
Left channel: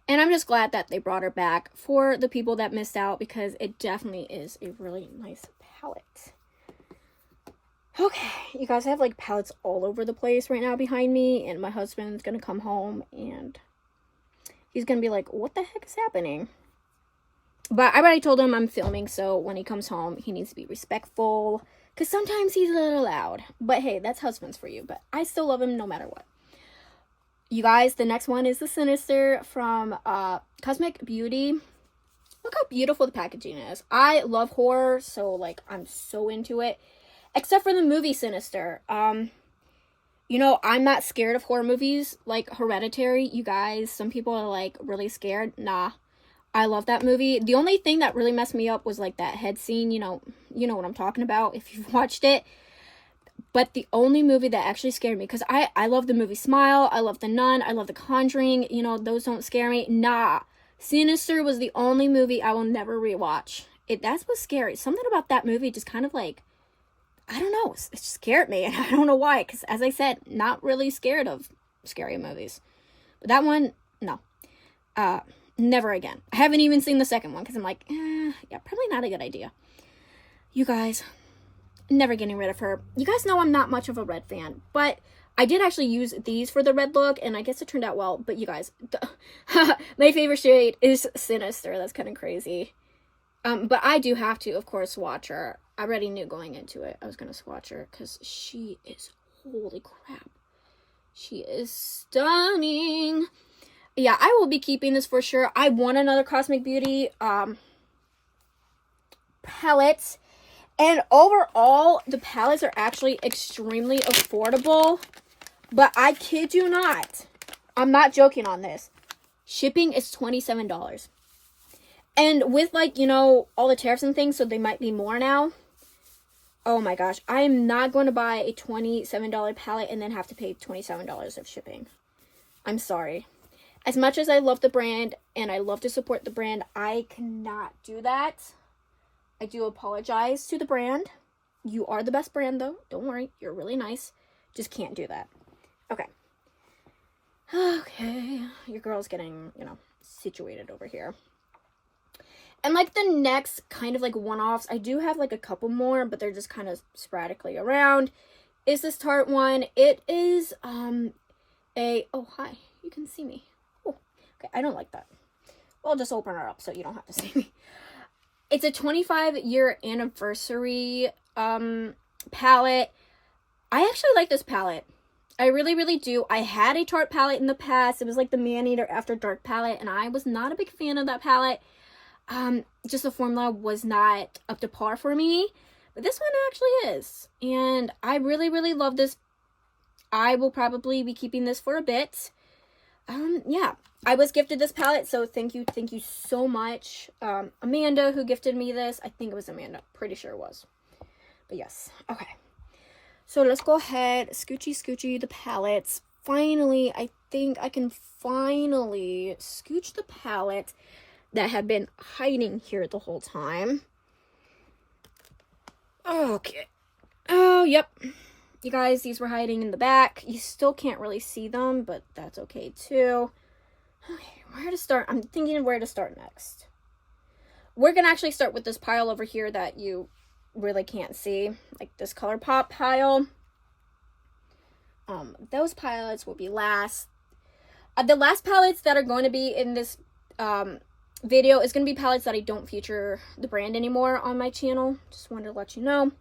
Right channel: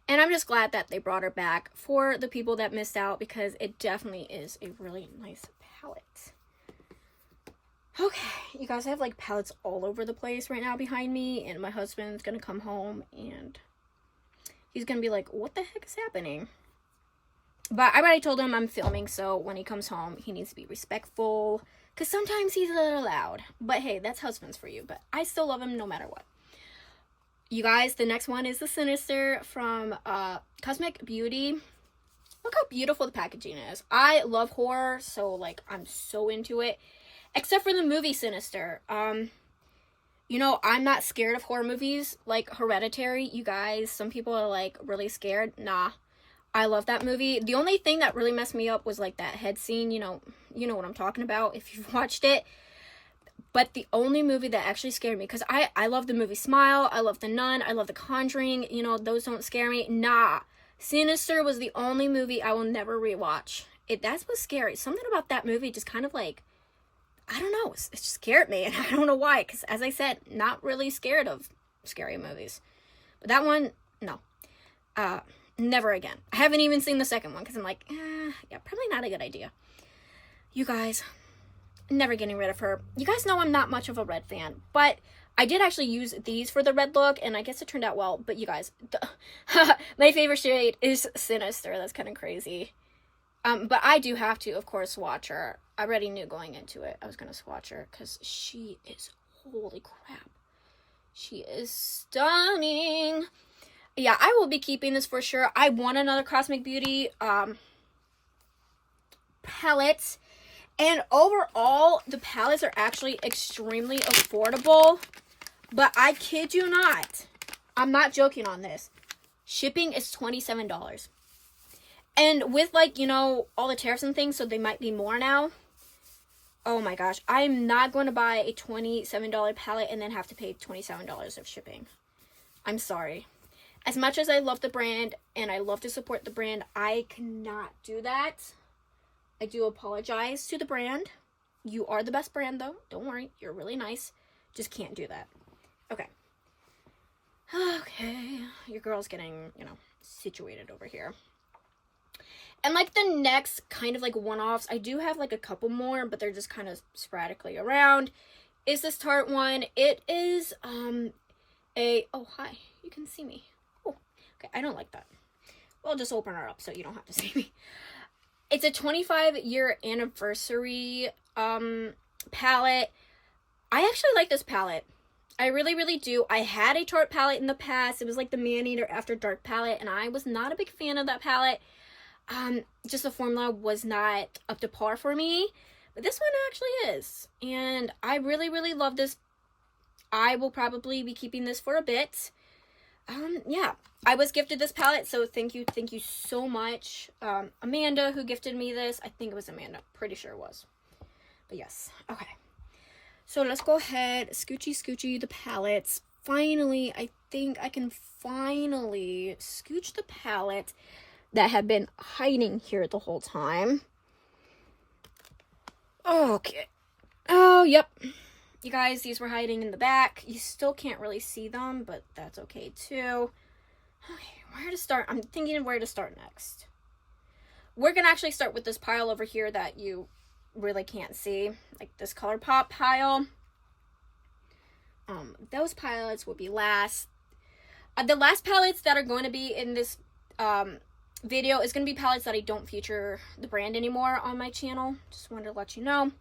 And I'm just glad that they brought her back for the people that missed out, because it definitely is a really nice palette. Okay, you guys, I have like palettes all over the place right now behind me, and my husband's gonna come home and he's gonna be like, what the heck is happening? But I already told him I'm filming, so when he comes home, he needs to be respectful, because sometimes he's a little loud. But hey, that's husbands for you, but I still love him no matter what. You guys, the next one is the Sinister from Cosmic Beauty. Look how beautiful the packaging is. I love horror, so like I'm so into it. Except for the movie Sinister. You know, I'm not scared of horror movies like Hereditary. You guys, some people are like really scared. Nah, I love that movie. The only thing that really messed me up was like that head scene. You know what I'm talking about if you've watched it. But the only movie that actually scared me, because I love the movie Smile, I love The Nun, I love The Conjuring, you know, those don't scare me. Nah, Sinister was the only movie I will never rewatch. That's what's scary. Something about that movie just kind of like, I don't know, it scared me, and I don't know why, because as I said, not really scared of scary movies. But that one, no. Never again. I haven't even seen the second one, because I'm like, yeah, probably not a good idea. You guys, never getting rid of her. You guys know I'm not much of a red fan, but I did actually use these for the red look, and I guess it turned out well. But you guys, my favorite shade is Sinister. That's kind of crazy. But I do have to, of course, swatch her. I already knew going into it I was going to swatch her, because she is, holy crap, she is stunning. Yeah, I will be keeping this for sure. I want another Cosmic Beauty palette. And overall, the palettes are actually extremely affordable. But I kid you not, I'm not joking on this. Shipping is $27. And with, like, you know, all the tariffs and things, so they might be more now. Oh my gosh, I'm not going to buy a $27 palette and then have to pay $27 of shipping. I'm sorry. As much as I love the brand and I love to support the brand, I cannot do that. I do apologize to the brand. You are the best brand, though. Don't worry. You're really nice. Just can't do that. Okay. Okay. Your girl's getting, you know, situated over here. And, like, the next kind of, like, one-offs, I do have, like, a couple more, but they're just kind of sporadically around, is this Tarte one. It is, oh, hi. You can see me. Oh, okay. I don't like that. Well, just open her up so you don't have to see me. It's a 25-year anniversary palette. I actually like this palette. I really, really do. I had a Tarte palette in the past. It was like the Man-Eater After Dark palette, and I was not a big fan of that palette. Just the formula was not up to par for me. But this one actually is. And I really, really love this. I will probably be keeping this for a bit. Yeah. I was gifted this palette, so thank you so much. Amanda, who gifted me this. I think it was Amanda. Pretty sure it was. But yes. Okay. So let's go ahead. Scoochy the palettes. Finally, I think I can finally scooch the palette that had been hiding here the whole time. Okay. Oh, yep. You guys, these were hiding in the back. You still can't really see them, but that's okay too. Okay, where to start? I'm thinking of where to start next. We're going to actually start with this pile over here that you really can't see. Like this ColourPop pile. Those palettes will be last. The last palettes that are going to be in this video is going to be palettes that I don't feature the brand anymore on my channel. Just wanted to let you know.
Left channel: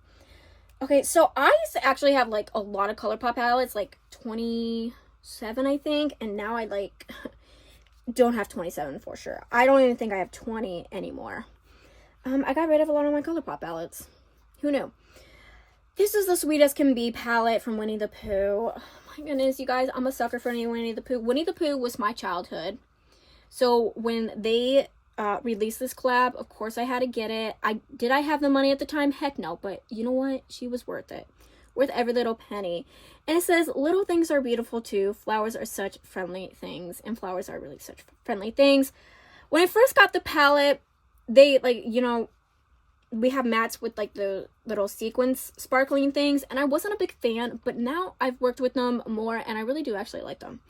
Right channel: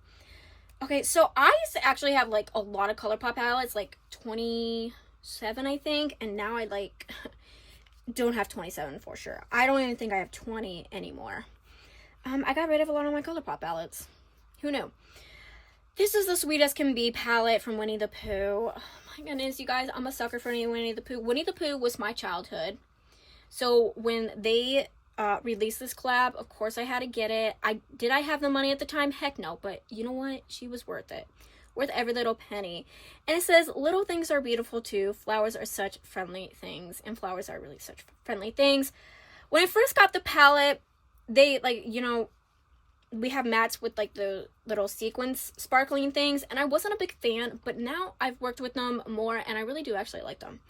Okay, so I used to actually have like a lot of ColourPop palettes, like 27 I think, and now I like don't have 27 for sure. I don't even think I have 20 anymore. I got rid of a lot of my ColourPop palettes. Who knew? This is the Sweet as Can Be palette from Winnie the Pooh. Oh my goodness, you guys, I'm a sucker for Winnie the Pooh. Winnie the Pooh was my childhood. So when they released this collab, of course I had to get it. Did I have the money at the time? Heck no, but you know what? She was worth it. Worth every little penny. And it says, little things are beautiful too. Flowers are such friendly things. And flowers are really such friendly things. When I first got the palette, they, like, you know, we have mattes with like the little sequins sparkling things. And I wasn't a big fan, but now I've worked with them more and I really do actually like them.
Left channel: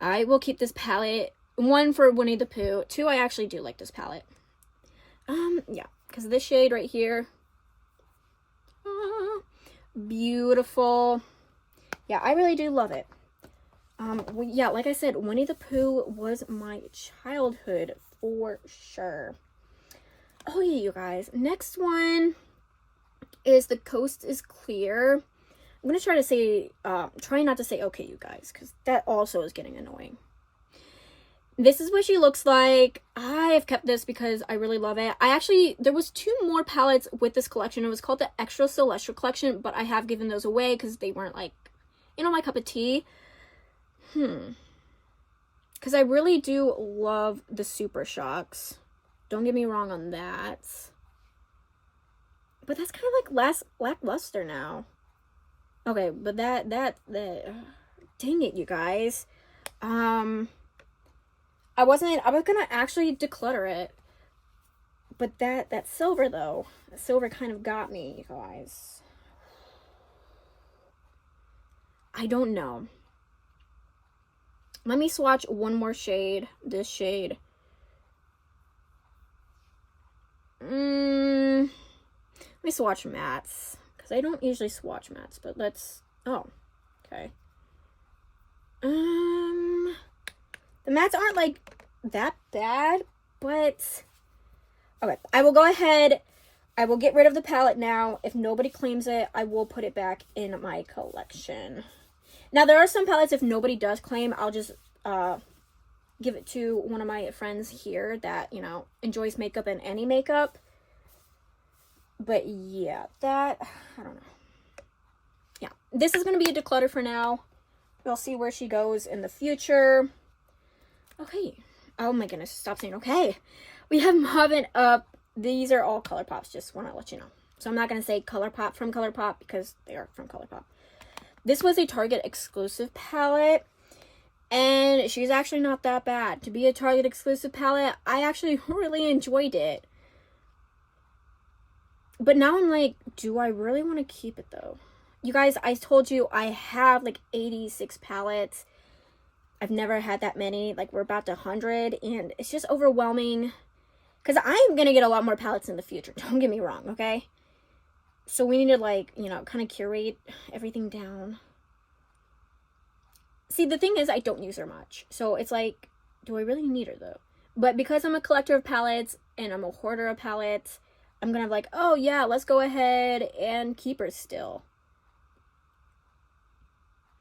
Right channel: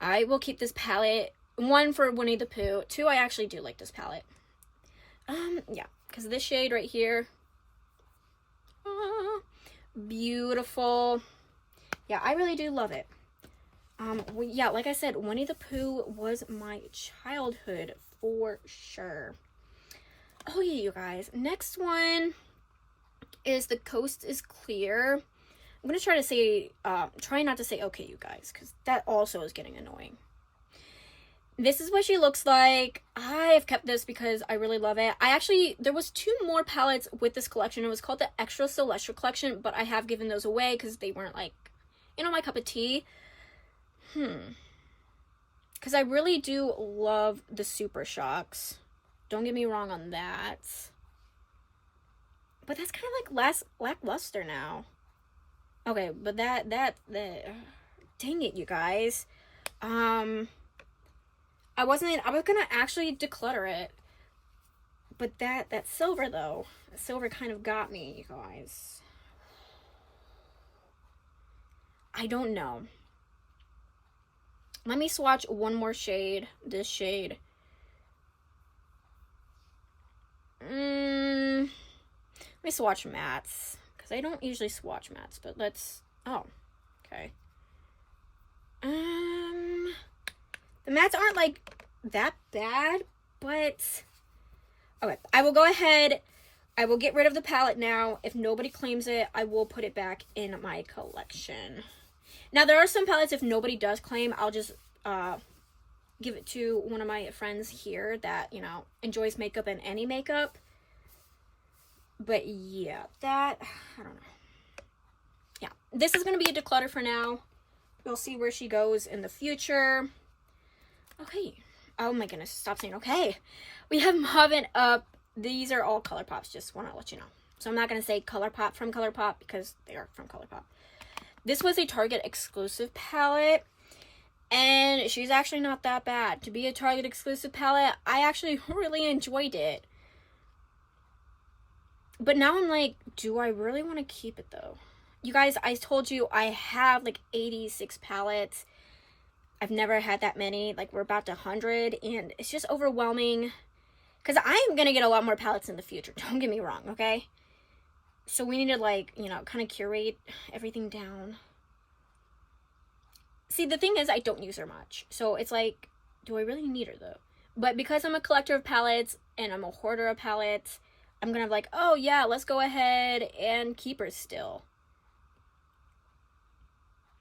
I will keep this palette. 1 for Winnie the Pooh. 2, I actually do like this palette. Yeah, because this shade right here. Beautiful. Yeah, I really do love it. Yeah, like I said, Winnie the Pooh was my childhood for sure. Oh yeah, you guys. Next one is The Coast is Clear. I'm going to try to say, try not to say okay, you guys, because that also is getting annoying. This is what she looks like. I have kept this because I really love it. There was 2 more palettes with this collection. It was called the Extra Celestial Collection, but I have given those away because they weren't like, you know, my cup of tea. Because I really do love the Super Shocks. Don't get me wrong on that. But that's kind of like less lackluster now. Okay, but that dang it, you guys. I was gonna actually declutter it, but that silver though, that silver kind of got me, you guys. I don't know. Let me swatch one more shade. This shade. Let me swatch mattes because I don't usually swatch mattes, but let's. Oh, okay. The mattes aren't like that bad, but okay, I will go ahead. I will get rid of the palette now. If nobody claims it, I will put it back in my collection. Now, there are some palettes, if nobody does claim, I'll just give it to one of my friends here that, you know, enjoys makeup and any makeup. But yeah, I don't know. Yeah, this is going to be a declutter for now. We'll see where she goes in the future. Okay. Oh my goodness. Stop saying okay. We have Mobbin' Up. These are all ColourPops. Just want to let you know. So I'm not going to say ColourPop from ColourPop because they are from ColourPop. This was a Target exclusive palette. And she's actually not that bad. To be a Target exclusive palette, I actually really enjoyed it. But now I'm like, do I really want to keep it though? You guys, I told you I have like 86 palettes. I've never had that many. Like, we're about to 100, and it's just overwhelming. Because I'm going to get a lot more palettes in the future. Don't get me wrong, okay? So we need to, like, you know, kind of curate everything down. See, the thing is, I don't use her much. So it's like, do I really need her, though? But because I'm a collector of palettes, and I'm a hoarder of palettes, I'm going to be like, oh, yeah, let's go ahead and keep her still.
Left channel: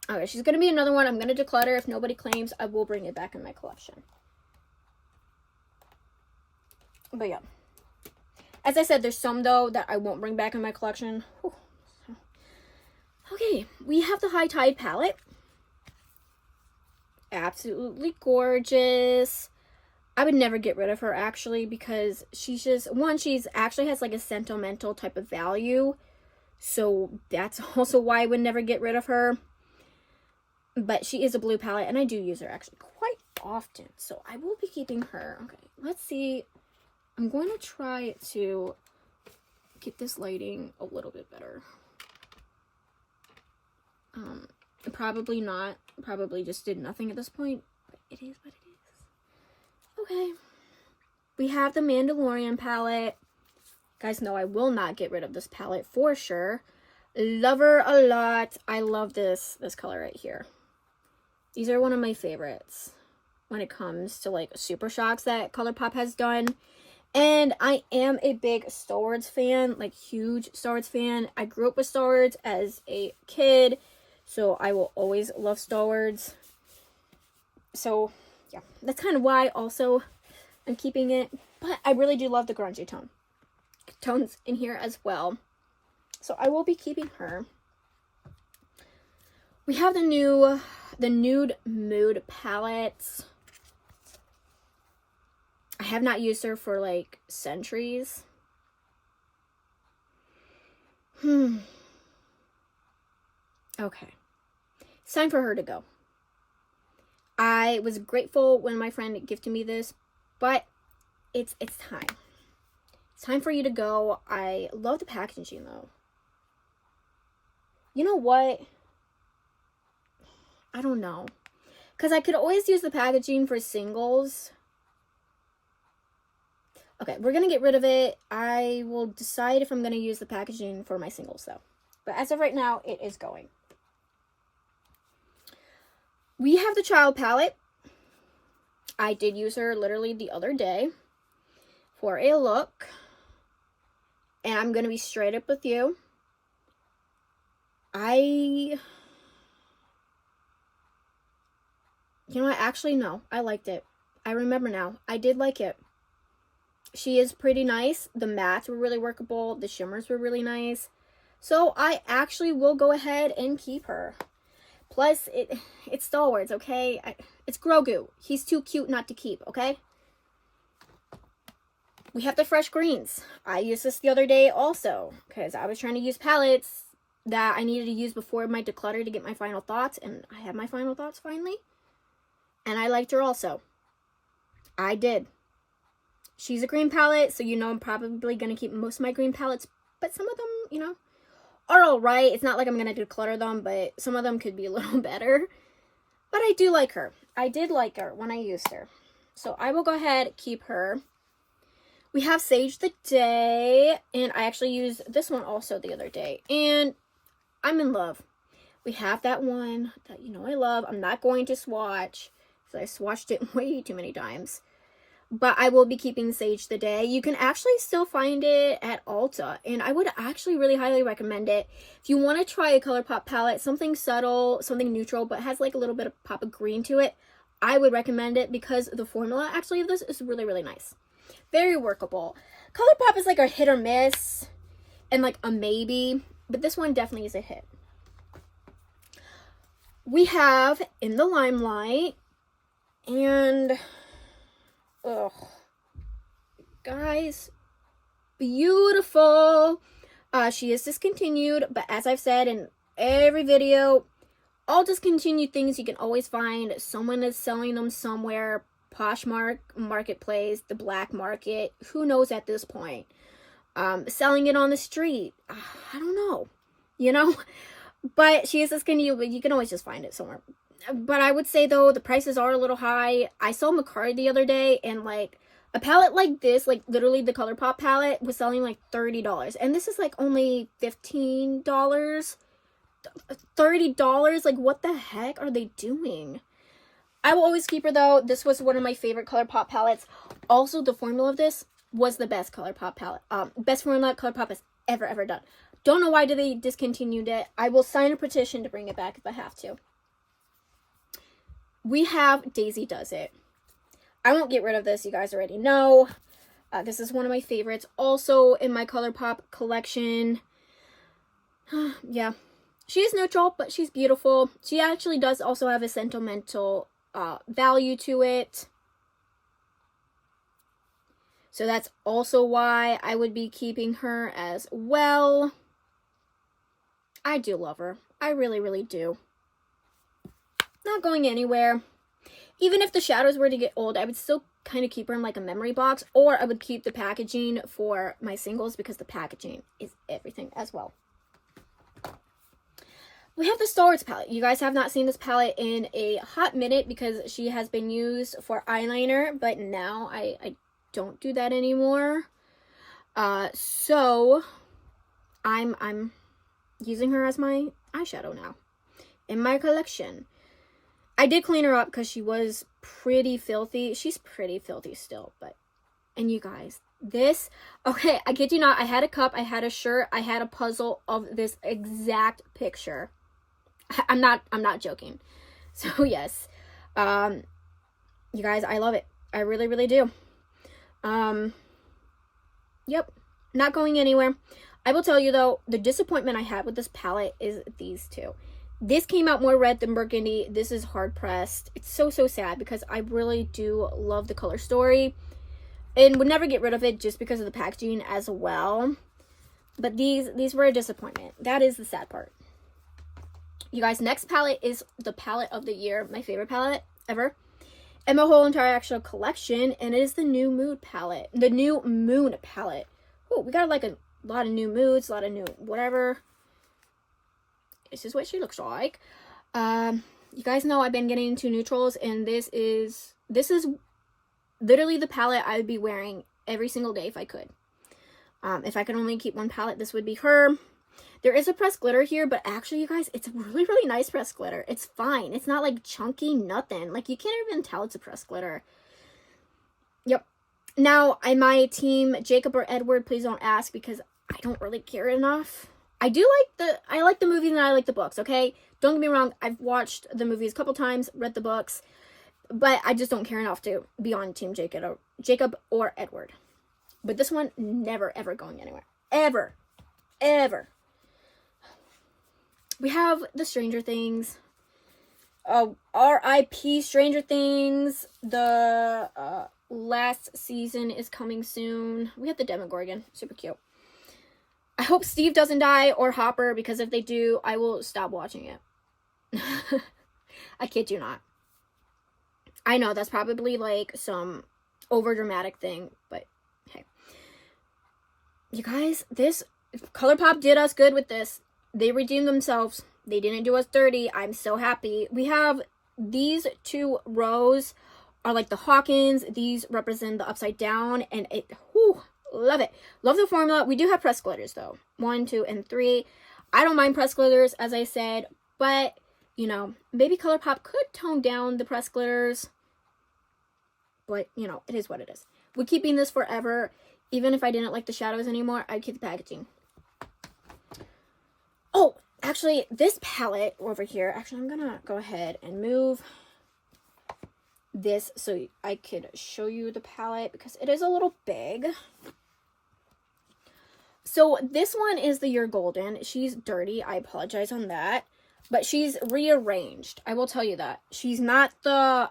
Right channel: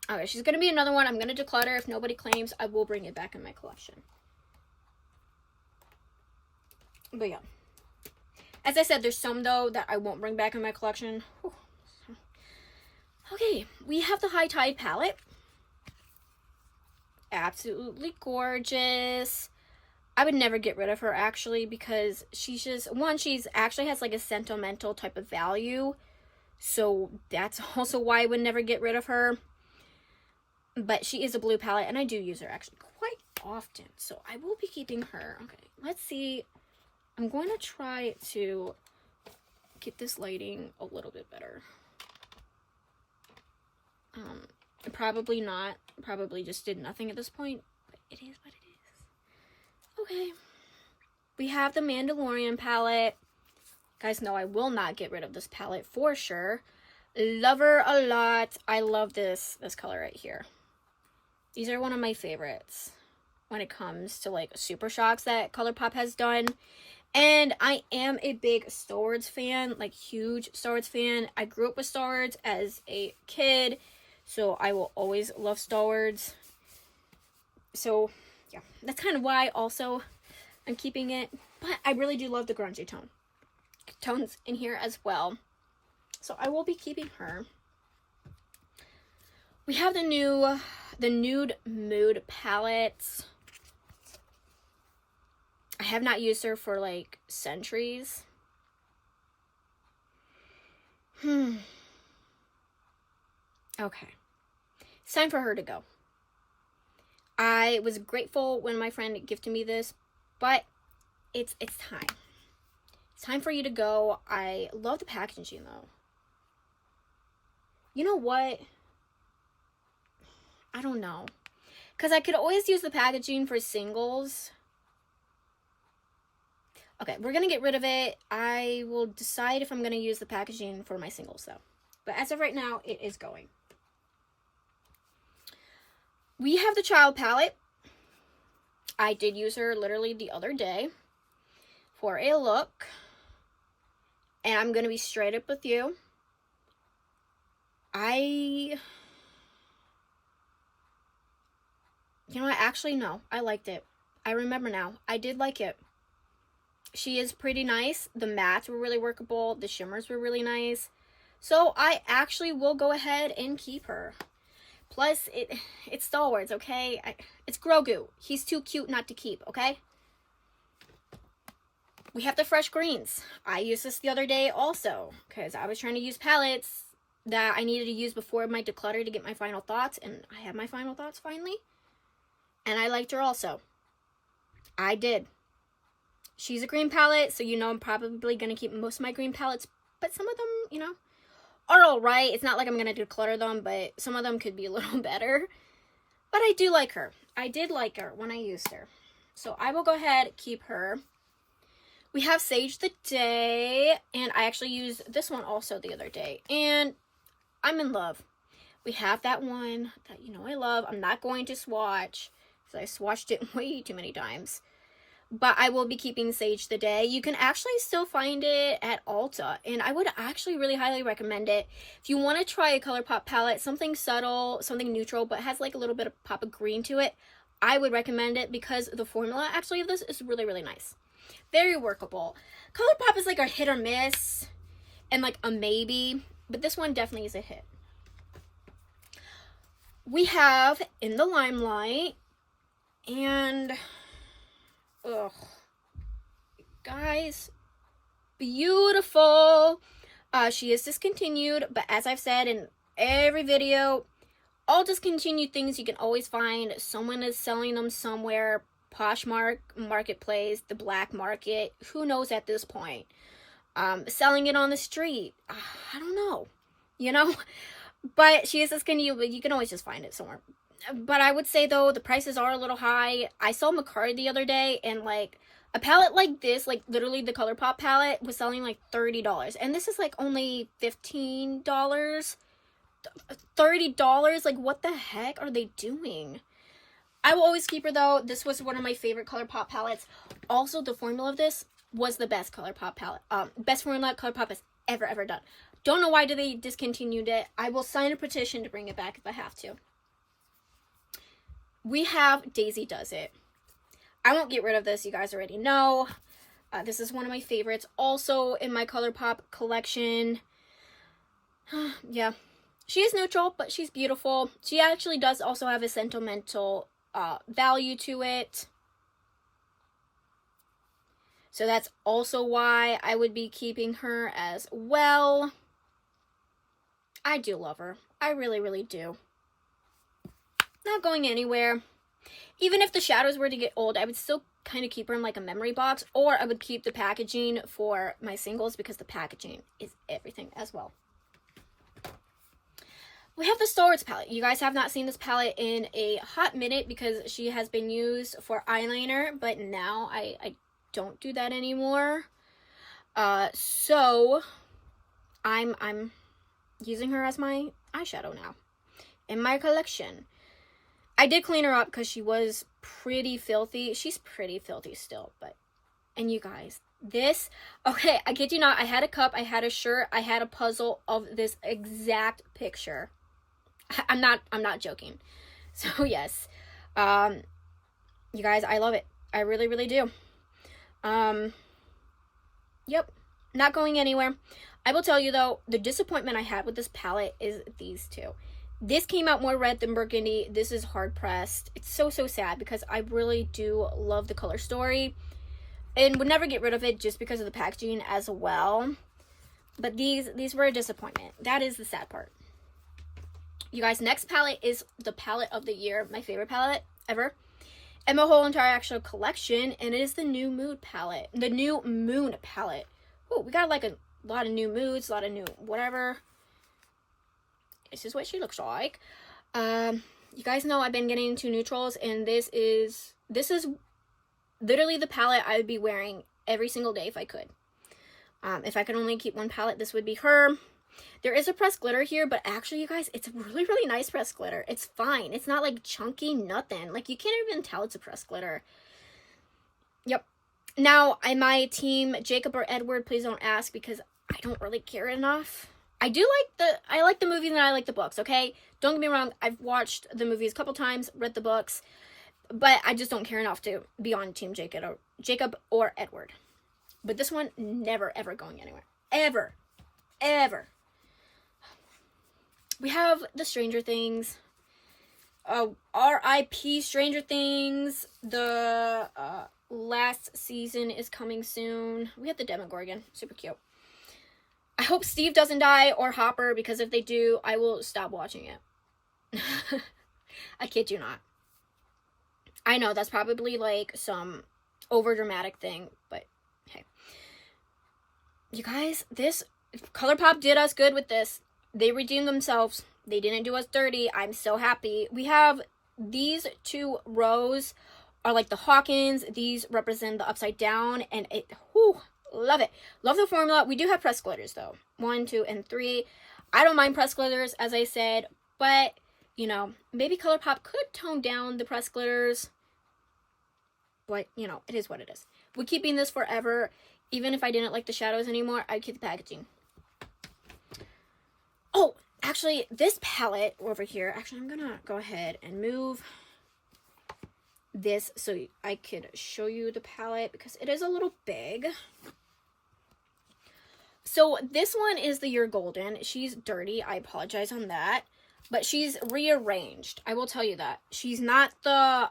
Okay, she's going to be another one. I'm going to declutter. If nobody claims, I will bring it back in my collection. But yeah. As I said, there's some, though, that I won't bring back in my collection. Whew. Okay, we have the High Tide palette. Absolutely gorgeous. I would never get rid of her, actually, because she's just... One, she's actually has, like, a sentimental type of value. So that's also why I would never get rid of her. But she is a blue palette, and I do use her actually quite often. So I will be keeping her. Okay, let's see. I'm going to try to get this lighting a little bit better. Probably not. Probably just did nothing at this point. But it is what it is. Okay. We have the Mandalorian palette. Guys know I will not get rid of this palette for sure. Love her a lot. I love this color right here. These are one of my favorites. when it comes to like Super Shocks that ColourPop has done. And I am a big Star Wars fan, like huge Star Wars fan. I grew up with Star Wars as a kid, so I will always love Star Wars. So yeah, that's kind of why also I'm keeping it. But I really do love the grungy tones in here as well. So I will be keeping her. We have the Nude Mood palettes. I have not used her for like centuries. Okay. It's time for her to go. I was grateful when my friend gifted me this, but it's time. It's time for you to go. I love the packaging though. You know what? I don't know. Because I could always use the packaging for singles. Okay, we're going to get rid of it. I will decide if I'm going to use the packaging for my singles though. But as of right now, it is going. We have the Child palette. I did use her literally the other day for a look. And I'm going to be straight up with you. You know what? Actually, no. I liked it. I remember now. I did like it. She is pretty nice. The mattes were really workable. The shimmers were really nice. So I actually will go ahead and keep her. Plus, it's Star Wars, okay? It's Grogu. He's too cute not to keep, okay? We have the Fresh Greens. I used this the other day also because I was trying to use palettes that I needed to use before my declutter to get my final thoughts, and I have my final thoughts finally. And I liked her also. I did. She's a green palette, so you know I'm probably going to keep most of my green palettes, but some of them, you know, are alright. It's not like I'm going to declutter them, but some of them could be a little better. But I do like her. I did like her when I used her. So I will go ahead and keep her. We have Sage the Day, and I actually used this one also the other day, and I'm in love. We have that one that you know I love. I'm not going to swatch, because I swatched it way too many times. But I will be keeping Sage the Day. You can actually still find it at Ulta, and I would actually really highly recommend it. If you want to try a ColourPop palette, something subtle, something neutral, but has like a little bit of pop of green to it, I would recommend it because the formula actually of this is really, really nice. Very workable. ColourPop is like a hit or miss and like a maybe, but this one definitely is a hit. We have In the Limelight, and ugh, guys, beautiful. She is discontinued, but as I've said in every video, all discontinued things you can always find. Someone is selling them somewhere. Poshmark, Marketplace, the black market, who knows at this point. Selling it on the street, I don't know, you know. But she is discontinued, but you can always just find it somewhere. But I would say, though, the prices are a little high. I saw Macari the other day, and, like, a palette like this, like, literally the ColourPop palette, was selling, like, $30. And this is, like, only $15. $30? Like, what the heck are they doing? I will always keep her, though. This was one of my favorite ColourPop palettes. Also, the formula of this was the best ColourPop palette. Best formula ColourPop has ever done. Don't know why they discontinued it. I will sign a petition to bring it back if I have to. We have Daisy Does It. I won't get rid of this. You guys already know. This is one of my favorites. Also in my ColourPop collection. Yeah. She is neutral, but she's beautiful. She actually does also have a sentimental value to it. So that's also why I would be keeping her as well. I do love her. I really, really do. Not going anywhere. Even if the shadows were to get old, I would still kind of keep her in like a memory box, or I would keep the packaging for my singles because the packaging is everything as well. We have the Star Wars palette. You guys have not seen this palette in a hot minute because she has been used for eyeliner, but now I don't do that anymore. So I'm using her as my eyeshadow now in my collection. I did clean her up because she was pretty filthy. She's pretty filthy still, but, and you guys, this, okay, I kid you not, I had a cup, I had a shirt, I had a puzzle of this exact picture. I'm not joking. So yes, you guys, I love it. I really, really do. Yep, not going anywhere. I will tell you though, the disappointment I had with this palette is these two. This came out more red than burgundy. This is hard pressed. It's so sad because I really do love the color story and would never get rid of it just because of the packaging as well. But these were a disappointment. That is the sad part. You guys, next palette is the palette of the year, my favorite palette ever, and my whole entire actual collection, and it is the New Mood palette, the New Moon palette. Oh, we got like a lot of new moods, a lot of new whatever. This is what she looks like. You guys know I've been getting into neutrals, and this is literally the palette I would be wearing every single day if I could. If I could only keep one palette, this would be her. There is a pressed glitter here, but actually, you guys, it's a really, really nice pressed glitter. It's fine. It's not like chunky, nothing. Like, you can't even tell it's a pressed glitter. Yep. Now, am I team Jacob or Edward? Please don't ask, because I don't really care enough. I like the movies and I like the books, okay? Don't get me wrong. I've watched the movies a couple times, read the books, but I just don't care enough to be on team Jacob or Edward. But this one, never, ever going anywhere. Ever. Ever. We have the Stranger Things. R.I.P. Stranger Things. The last season is coming soon. We have the Demogorgon. Super cute. I hope Steve doesn't die or Hopper, because if they do, I will stop watching it. I kid you not. I know that's probably like some overdramatic thing, but hey. You guys, this ColourPop did us good with this. They redeemed themselves. They didn't do us dirty. I'm so happy. We have these two rows are like the Hawkins. These represent the upside down, and it, whew, love it. Love the formula. We do have pressed glitters though. 1, 2, and 3. I don't mind pressed glitters, as I said, but you know, maybe ColourPop could tone down the pressed glitters. But you know, it is what it is. We're keeping this forever. Even if I didn't like the shadows anymore, I'd keep the packaging. Oh, actually, this palette over here, actually, I'm gonna go ahead and move this so I could show you the palette because it is a little big. So this one is the You're Golden. She's dirty. I apologize on that. But she's rearranged. I will tell you that. She's not the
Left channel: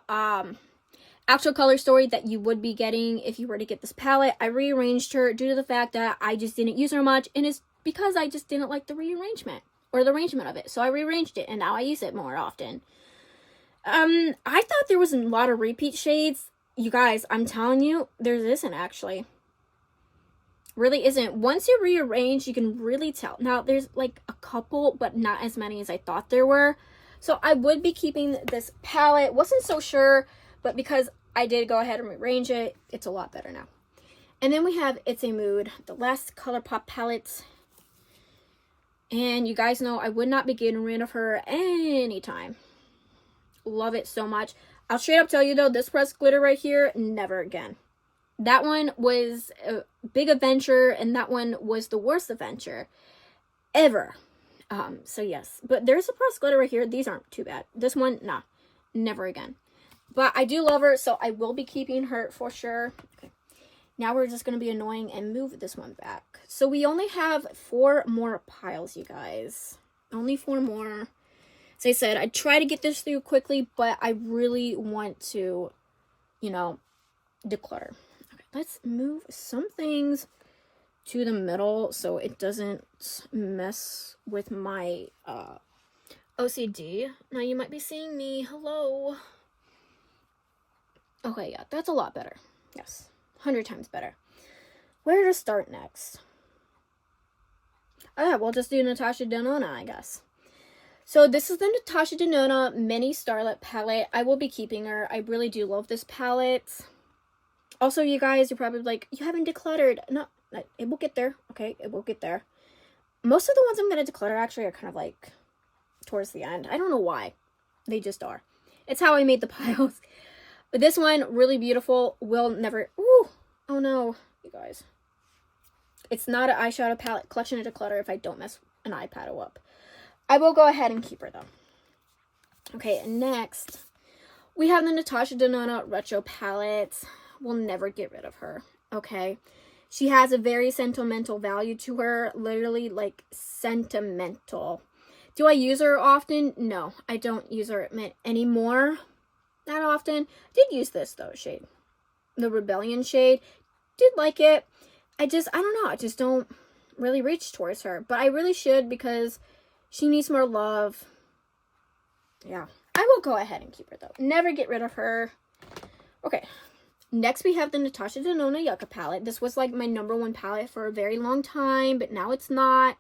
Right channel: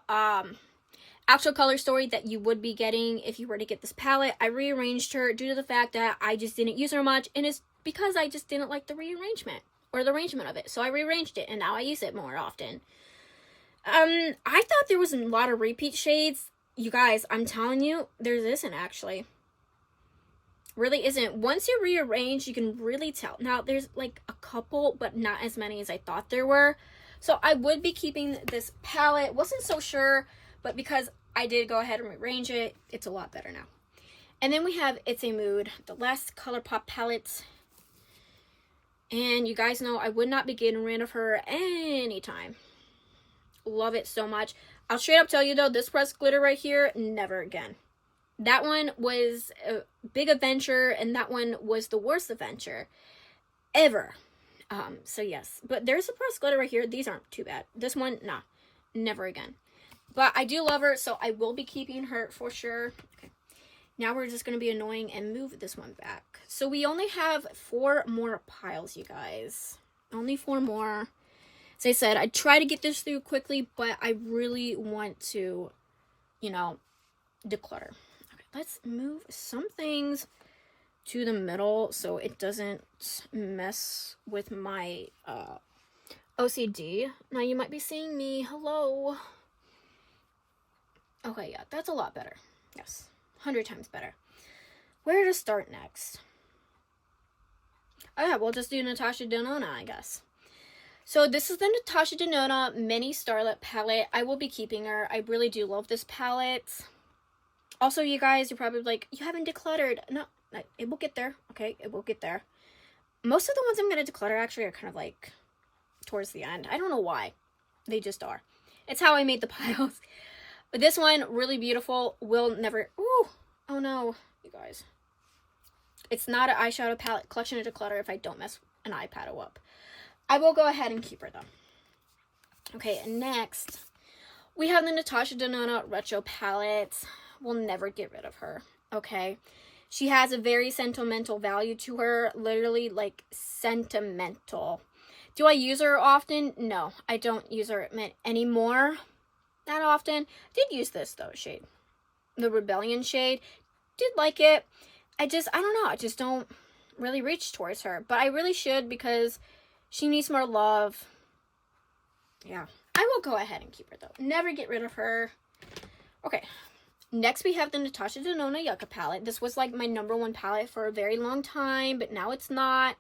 actual color story that you would be getting if you were to get this palette. I rearranged her due to the fact that I just didn't use her much, and it's because I just didn't like the rearrangement or the arrangement of it. So I rearranged it, and now I use it more often. I thought there was a lot of repeat shades. You guys, I'm telling you, there isn't actually. Really isn't. Once you rearrange, you can really tell. Now, there's like a couple, but not as many as I thought there were. So I would be keeping this palette. Wasn't so sure, but because I did go ahead and rearrange it, it's a lot better now. And then we have It's a Mood, the last ColourPop palette. And you guys know I would not be getting rid of her anytime. Love it so much. I'll straight up tell you though, this pressed glitter right here, never again. That one was a big adventure, and that one was the worst adventure ever. So yes, but there's a pressed glitter right here. These aren't too bad. This one, nah, never again. But I do love her, so I will be keeping her for sure. Okay, now we're just going to be annoying and move this one back. So we only have 4 more piles, you guys. Only 4 more. As I said, I try to get this through quickly, but I really want to, you know, declutter. Okay, let's move some things to the middle so it doesn't mess with my OCD. Now you might be seeing me. Hello. Okay, yeah, that's a lot better. Yes, 100 times better. Where to start next? Oh yeah, we'll just do Natasha Denona, I guess. So this is the Natasha Denona Mini Starlet palette. I will be keeping her. I really do love this palette. Also, you guys, you're probably like, you haven't decluttered. No, it will get there. Okay, it will get there. Most of the ones I'm going to declutter actually are kind of like towards the end. I don't know why. They just are. It's how I made the piles. But this one, really beautiful. Will never... Ooh! Oh no, you guys. It's not an eyeshadow palette collection of Declutter if I don't mess an eyeshadow up. I will go ahead and keep her, though. Okay, and next, we have the Natasha Denona Retro Palette. We'll never get rid of her, okay? She has a very sentimental value to her. Literally, like, sentimental. Do I use her often? No, I don't use her anymore that often. Did use this, though, shade. The Rebellion shade. Did like it. I don't know. I just don't really reach towards her. But I really should because she needs more love. Yeah. I will go ahead and keep her, though. Never get rid of her. Okay. Next, we have the Natasha Denona Yucca palette. This was, like, my #1 palette for a very long time. But now it's not.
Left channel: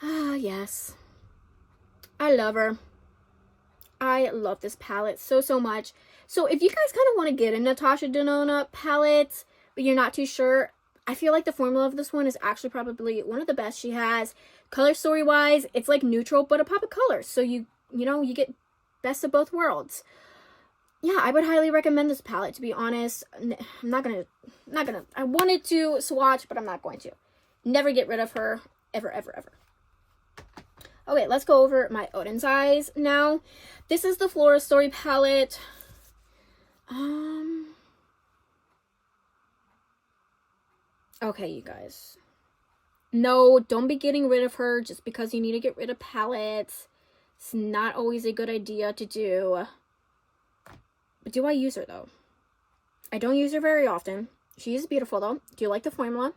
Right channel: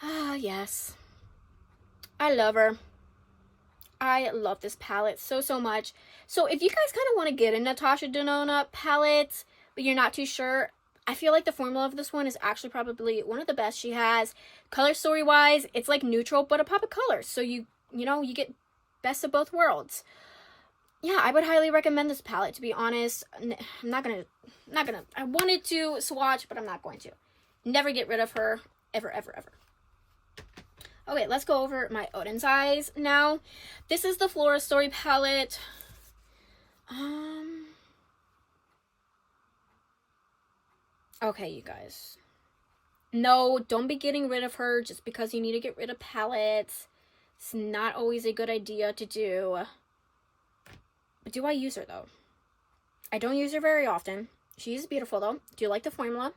Ah, yes. I love her. I love this palette so, so much. So, if you guys kind of want to get a Natasha Denona palette, but you're not too sure, I feel like the formula of this one is actually probably one of the best she has. Color story wise, it's like neutral but a pop of color. So you know, you get best of both worlds. Yeah, I would highly recommend this palette, to be honest. I'm not gonna I wanted to swatch, but I'm not going to. Never get rid of her ever, ever, ever. Okay, let's go over my Odin's Eyes now. This is the Flora Story palette. Okay, you guys. No, don't be getting rid of her just because you need to get rid of palettes. It's not always a good idea to do. But do I use her, though? I don't use her very often. She is beautiful, though. Do you like the formula?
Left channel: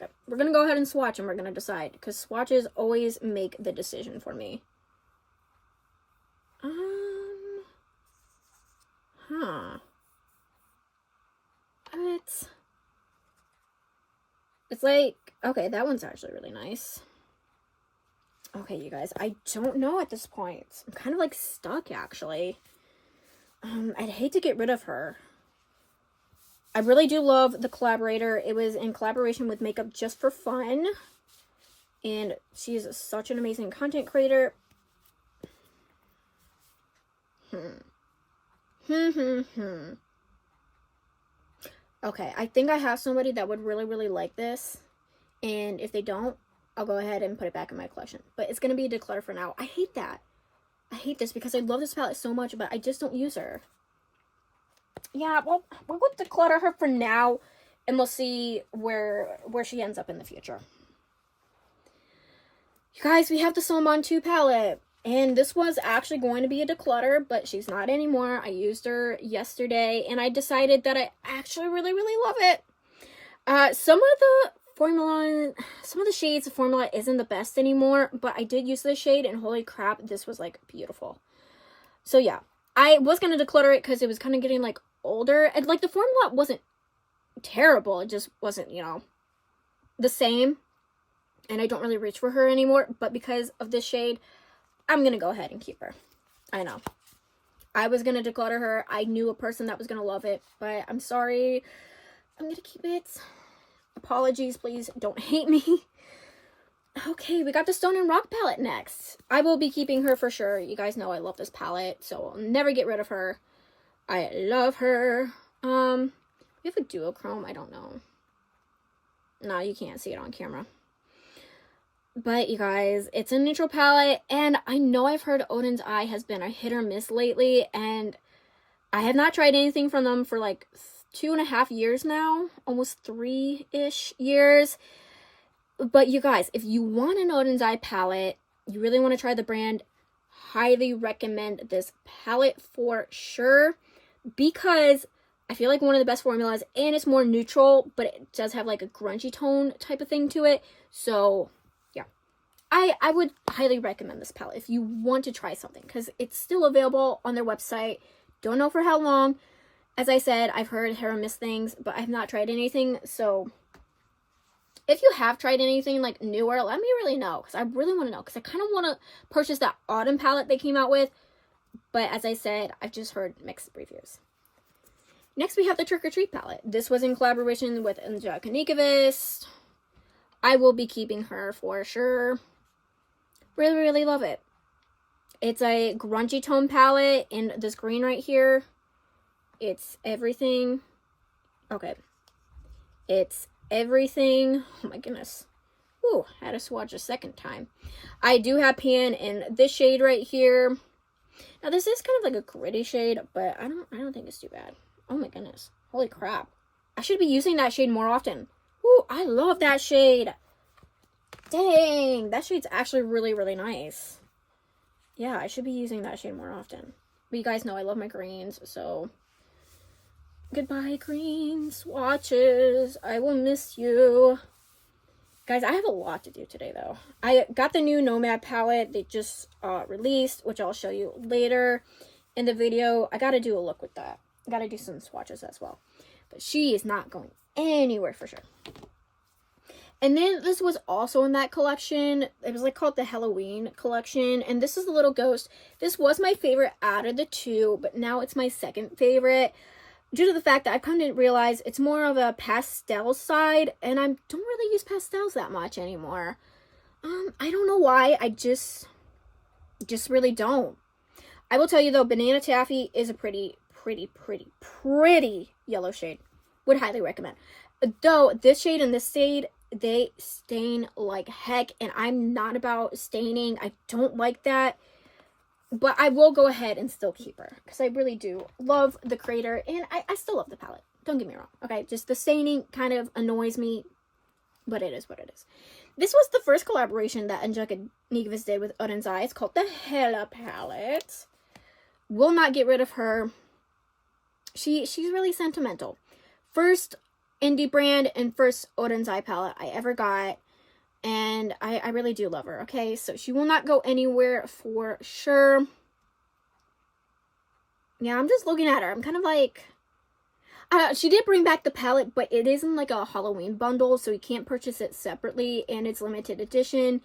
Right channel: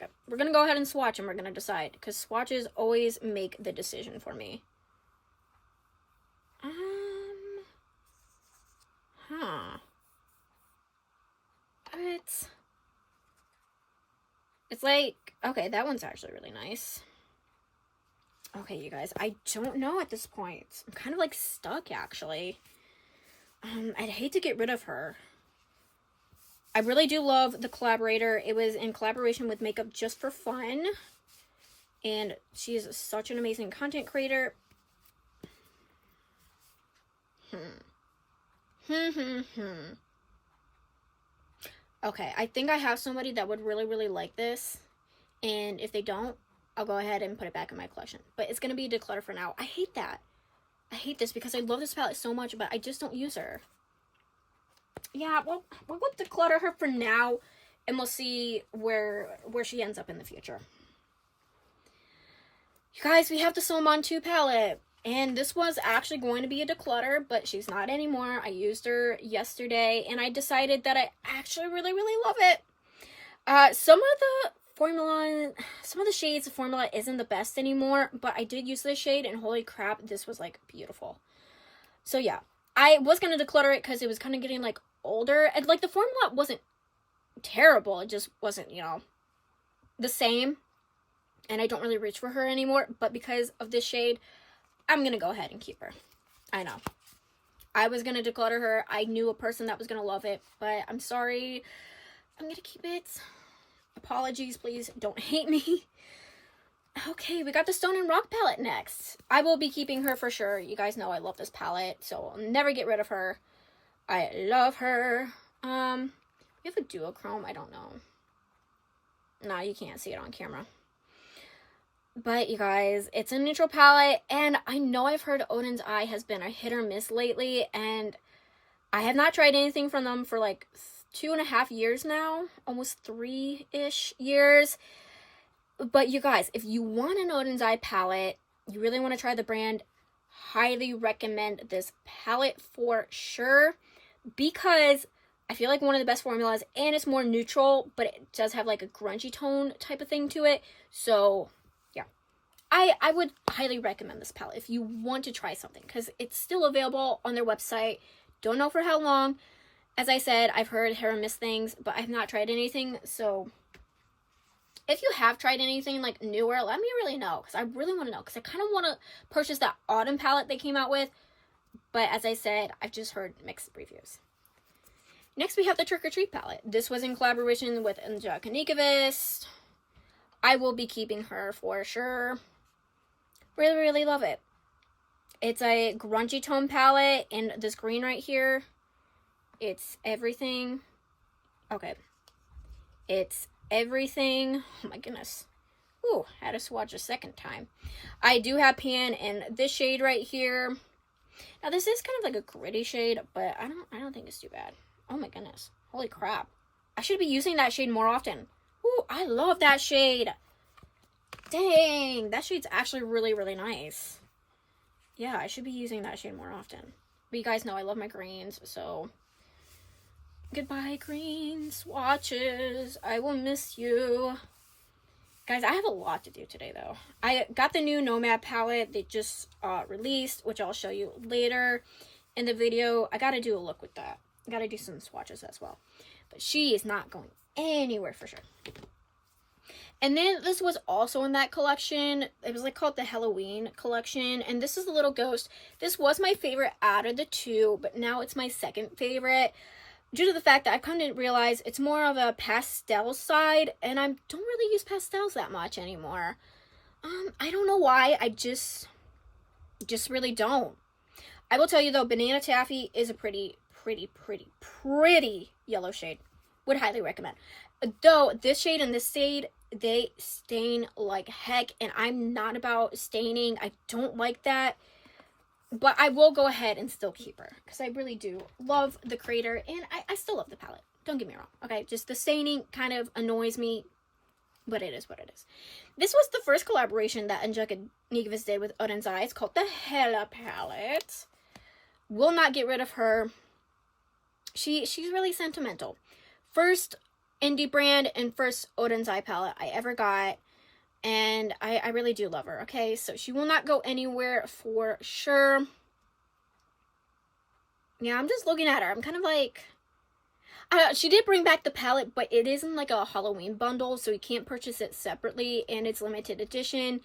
Okay, we're going to go ahead and swatch and we're going to decide. Because swatches always make the decision for me. It's like, okay, that one's actually really nice. Okay, you guys, I don't know at this point. I'm kind of like stuck, actually. I'd hate to get rid of her. I really do love the collaborator. It was in collaboration with Makeup Just for Fun. And she's such an amazing content creator. Okay, I think I have somebody that would really, really like this. And if they don't, I'll go ahead and put it back in my collection. But it's going to be Declutter for now. I hate that. I hate this because I love this palette so much, but I just don't use her. Yeah, well, we'll Declutter her for now, and we'll see where she ends up in the future. You guys, we have the Gourmande 2 palette. And this was actually going to be a Declutter, but she's not anymore. I used her yesterday, and I decided that I actually really, really love it. Some of the shades, the formula isn't the best anymore, but I did use this shade, and holy crap, this was, like, beautiful. So, yeah. I was going to Declutter it because it was kind of getting, like, older. And, like, the formula wasn't terrible. It just wasn't, you know, the same. And I don't really reach for her anymore, but because of this shade, I'm going to go ahead and keep her. I know. I was going to Declutter her. I knew a person that was going to love it, but I'm sorry. I'm going to keep it. Apologies, please don't hate me. Okay, we got the Stone and Rock palette next. I will be keeping her for sure. You guys know I love this palette, so I'll never get rid of her. I love her. We have a duochrome. I don't know. No, you can't see it on camera. But, you guys, it's a neutral palette, and I know I've heard Odin's Eye has been a hit or miss lately, and I have not tried anything from them for, like, 2.5 years now. Almost 3-ish years. But, you guys, if you want an Odin's Eye palette, you really want to try the brand, highly recommend this palette for sure, because I feel like one of the best formulas, and it's more neutral, but it does have, like, a grungy tone type of thing to it, so I would highly recommend this palette if you want to try something, because it's still available on their website. Don't know for how long. As I said, I've heard hit or miss things, but I've not tried anything. So if you have tried anything like newer, let me really know, because I really want to know, because I kind of want to purchase that autumn palette they came out with. But as I said, I've just heard mixed reviews. Next, we have the Trick or Treat palette. This was in collaboration with Angelica Nikovist. I will be keeping her for sure. Really, really love it. It's a grungy tone palette in this green right here. It's everything. Okay. It's everything. Oh my goodness. Ooh, I had to swatch a second time. I do have pan in this shade right here. Now this is kind of like a gritty shade, but I don't think it's too bad. Oh my goodness. Holy crap. I should be using that shade more often. Ooh, I love that shade. Dang, that shade's actually really, really nice. Yeah, I should be using that shade more often. But you guys know I love my greens, so goodbye green swatches. I will miss you. Guys, I have a lot to do today, though. I got the new Nomad palette. They just released, which I'll show you later in the video. I got to do a look with that. I got to do some swatches as well. But she is not going anywhere for sure. And then this was also in that collection. It was like called the Halloween collection. And this is the little ghost. This was my favorite out of the two, but now it's my second favorite, due to the fact that I've come to realize it's more of a pastel side, and I don't really use pastels that much anymore. I don't know why. I just really don't. I will tell you though, Banana Taffy is a pretty yellow shade. Would highly recommend. Though this shade and this shade, they stain like heck, and I'm not about staining. I don't like that. But I will go ahead and still keep her, because I really do love the creator, and I still love the palette. Don't get me wrong, okay? Just the staining kind of annoys me, but it is what it is. This was the first collaboration that Angelica Nieves did with Odin's Eye. It's called the Hela palette. Will not get rid of her. She's really sentimental. First indie brand and first Odin's Eye palette I ever got. And I really do love her, okay? So she will not go anywhere for sure. Yeah, I'm just looking at her. I'm kind of like... she did bring back the palette, but it isn't like a Halloween bundle, so you can't purchase it separately, and it's limited edition.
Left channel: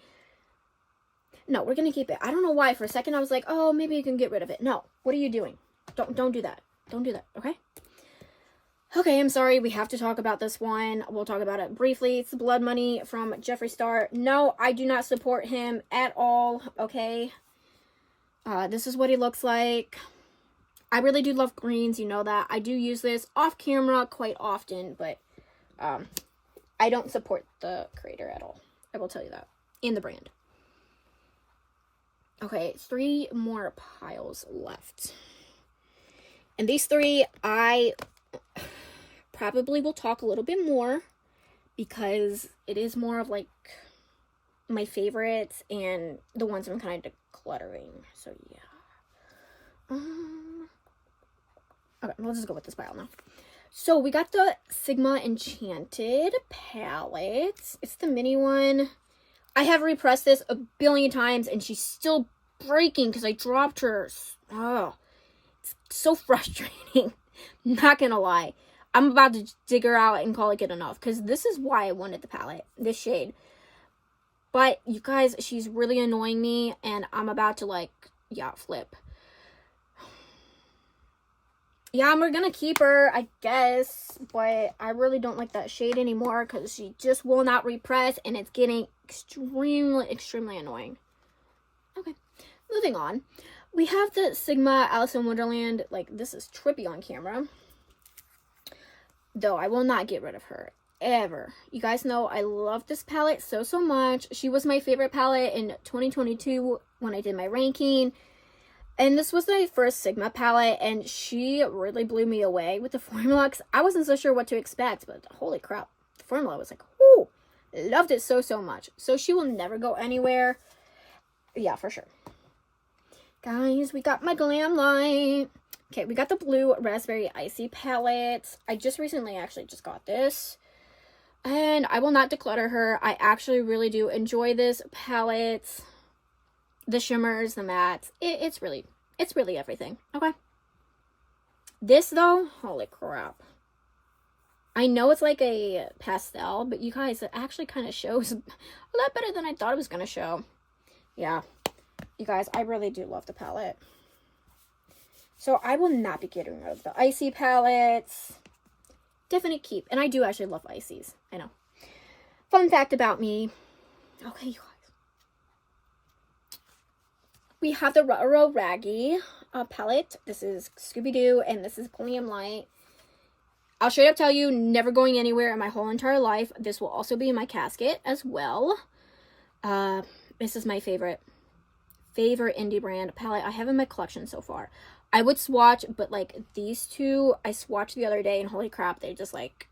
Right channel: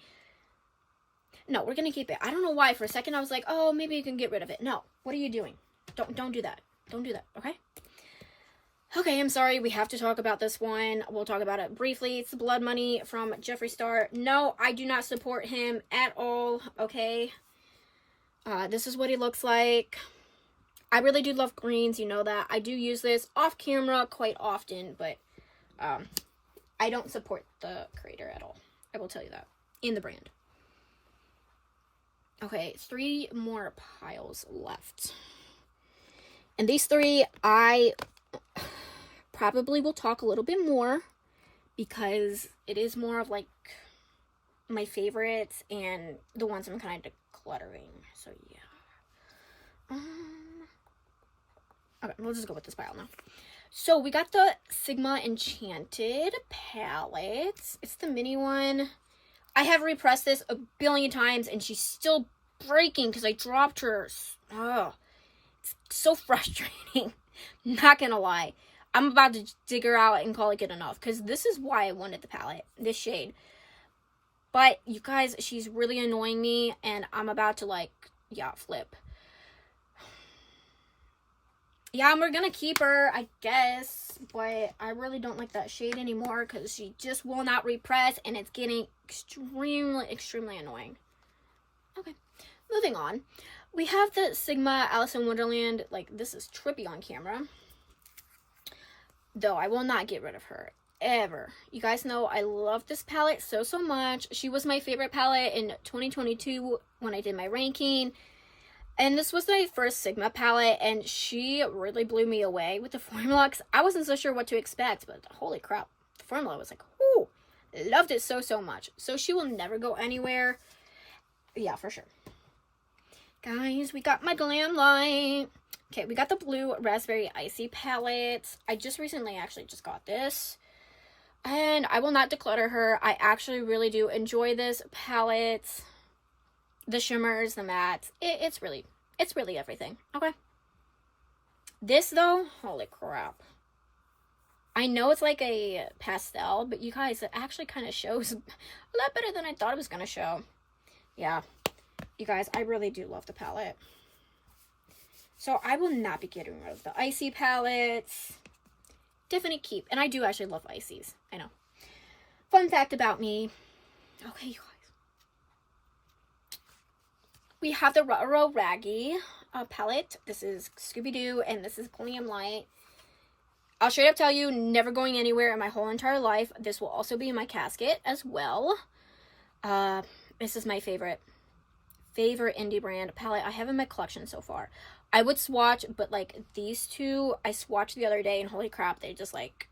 No, we're going to keep it. I don't know why. For a second, I was like, oh, maybe you can get rid of it. No. What are you doing? Don't do that. Don't do that, okay? Okay, I'm sorry, we have to talk about this one. We'll talk about it briefly. It's the Blood Money from Jeffree Star. No, I do not support him at all, okay? This is what he looks like. I really do love greens, you know that. I do use this off camera quite often, but I don't support the creator at all. I will tell you that. In the brand. Okay, 3 more piles left. And these 3, I... probably will talk a little bit more, because it is more of like my favorites and the ones I'm kind of decluttering. So yeah. Okay, let's just go with this pile now. So we got the Sigma Enchanted palette. It's the mini one. I have repressed this a billion times and she's still breaking because I dropped her. Oh, it's so frustrating. Not gonna lie. I'm about to dig her out and call it good enough, because this is why I wanted the palette, this shade. But you guys, she's really annoying me, and I'm about to like, yeah, flip. Yeah, we're gonna keep her, I guess, but I really don't like that shade anymore, because she just will not repress, and it's getting extremely annoying. Okay, moving on. We have the Sigma Alice in Wonderland. Like, this is trippy on camera. Though I will not get rid of her ever. You guys know I love this palette so much. She was my favorite palette in 2022 when I did my ranking. And this was my first Sigma palette, and she really blew me away with the formula, because I wasn't so sure what to expect, but holy crap, the formula was like, whoo, loved it so much. So she will never go anywhere. Yeah, for sure. Guys, we got my Glam Light. Okay, we got the blue Raspberry Icy palette. I just recently actually just got this. And I will not declutter her. I actually really do enjoy this palette. The shimmers, the mattes. It's really everything. Okay. This though, holy crap. I know it's like a pastel, but you guys, it actually kind of shows a lot better than I thought it was going to show. Yeah. You guys, I really do love the palette. So I will not be getting rid of the icy palettes. Definite keep. And I do actually love ices. I know. Fun fact about me. Okay, you guys. We have the Ruh-Roh Raggy palette. This is Scooby-Doo, and this is Glam Light. I'll straight up tell you, never going anywhere in my whole entire life. This will also be in my casket as well. This is my favorite indie brand palette I have in my collection so far. I would swatch, but like these two, I swatched the other day, and holy crap, they just like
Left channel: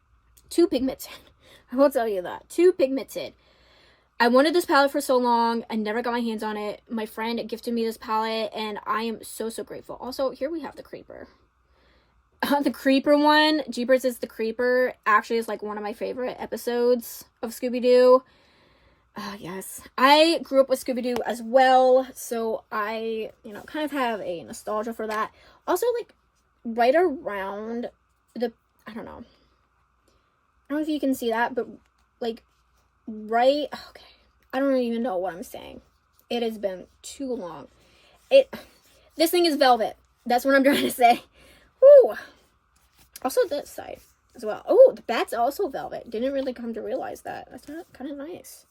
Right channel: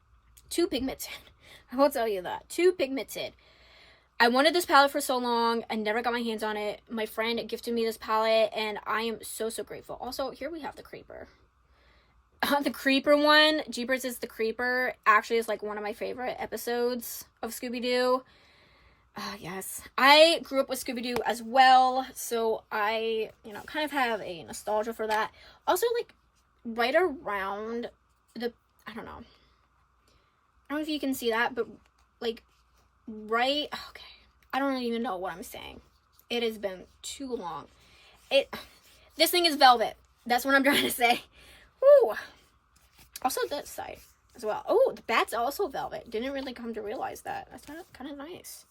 too pigmented. I will tell you that. Too pigmented. I wanted this palette for so long. I never got my hands on it. My friend gifted me this palette, and I am so, so grateful. Also, here we have the Creeper. The Creeper one, Jeepers is the Creeper, actually is like one of my favorite episodes of Scooby-Doo. Yes. I grew up with Scooby-Doo as well, so I, kind of have a nostalgia for that. Also, like, right around the, I don't know if you can see that, but like right, okay, I don't even know what I'm saying. It has been too long. This thing is velvet. That's what I'm trying to say. Woo. Also this side as well. Oh, the bat's also velvet. Didn't really come to realize that. That's kind of nice.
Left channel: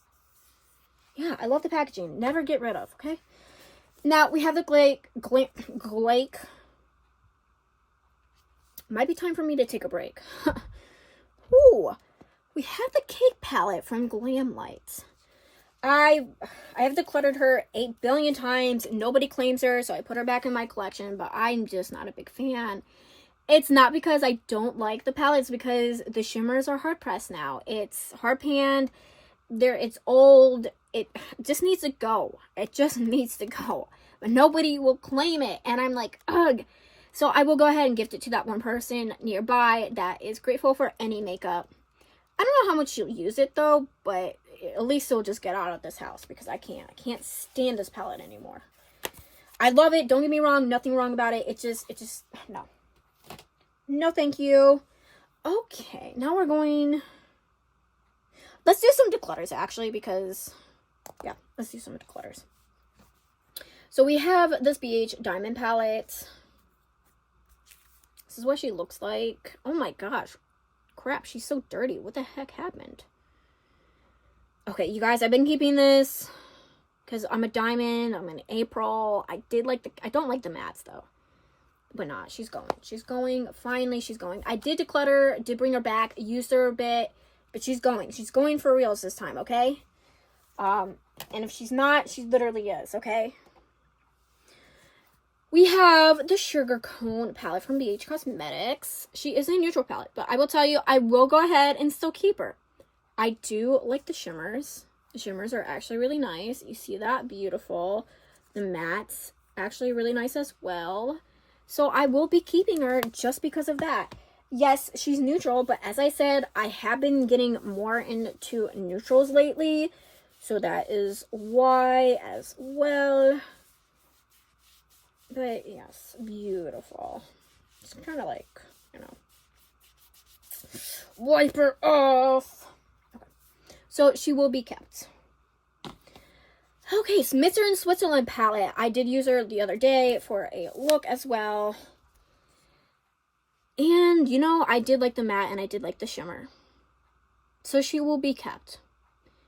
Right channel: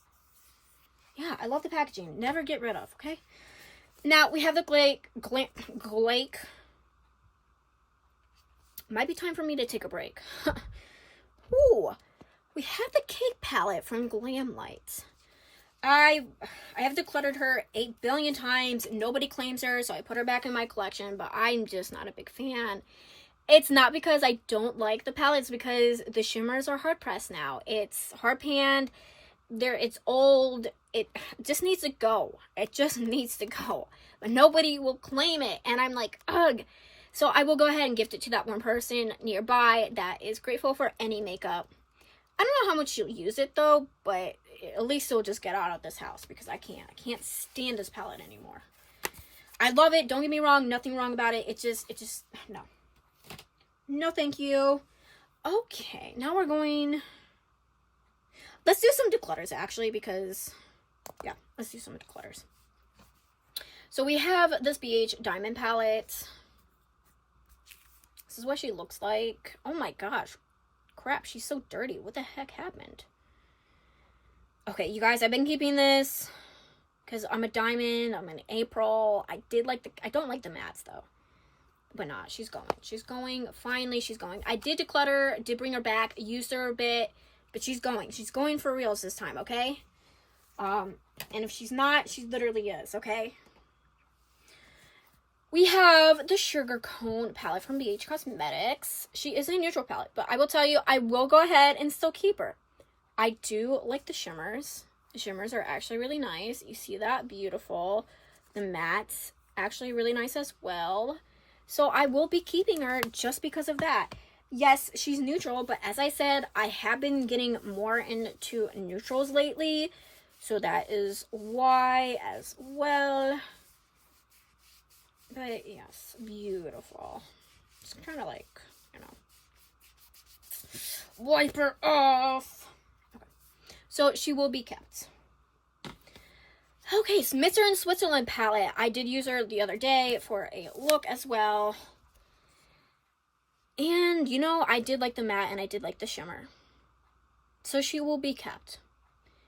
Yeah, I love the packaging. Never get rid of, okay? Now, we have the Glake. Might be time for me to take a break. Ooh. We have the Cake palette from Glam Light. I have decluttered her 8 billion times. Nobody claims her, so I put her back in my collection, but I'm just not a big fan. It's not because I don't like the palette, it's because the shimmers are hard pressed now. It's hard panned. It's old. It just needs to go. It just needs to go. But nobody will claim it, and I'm like, ugh. So I will go ahead and gift it to that one person nearby that is grateful for any makeup. I don't know how much she'll use it though, but at least it'll just get out of this house because I can't stand this palette anymore. I love it. Don't get me wrong. Nothing wrong about it. It just, no. No, thank you. Okay, now we're going, let's do some declutters actually because, yeah, let's do some declutters. So we have this BH Diamond palette. This is what she looks like. Oh my gosh. Crap, she's so dirty. What the heck happened? Okay, you guys, I've been keeping this because I'm a diamond. I'm in April. I don't like the mattes though. But nah, she's going. She's going. Finally, she's going. I did declutter, did bring her back, used her a bit, but she's going. She's going for reals this time, okay? And if she's not, she literally is, okay? We have the Sugar Cone palette from BH Cosmetics. She is a neutral palette, but I will tell you, I will go ahead and still keep her. I do like the shimmers. The shimmers are actually really nice. You see that? Beautiful. The mattes, actually really nice as well. So I will be keeping her just because of that. Yes, she's neutral, but as I said, I have been getting more into neutrals lately. So that is why as well. But yes, beautiful. Just trying to like, wipe her off. Okay. So she will be kept. Okay, Smitzer in Switzerland palette. I did use her the other day for a look as well. And, I did like the matte and I did like the shimmer. So she will be kept.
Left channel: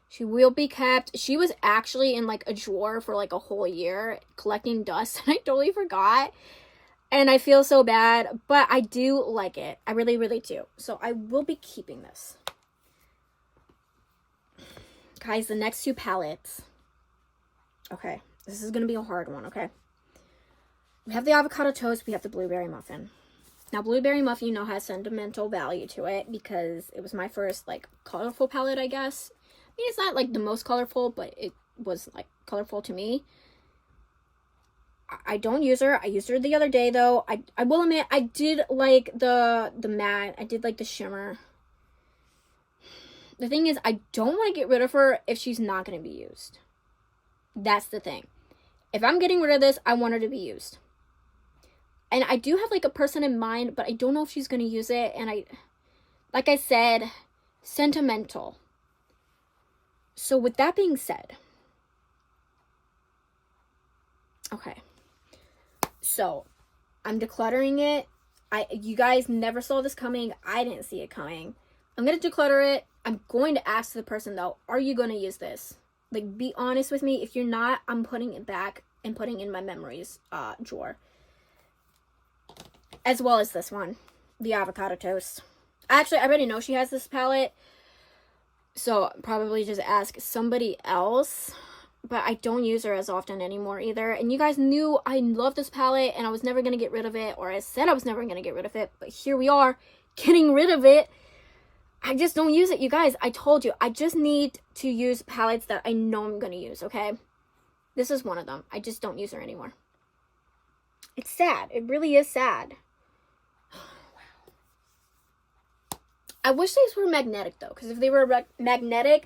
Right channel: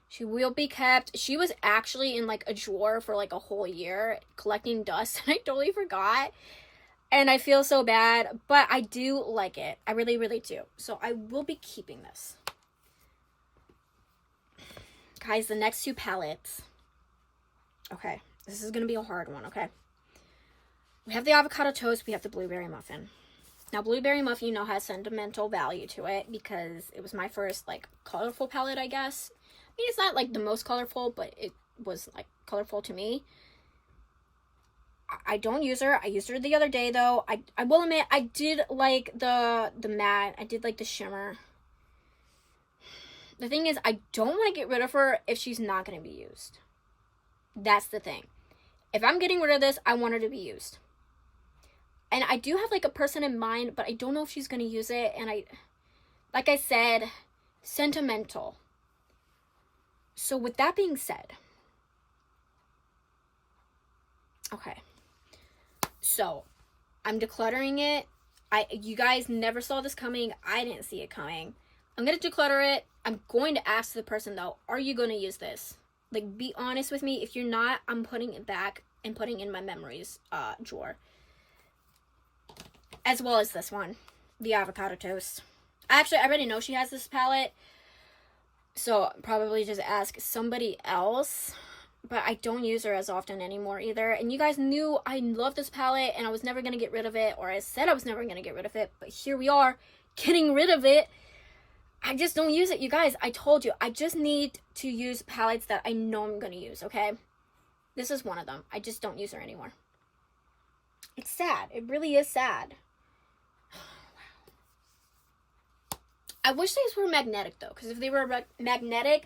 She will be kept. She was actually in like a drawer for like a whole year collecting dust and I totally forgot. And I feel so bad, but I do like it. I really, really do. So I will be keeping this. Guys, the next two palettes. Okay, this is going to be a hard one, okay? We have the avocado toast. We have the blueberry muffin. Now, blueberry muffin, has sentimental value to it because it was my first like colorful palette, I guess. It's not like the most colorful, but it was like colorful to me. I don't use her. I used her the other day though. I will admit I did like the matte. I did like the shimmer. The thing is, I don't want to get rid of her if she's not going to be used. That's the thing. If I'm getting rid of this, I want her to be used. And I do have like a person in mind, but I don't know if she's going to use it. And like I said, sentimental. So with that being said, okay, so I'm decluttering it. You guys never saw this coming. I didn't see it coming. I'm going to declutter it. I'm going to ask the person though, are you going to use this? Like, be honest with me. If you're not, I'm putting it back and putting in my memories drawer. As well as this one, the avocado toast. Actually, I already know she has this palette, so probably just ask somebody else. But I don't use her as often anymore either. And you guys knew I love this palette and I was never going to get rid of it. Or I said I was never going to get rid of it. But here we are, getting rid of it. I just don't use it, you guys. I told you, I just need to use palettes that I know I'm going to use, okay? This is one of them. I just don't use her anymore. It's sad. It really is sad. I wish these were magnetic, though. Because if they were magnetic,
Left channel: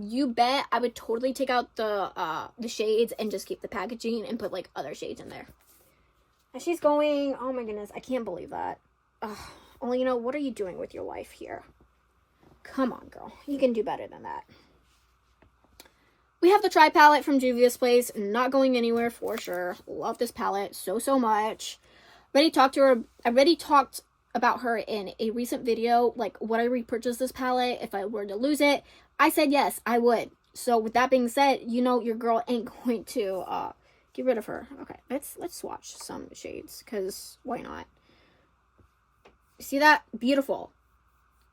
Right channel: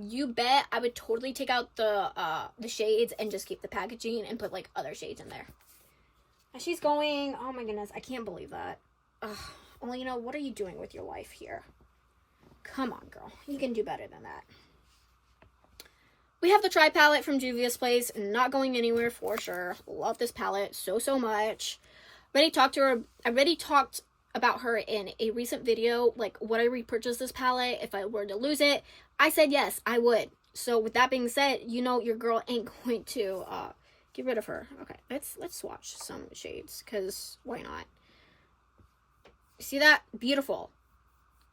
you bet I would totally take out the shades and just keep the packaging and put, like, other shades in there. And she's going, oh my goodness, I can't believe that. Well, you know, what are you doing with your life here? Come on, girl. You can do better than that. We have the Tri palette from Juvia's Place. Not going anywhere for sure. Love this palette so much. I already talked about her in a recent video. Like, would I repurchase this palette if I were to lose it? I said yes, I would. So with that being said, you know your girl ain't going to get rid of her. Okay, let's swatch some shades, because why not? You see that? Beautiful.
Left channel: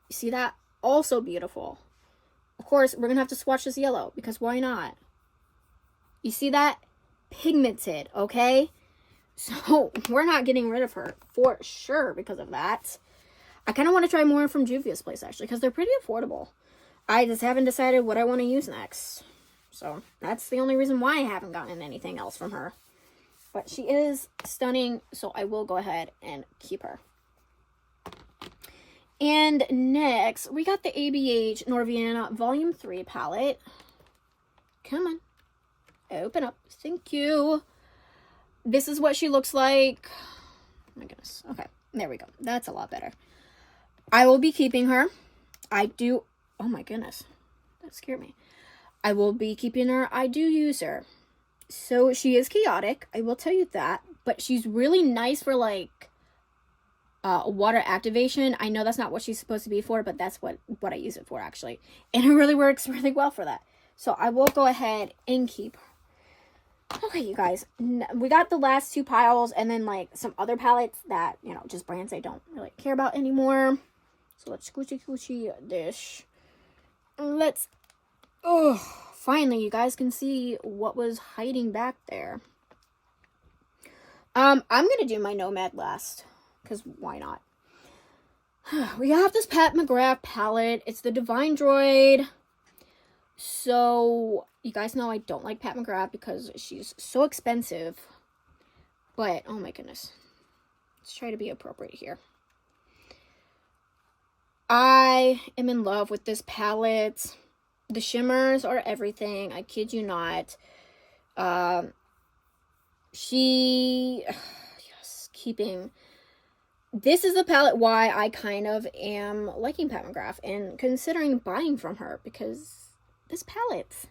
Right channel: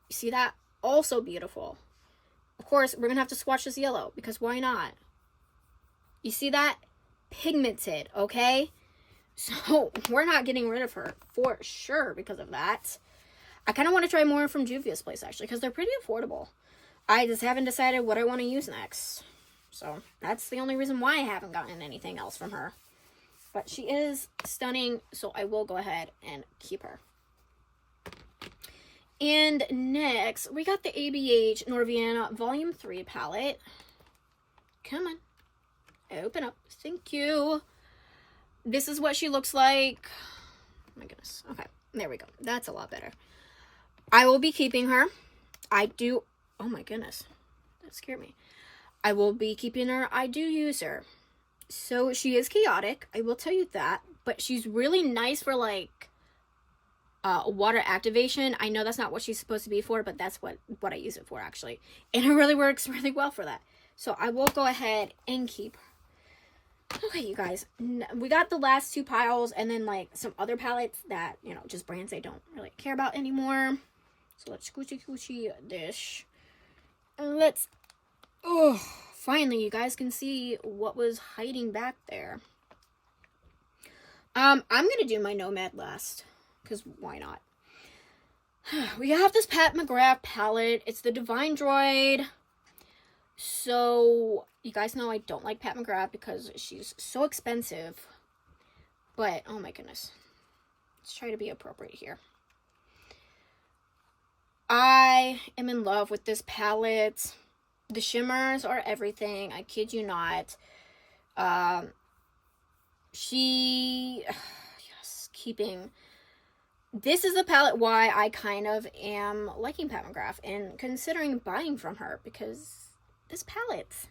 You see that? Also beautiful. Of course, we're going to have to swatch this yellow, because why not? You see that? Pigmented, okay? So, we're not getting rid of her for sure because of that. I kind of want to try more from Juvia's Place, actually, because they're pretty affordable. I just haven't decided what I want to use next. So, that's the only reason why I haven't gotten anything else from her. But she is stunning, so I will go ahead and keep her. And next, we got the ABH Norvian Volume 3 palette. Come on. Open up. Thank you. This is what she looks like. Oh my goodness. Okay, there we go. That's a lot better. I will be keeping her. Oh my goodness. That scared me. I will be keeping her. I do use her. So she is chaotic. I will tell you that. But she's really nice for, like, water activation. I know that's not what she's supposed to be for, but that's what I use it for, actually. And it really works really well for that. So I will go ahead and keep her. Okay, you guys. We got the last two piles and then, like, some other palettes that, you know, just brands I don't really care about anymore. So let's squishy dish. Finally, you guys can see what was hiding back there. I'm gonna do my Nomad last, because why not? We have this Pat McGrath palette. It's the Divine Droid. So, you guys know I don't like Pat McGrath because she's so expensive. But, oh my goodness. Let's try to be appropriate here. I am in love with this palette. The shimmers are everything. I kid you not. This is the palette why I kind of am liking Pat McGrath and considering buying from her, because this palette,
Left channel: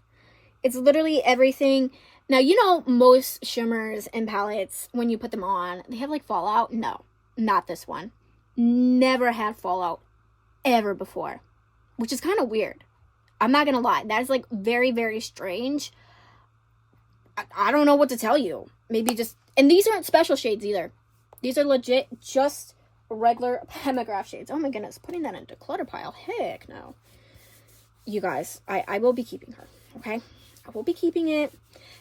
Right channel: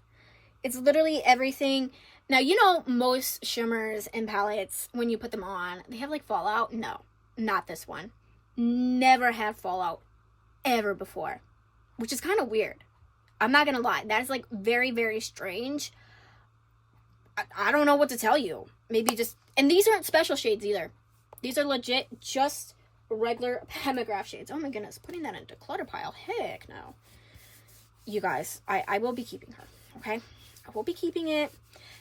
it's literally everything. Now, you know, most shimmers and palettes, when you put them on, they have, like, fallout. No, not this one. Never had fallout ever before, which is kind of weird. I'm not gonna lie. That is, like, very, very strange. I don't know what to tell you. Maybe just... And these aren't special shades either. These are legit just regular Pat McGrath shades. Oh my goodness. Putting that in a declutter pile. Heck no. You guys, I will be keeping her. Okay? I will be keeping it.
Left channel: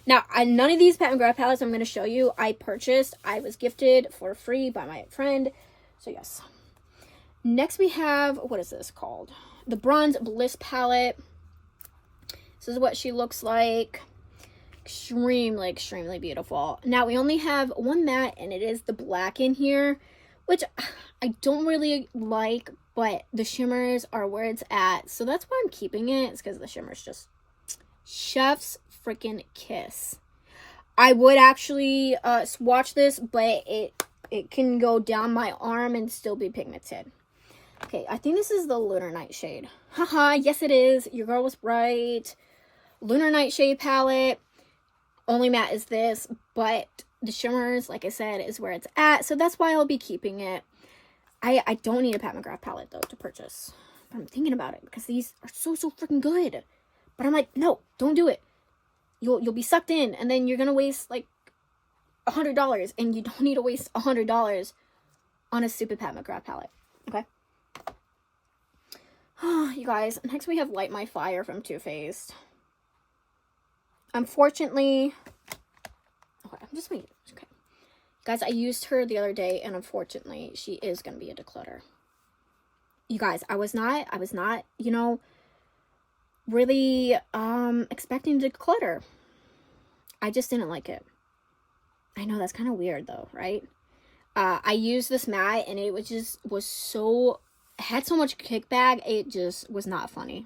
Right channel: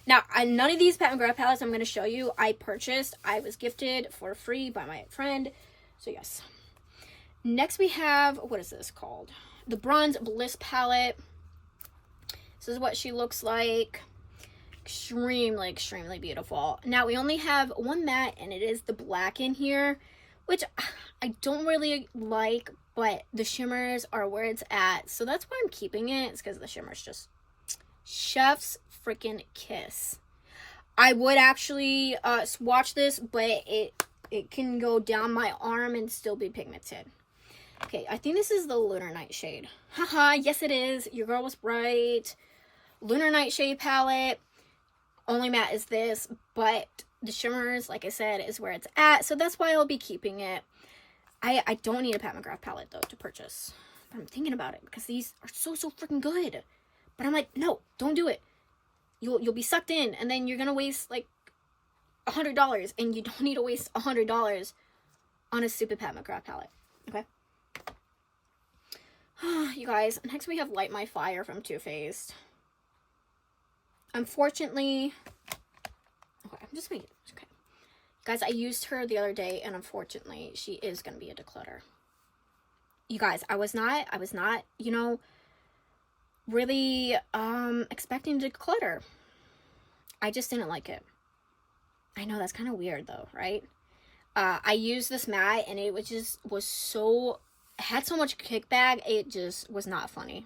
Now, none of these Pat McGrath palettes I'm going to show you I purchased. I was gifted for free by my friend. So, yes. Next, we have... What is this called? The Bronze Bliss palette. This is what she looks like. Extremely beautiful. Now, we only have one matte, and it is the black in here, which I don't really like, but the shimmers are where it's at. So that's why I'm keeping it. It's because the shimmers just chef's freaking kiss. I would actually swatch this, but it can go down my arm and still be pigmented. Okay, I think this is the Lunar Nightshade. Haha, yes it is. Your girl was right. Lunar Nightshade palette. Only matte is this, but the shimmers, like I said, is where it's at. So that's why I'll be keeping it. I don't need a Pat McGrath palette, though, to purchase. But I'm thinking about it because these are so freaking good. But I'm like, no, don't do it. you'll be sucked in, and then you're gonna waste like $100, and you don't need to waste $100 on a stupid Pat McGrath palette. Okay. You guys, next we have Light My Fire from Too Faced. Unfortunately, okay, I'm just waiting. Okay, guys, I used her the other day, and unfortunately, she is gonna be a declutter. You guys, I was not, you know, really expecting to declutter. I just didn't like it. I know that's kind of weird though, right? I used this mat, and it was so, had so much kickback, it just was not funny.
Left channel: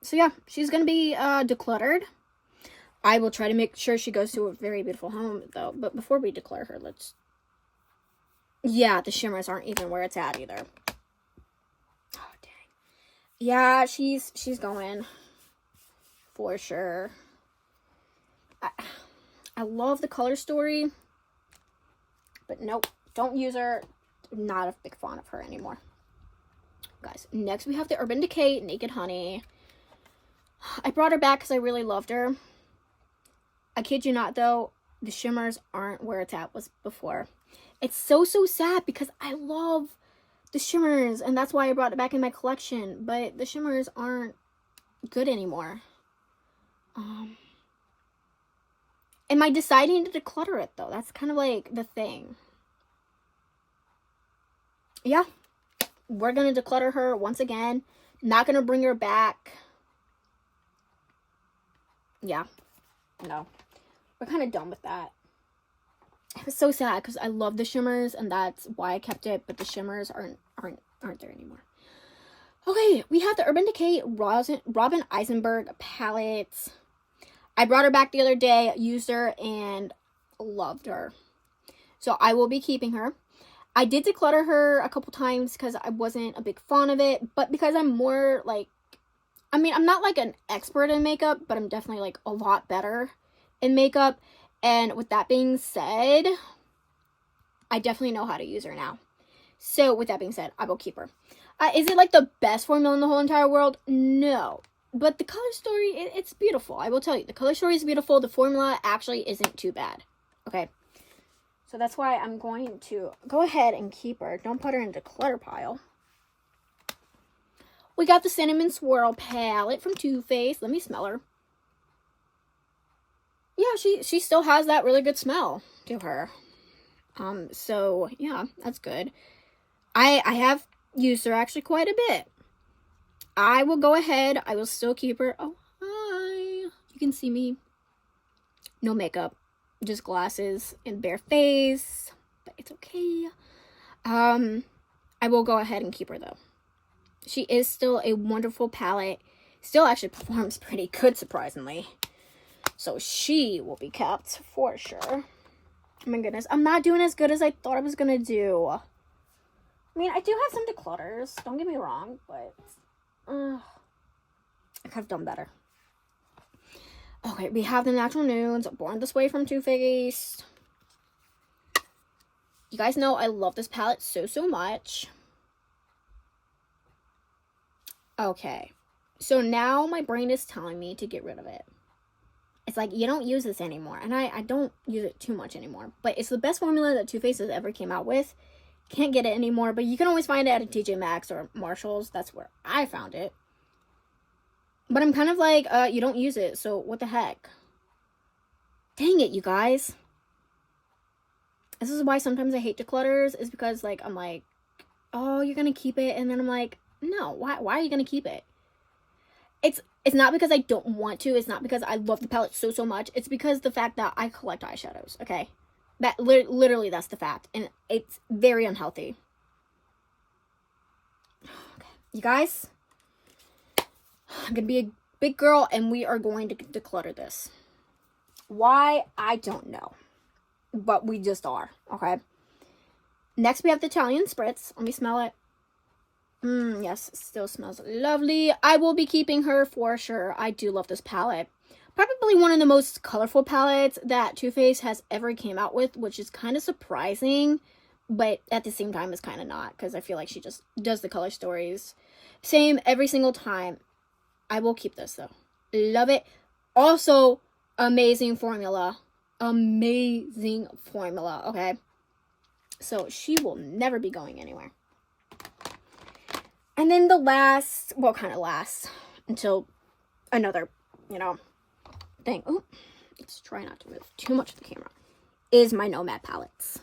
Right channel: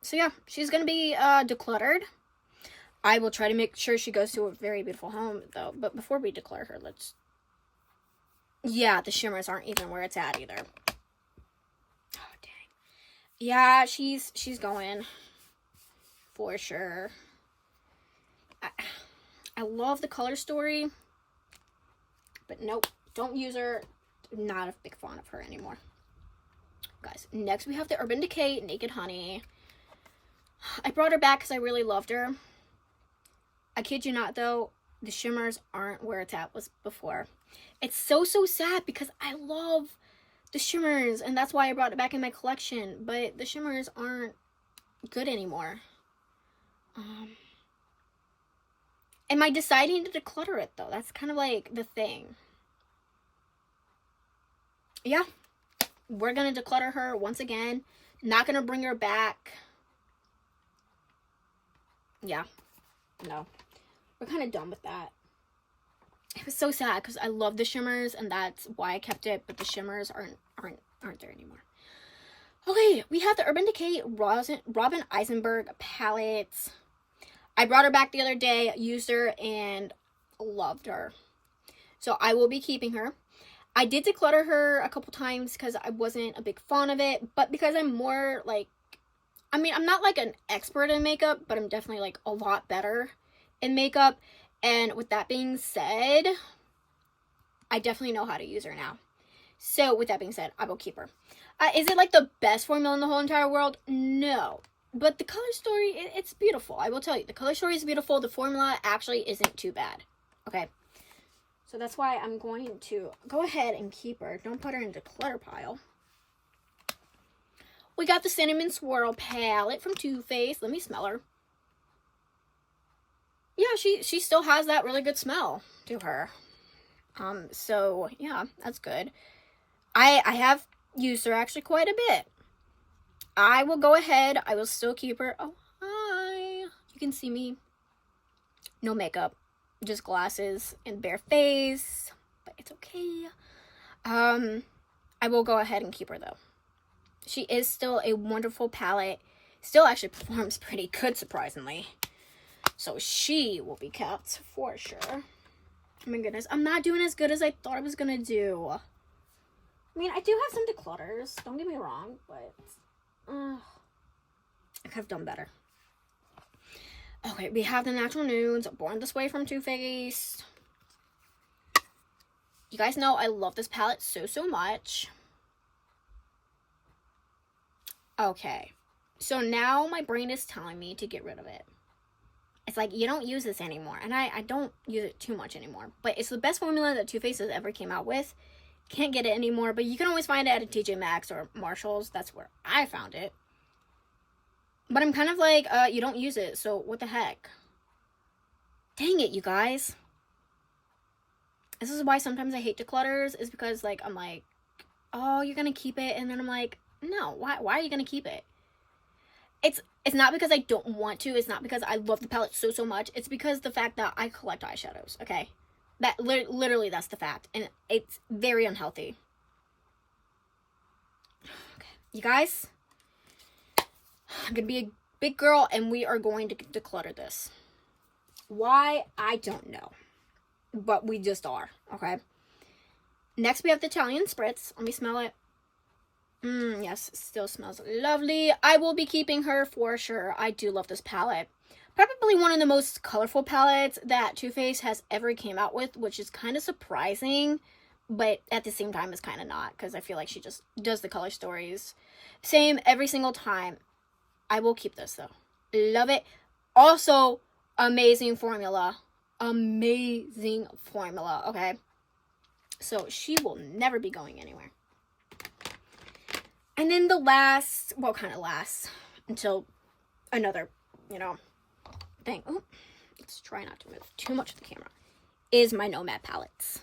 So yeah, she's gonna be decluttered. I will try to make sure she goes to a very beautiful home though. But before we declare her, let's, yeah, the shimmers aren't even where it's at either. Oh dang. Yeah, she's going for sure. I love the color story, but nope, don't use her. Not a big fan of her anymore. Guys, next we have the Urban Decay Naked Honey. I brought her back because I really loved her. I kid you not though, the shimmers aren't where it's at was before. It's so sad because I love the shimmers, and that's why I brought it back in my collection, but the shimmers aren't good anymore. Am I deciding to declutter it though? That's kind of like the thing. Yeah, we're gonna declutter her once again. Not gonna bring her back. Yeah, no, we're kind of done with that. It was so sad because I love the shimmers, and that's why I kept it, but the shimmers aren't there anymore. Okay, we have the Urban Decay Robin Eisenberg palette. I brought her back the other day, used her, and loved her. So I will be keeping her. I did declutter her a couple times because I wasn't a big fan of it, but because I'm more like, I mean, I'm not like an expert in makeup, but I'm definitely like a lot better in makeup. And with that being said, I definitely know how to use her now. So with that being said, I will keep her. Is it like the best formula in the whole entire world? No. But the color story, it's beautiful. I will tell you, the color story is beautiful. The formula actually isn't too bad. Okay. So that's why I'm going to go ahead and keep her. Don't put her in the clutter pile. We got the Cinnamon Swirl palette from Too Faced. Let me smell her. Yeah, she still has that really good smell to her. So yeah, that's good. I have used her actually quite a bit. I will go ahead. I will still keep her. Oh, hi. You can see me. No makeup. Just glasses and bare face. But it's okay. I will go ahead and keep her though. She is still a wonderful palette. Still actually performs pretty good, surprisingly. So she will be kept for sure. Oh my goodness. I'm not doing as good as I thought I was going to do. I mean, I do have some declutters. Don't get me wrong. But I could have done better. Okay, we have the Natural Nudes. Born This Way from Too Faced. You guys know I love this palette so much. Okay. So now my brain is telling me to get rid of it. It's like, you don't use this anymore. And I don't use it too much anymore. But it's the best formula that Too Faced has ever came out with. Can't get it anymore. But you can always find it at a TJ Maxx or Marshall's. That's where I found it. But I'm kind of like, you don't use it. So what the heck? Dang it, you guys. This is why sometimes I hate declutters. Is because, like, I'm like, oh, you're going to keep it. And then I'm like, no, why are you going to keep it? It's not because I don't want to. It's not because I love the palette so much. It's because the fact that I collect eyeshadows, okay? That literally that's the fact. And it's very unhealthy. Okay. You guys, I'm going to be a big girl and we are going to declutter this. Why? I don't know. But we just are, okay? Next we have the Italian Spritz. Let me smell it. Yes, it still smells lovely. I will be keeping her for sure. I do love this palette. Probably one of the most colorful palettes that Too Faced has ever came out with, which is kind of surprising, but at the same time it's kind of not, because I feel like she just does the color stories same every single time. I will keep this though. Love it. Also, amazing formula. Amazing formula, okay? So she will never be going anywhere. And then the last, well, kind of last until another, you know, thing. Ooh, let's try not to move too much of the camera. Is my Nomad palettes.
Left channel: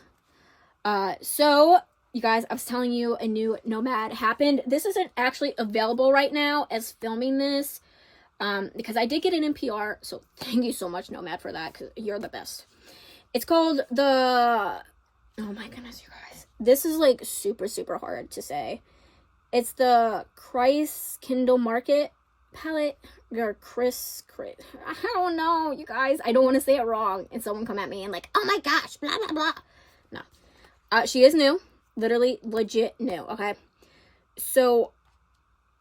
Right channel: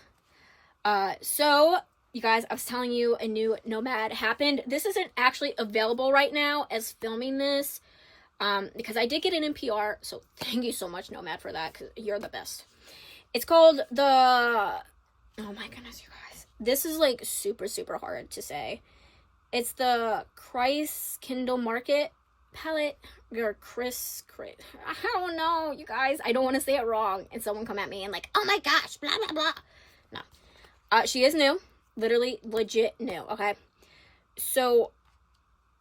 So you guys, I was telling you a new Nomad happened. This isn't actually available right now as filming this, because I did get an NPR. So thank you so much, Nomad, for that, because you're the best. It's called the, oh my goodness, you guys. This is like super, super hard to say. It's the Christ Kindle Market palette. Or Chris, I don't know, you guys. I don't want to say it wrong and someone come at me and like, oh my gosh, blah, blah, blah. No. She is new. Literally, legit new, okay? So,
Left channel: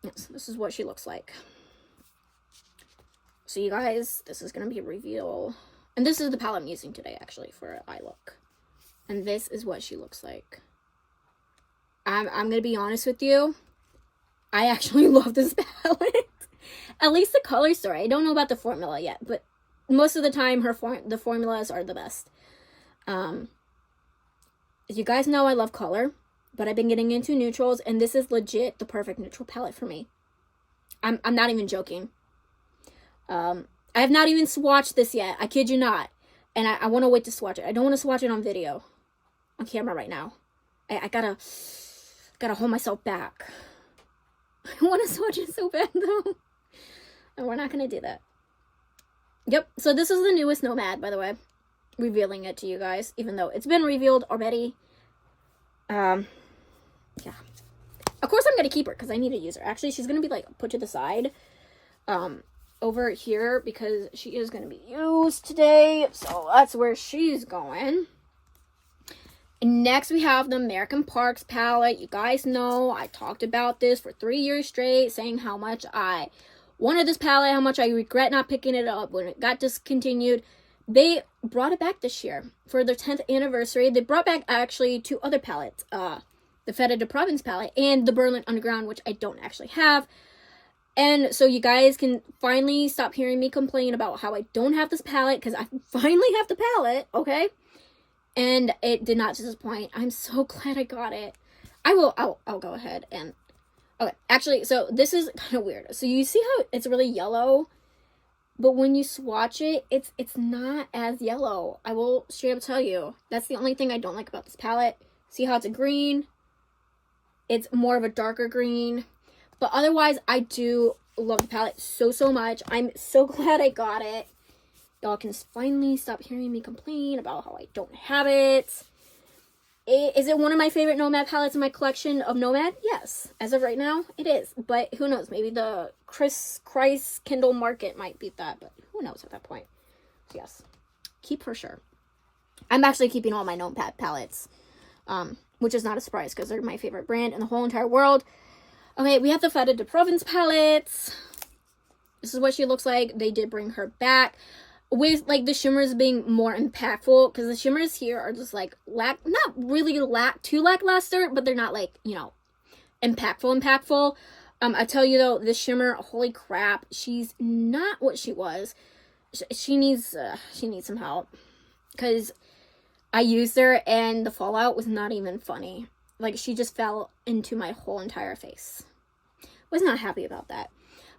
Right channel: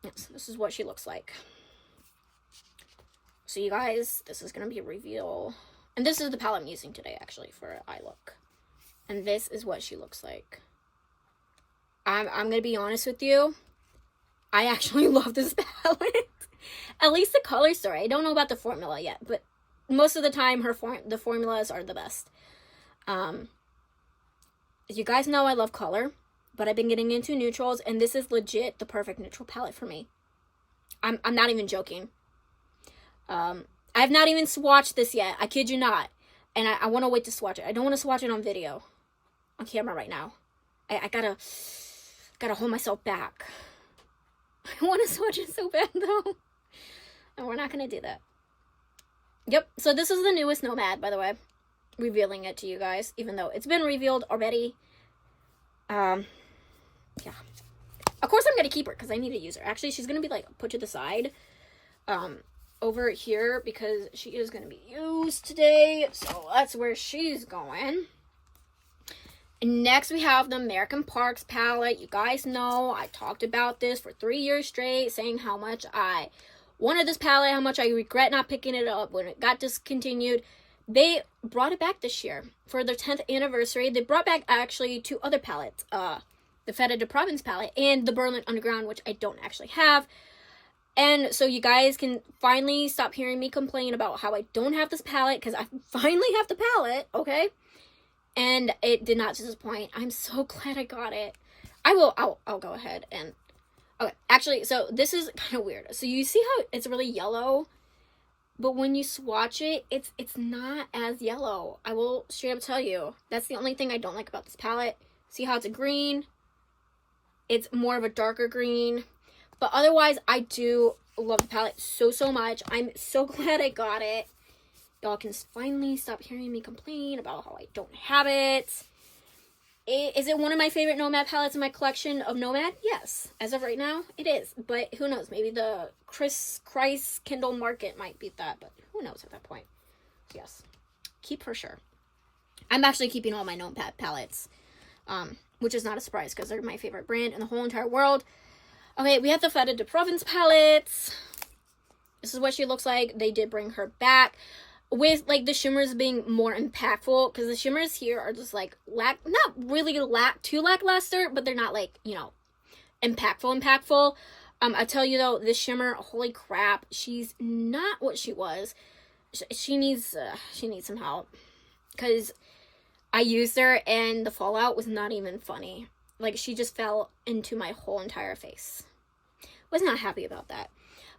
yes, this is what she looks like. So, you guys, this is going to be a reveal. And this is the palette I'm using today, actually, for eye look. And this is what she looks like. I'm going to be honest with you. I actually love this palette. At least the color story. I don't know about the formula yet, but most of the time the formulas are the best. You guys know I love color, but I've been getting into neutrals, and this is legit the perfect neutral palette for me. I'm not even joking. I have not even swatched this yet. I kid you not. And I want to wait to swatch it. I don't want to swatch it on video, on camera right now. I gotta hold myself back. I want to swatch it so bad though. And we're not going to do that. Yep. So this is the newest Nomad, by the way. Revealing it to you guys, even though it's been revealed already. Yeah. Of course I'm going to keep her because I need to use her. Actually, she's going to be like put to the side over here because she is going to be used today. So that's where she's going. And next we have the American Parks palette. You guys know I talked about this for 3 years straight, saying how much I wanted this palette, how much I regret not picking it up when it got discontinued. They brought it back this year for their 10th anniversary. They brought back actually 2 other palettes, the Fête de Province palette and the Berlin Underground, which I don't actually have. And so you guys can finally stop hearing me complain about how I don't have this palette, because I finally have the palette, okay? And it did not disappoint. I'm so glad I got it. I'll go ahead and, okay, actually, so this is kind of weird. So you see how it's really yellow, but when you swatch it, it's not as yellow. I will straight up tell you. That's the only thing I don't like about this palette. See how it's a green? It's more of a darker green. But otherwise, I do love the palette so, so much. I'm so glad I got it. Y'all can finally stop hearing me complain about how I don't have it. Is it one of my favorite Nomad palettes in my collection of Nomad? Yes. As of right now, it is. But who knows? Maybe the Christ Kindle Market might beat that. But who knows at that point? Yes. Keep for sure. I'm actually keeping all my Nomad palettes. Which is not a surprise because they're my favorite brand in the whole entire world. Okay, we have the Fête de Province palettes. This is what she looks like. They did bring her back with like the shimmers being more impactful, because the shimmers here are just like not really too lackluster, but they're not like, you know, impactful. I tell you though, this shimmer, holy crap, she's not what she was. She needs some help, because I used her and the fallout was not even funny. Like, she just fell into my whole entire face. Was not happy about that.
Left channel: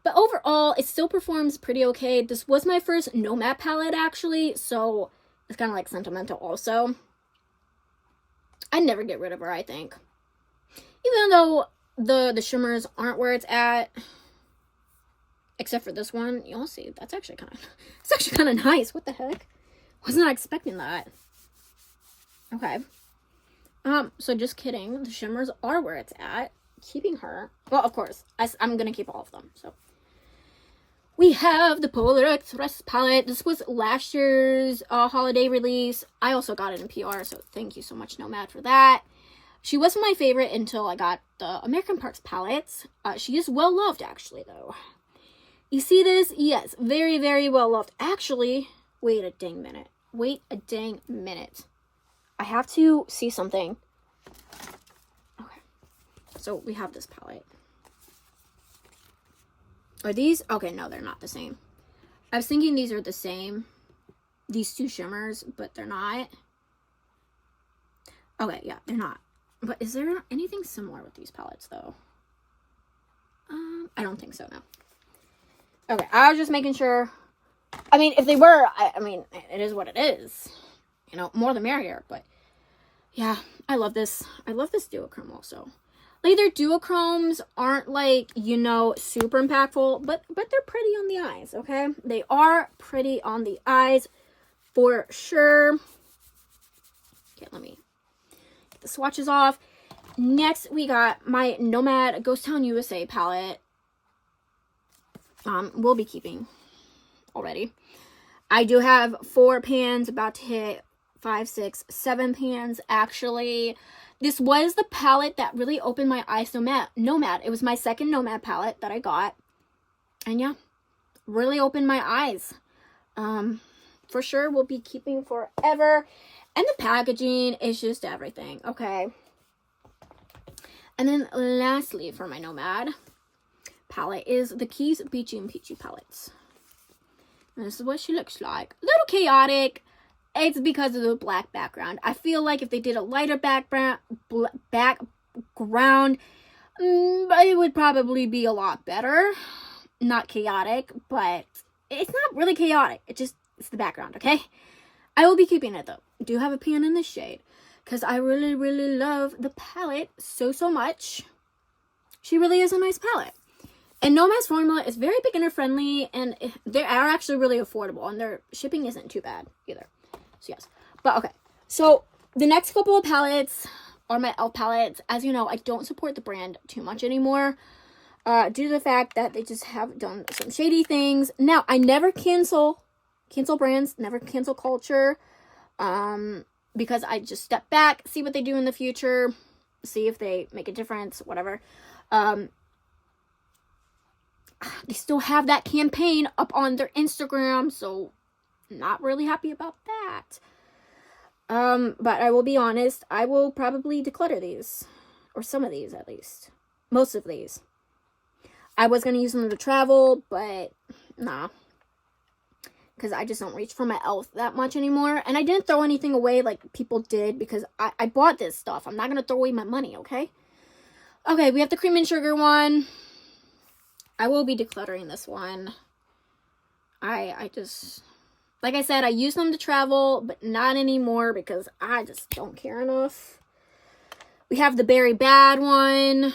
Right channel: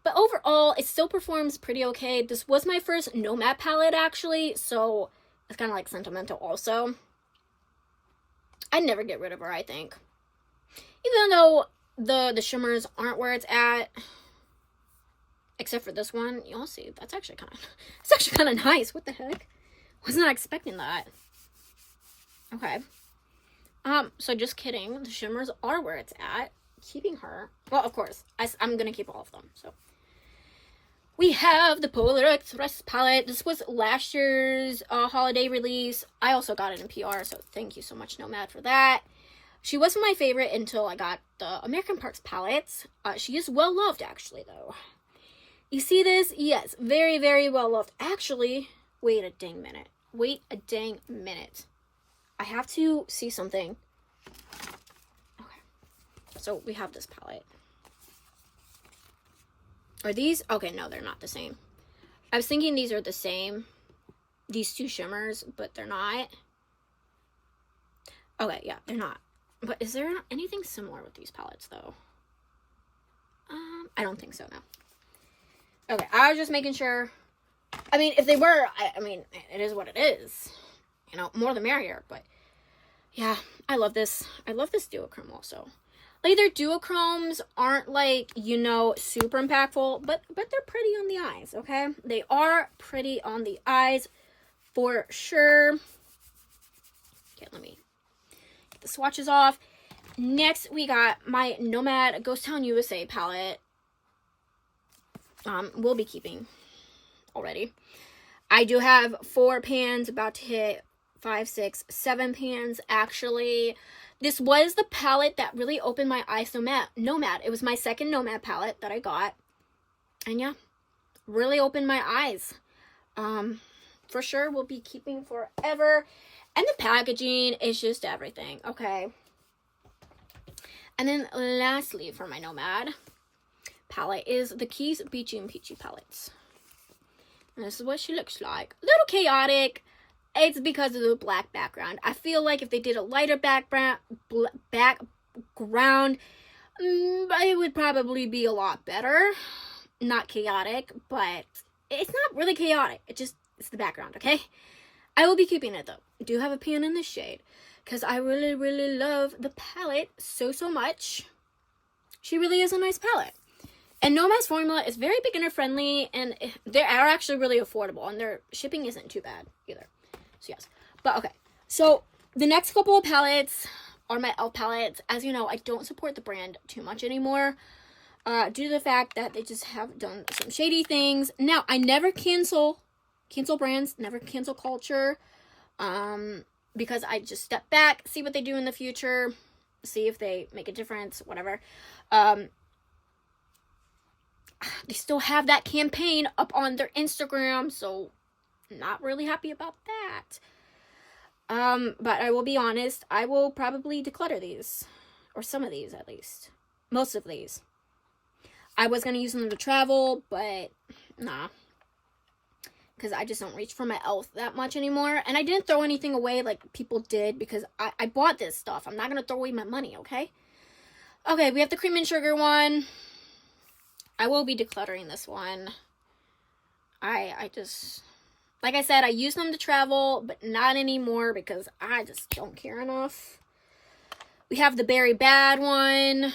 But overall, it still performs pretty okay. This was my first Nomad palette, actually, so it's kind of like sentimental also. I'd never get rid of her, I think. Even though the shimmers aren't where it's at, except for this one, you'll see. That's actually kind of nice. What the heck? Was not expecting that. Okay. So just kidding. The shimmers are where it's at. Keeping her. Well, of course. I'm going to keep all of them. So we have the Polar Express palette. This was last year's holiday release. I also got it in PR, so thank you so much, Nomad, for that. She wasn't my favorite until I got the American Parks palettes. She is well loved, actually, though. You see this? Yes, very, very well loved. Actually, wait a dang minute. I have to see something. Okay. So we have this palette. Are these? Okay, no, they're not the same. I was thinking these are the same, these two shimmers, but they're not. Okay, yeah, they're not. But is there anything similar with these palettes, though? I don't think so, no. Okay, I was just making sure. I mean, if they were, I mean, it is what it is. You know, more the merrier, but yeah, I love this. I love this duochrome also. Like, their duochromes aren't, like, you know, super impactful, but they're pretty on the eyes, okay? They are pretty on the eyes for sure. Okay, let me get the swatches off. Next, we got my Nomad Ghost Town USA palette. We'll be keeping already. I do have 4 pans, about to hit 5, 6, 7 pans, actually. This was the palette that really opened my eyes to Nomad. It was my second Nomad palette that I got. And yeah, really opened my eyes. For sure, we'll be keeping forever. And the packaging is just everything, okay? And then lastly, for my Nomad palette is the Keys Beachy and Peachy palettes. And this is what she looks like. A little chaotic. It's because of the black background. I feel like if they did a lighter background, it would probably be a lot better. Not chaotic, but it's not really chaotic. It's the background, okay? I will be keeping it, though. I do have a pan in this shade, because I really, really love the palette so much. She really is a nice palette. And Nomad's formula is very beginner friendly, and they are actually really affordable, and their shipping isn't too bad either. So yes, but okay. So the next couple of palettes are my e.l.f. palettes. As you know, I don't support the brand too much anymore, due to the fact that they just have done some shady things. Now, I never cancel brands, never cancel culture, because I just step back, see what they do in the future, see if they make a difference, whatever. They still have that campaign up on their Instagram, so not really happy about that. But I will be honest, I will probably declutter these, or some of these at least. Most of these. I was gonna use them to travel, but nah. Because I just don't reach for my e.l.f. that much anymore. And I didn't throw anything away like people did, because I bought this stuff. I'm not gonna throw away my money, okay? Okay, we have the cream and sugar one. I will be decluttering this one. I just, like I said, I use them to travel, but not anymore because I just don't care enough. We have the Berry Bad one.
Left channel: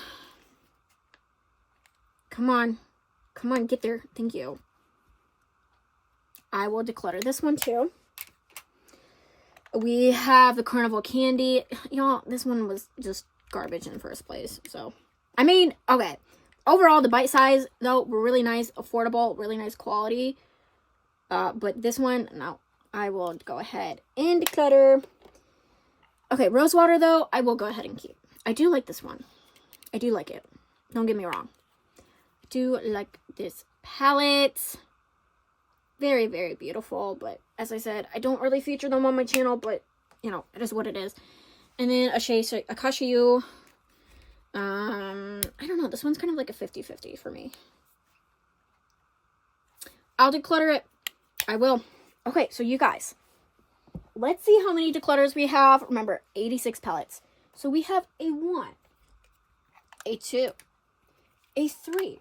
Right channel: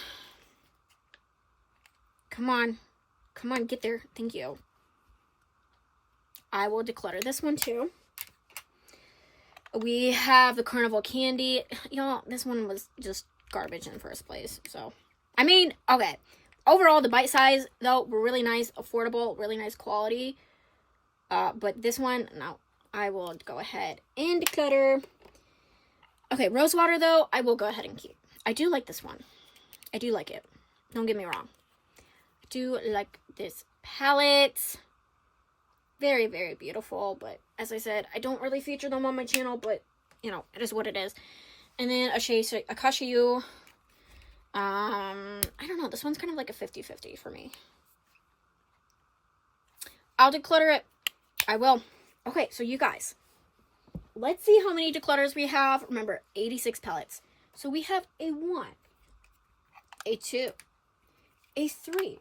Come on, get there. Thank you. I will declutter this one too. We have the Carnival Candy. Y'all, this one was just garbage in the first place. So, I mean, okay. Overall, the bite size, though, were really nice, affordable, really nice quality. But this one, no, I will go ahead and declutter. Okay, Rosewater, though, I will go ahead and keep. I do like this one. I do like it. Don't get me wrong. I do like this palette. Very, very beautiful. But as I said, I don't really feature them on my channel, but, you know, it is what it is. And then Akashiyu. I don't know. This one's kind of like a 50-50 for me. I'll declutter it. I will. Okay, so you guys, let's see how many declutters we have. Remember, 86 palettes. So we have a 1, a 2, a 3,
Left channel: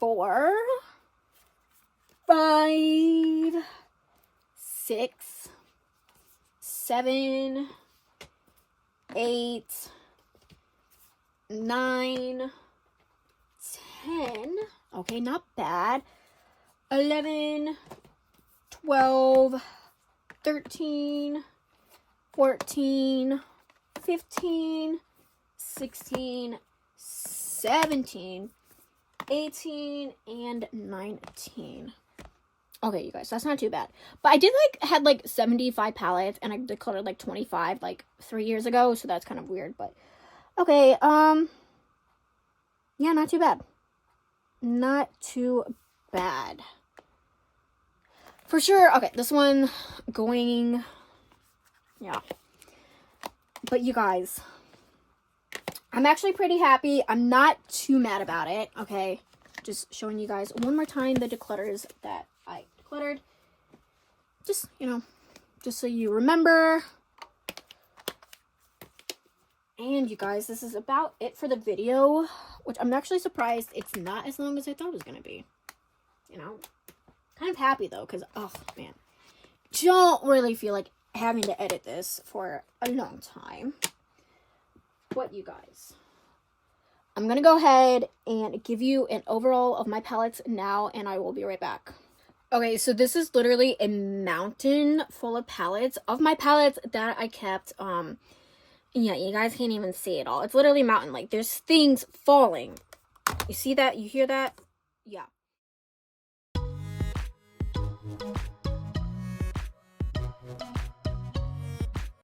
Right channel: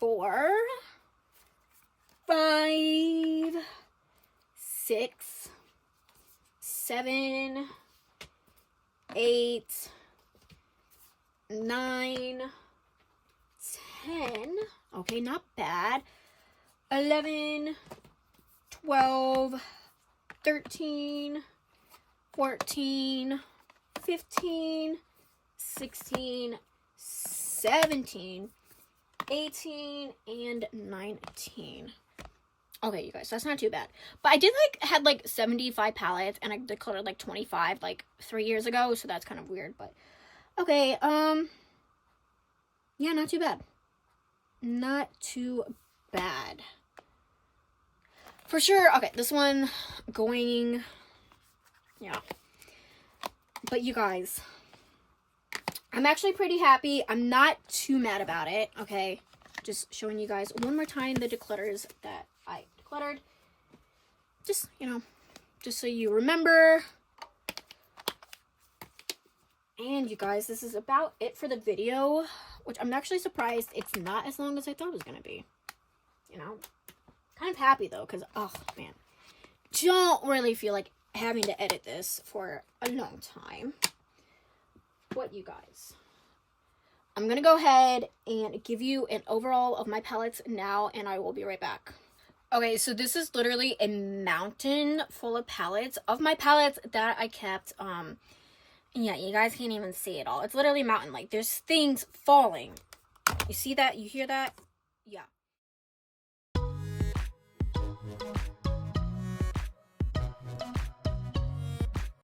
4, 5, 6, 7, 8, 9, 10, okay, not bad, 11, 12, 13, 14, 15, 16, 17, 18, and 19. Okay, you guys, that's not too bad. But I did, had 75 palettes, and I decluttered, 25, 3 years ago, so that's kind of weird, but okay, yeah, not too bad. Not too bad. For sure, okay, this one going, yeah. But you guys, I'm actually pretty happy. I'm not too mad about it, okay? just showing you guys one more time the declutters that I decluttered. Just, you know, just so you remember. And you guys, this is about it for the video, which I'm actually surprised it's not as long as I thought it was going to be. You know, kind of happy though, because, oh man, don't really feel like having to edit this for a long time. But you guys, I'm going to go ahead and give you an overall of my palettes now, and I will be right back. Okay, so this is literally a mountain full of palettes of my palettes that I kept. Yeah, you guys can't even see it all. It's literally a mountain. Like, there's things falling. You see that? You hear that? Yeah.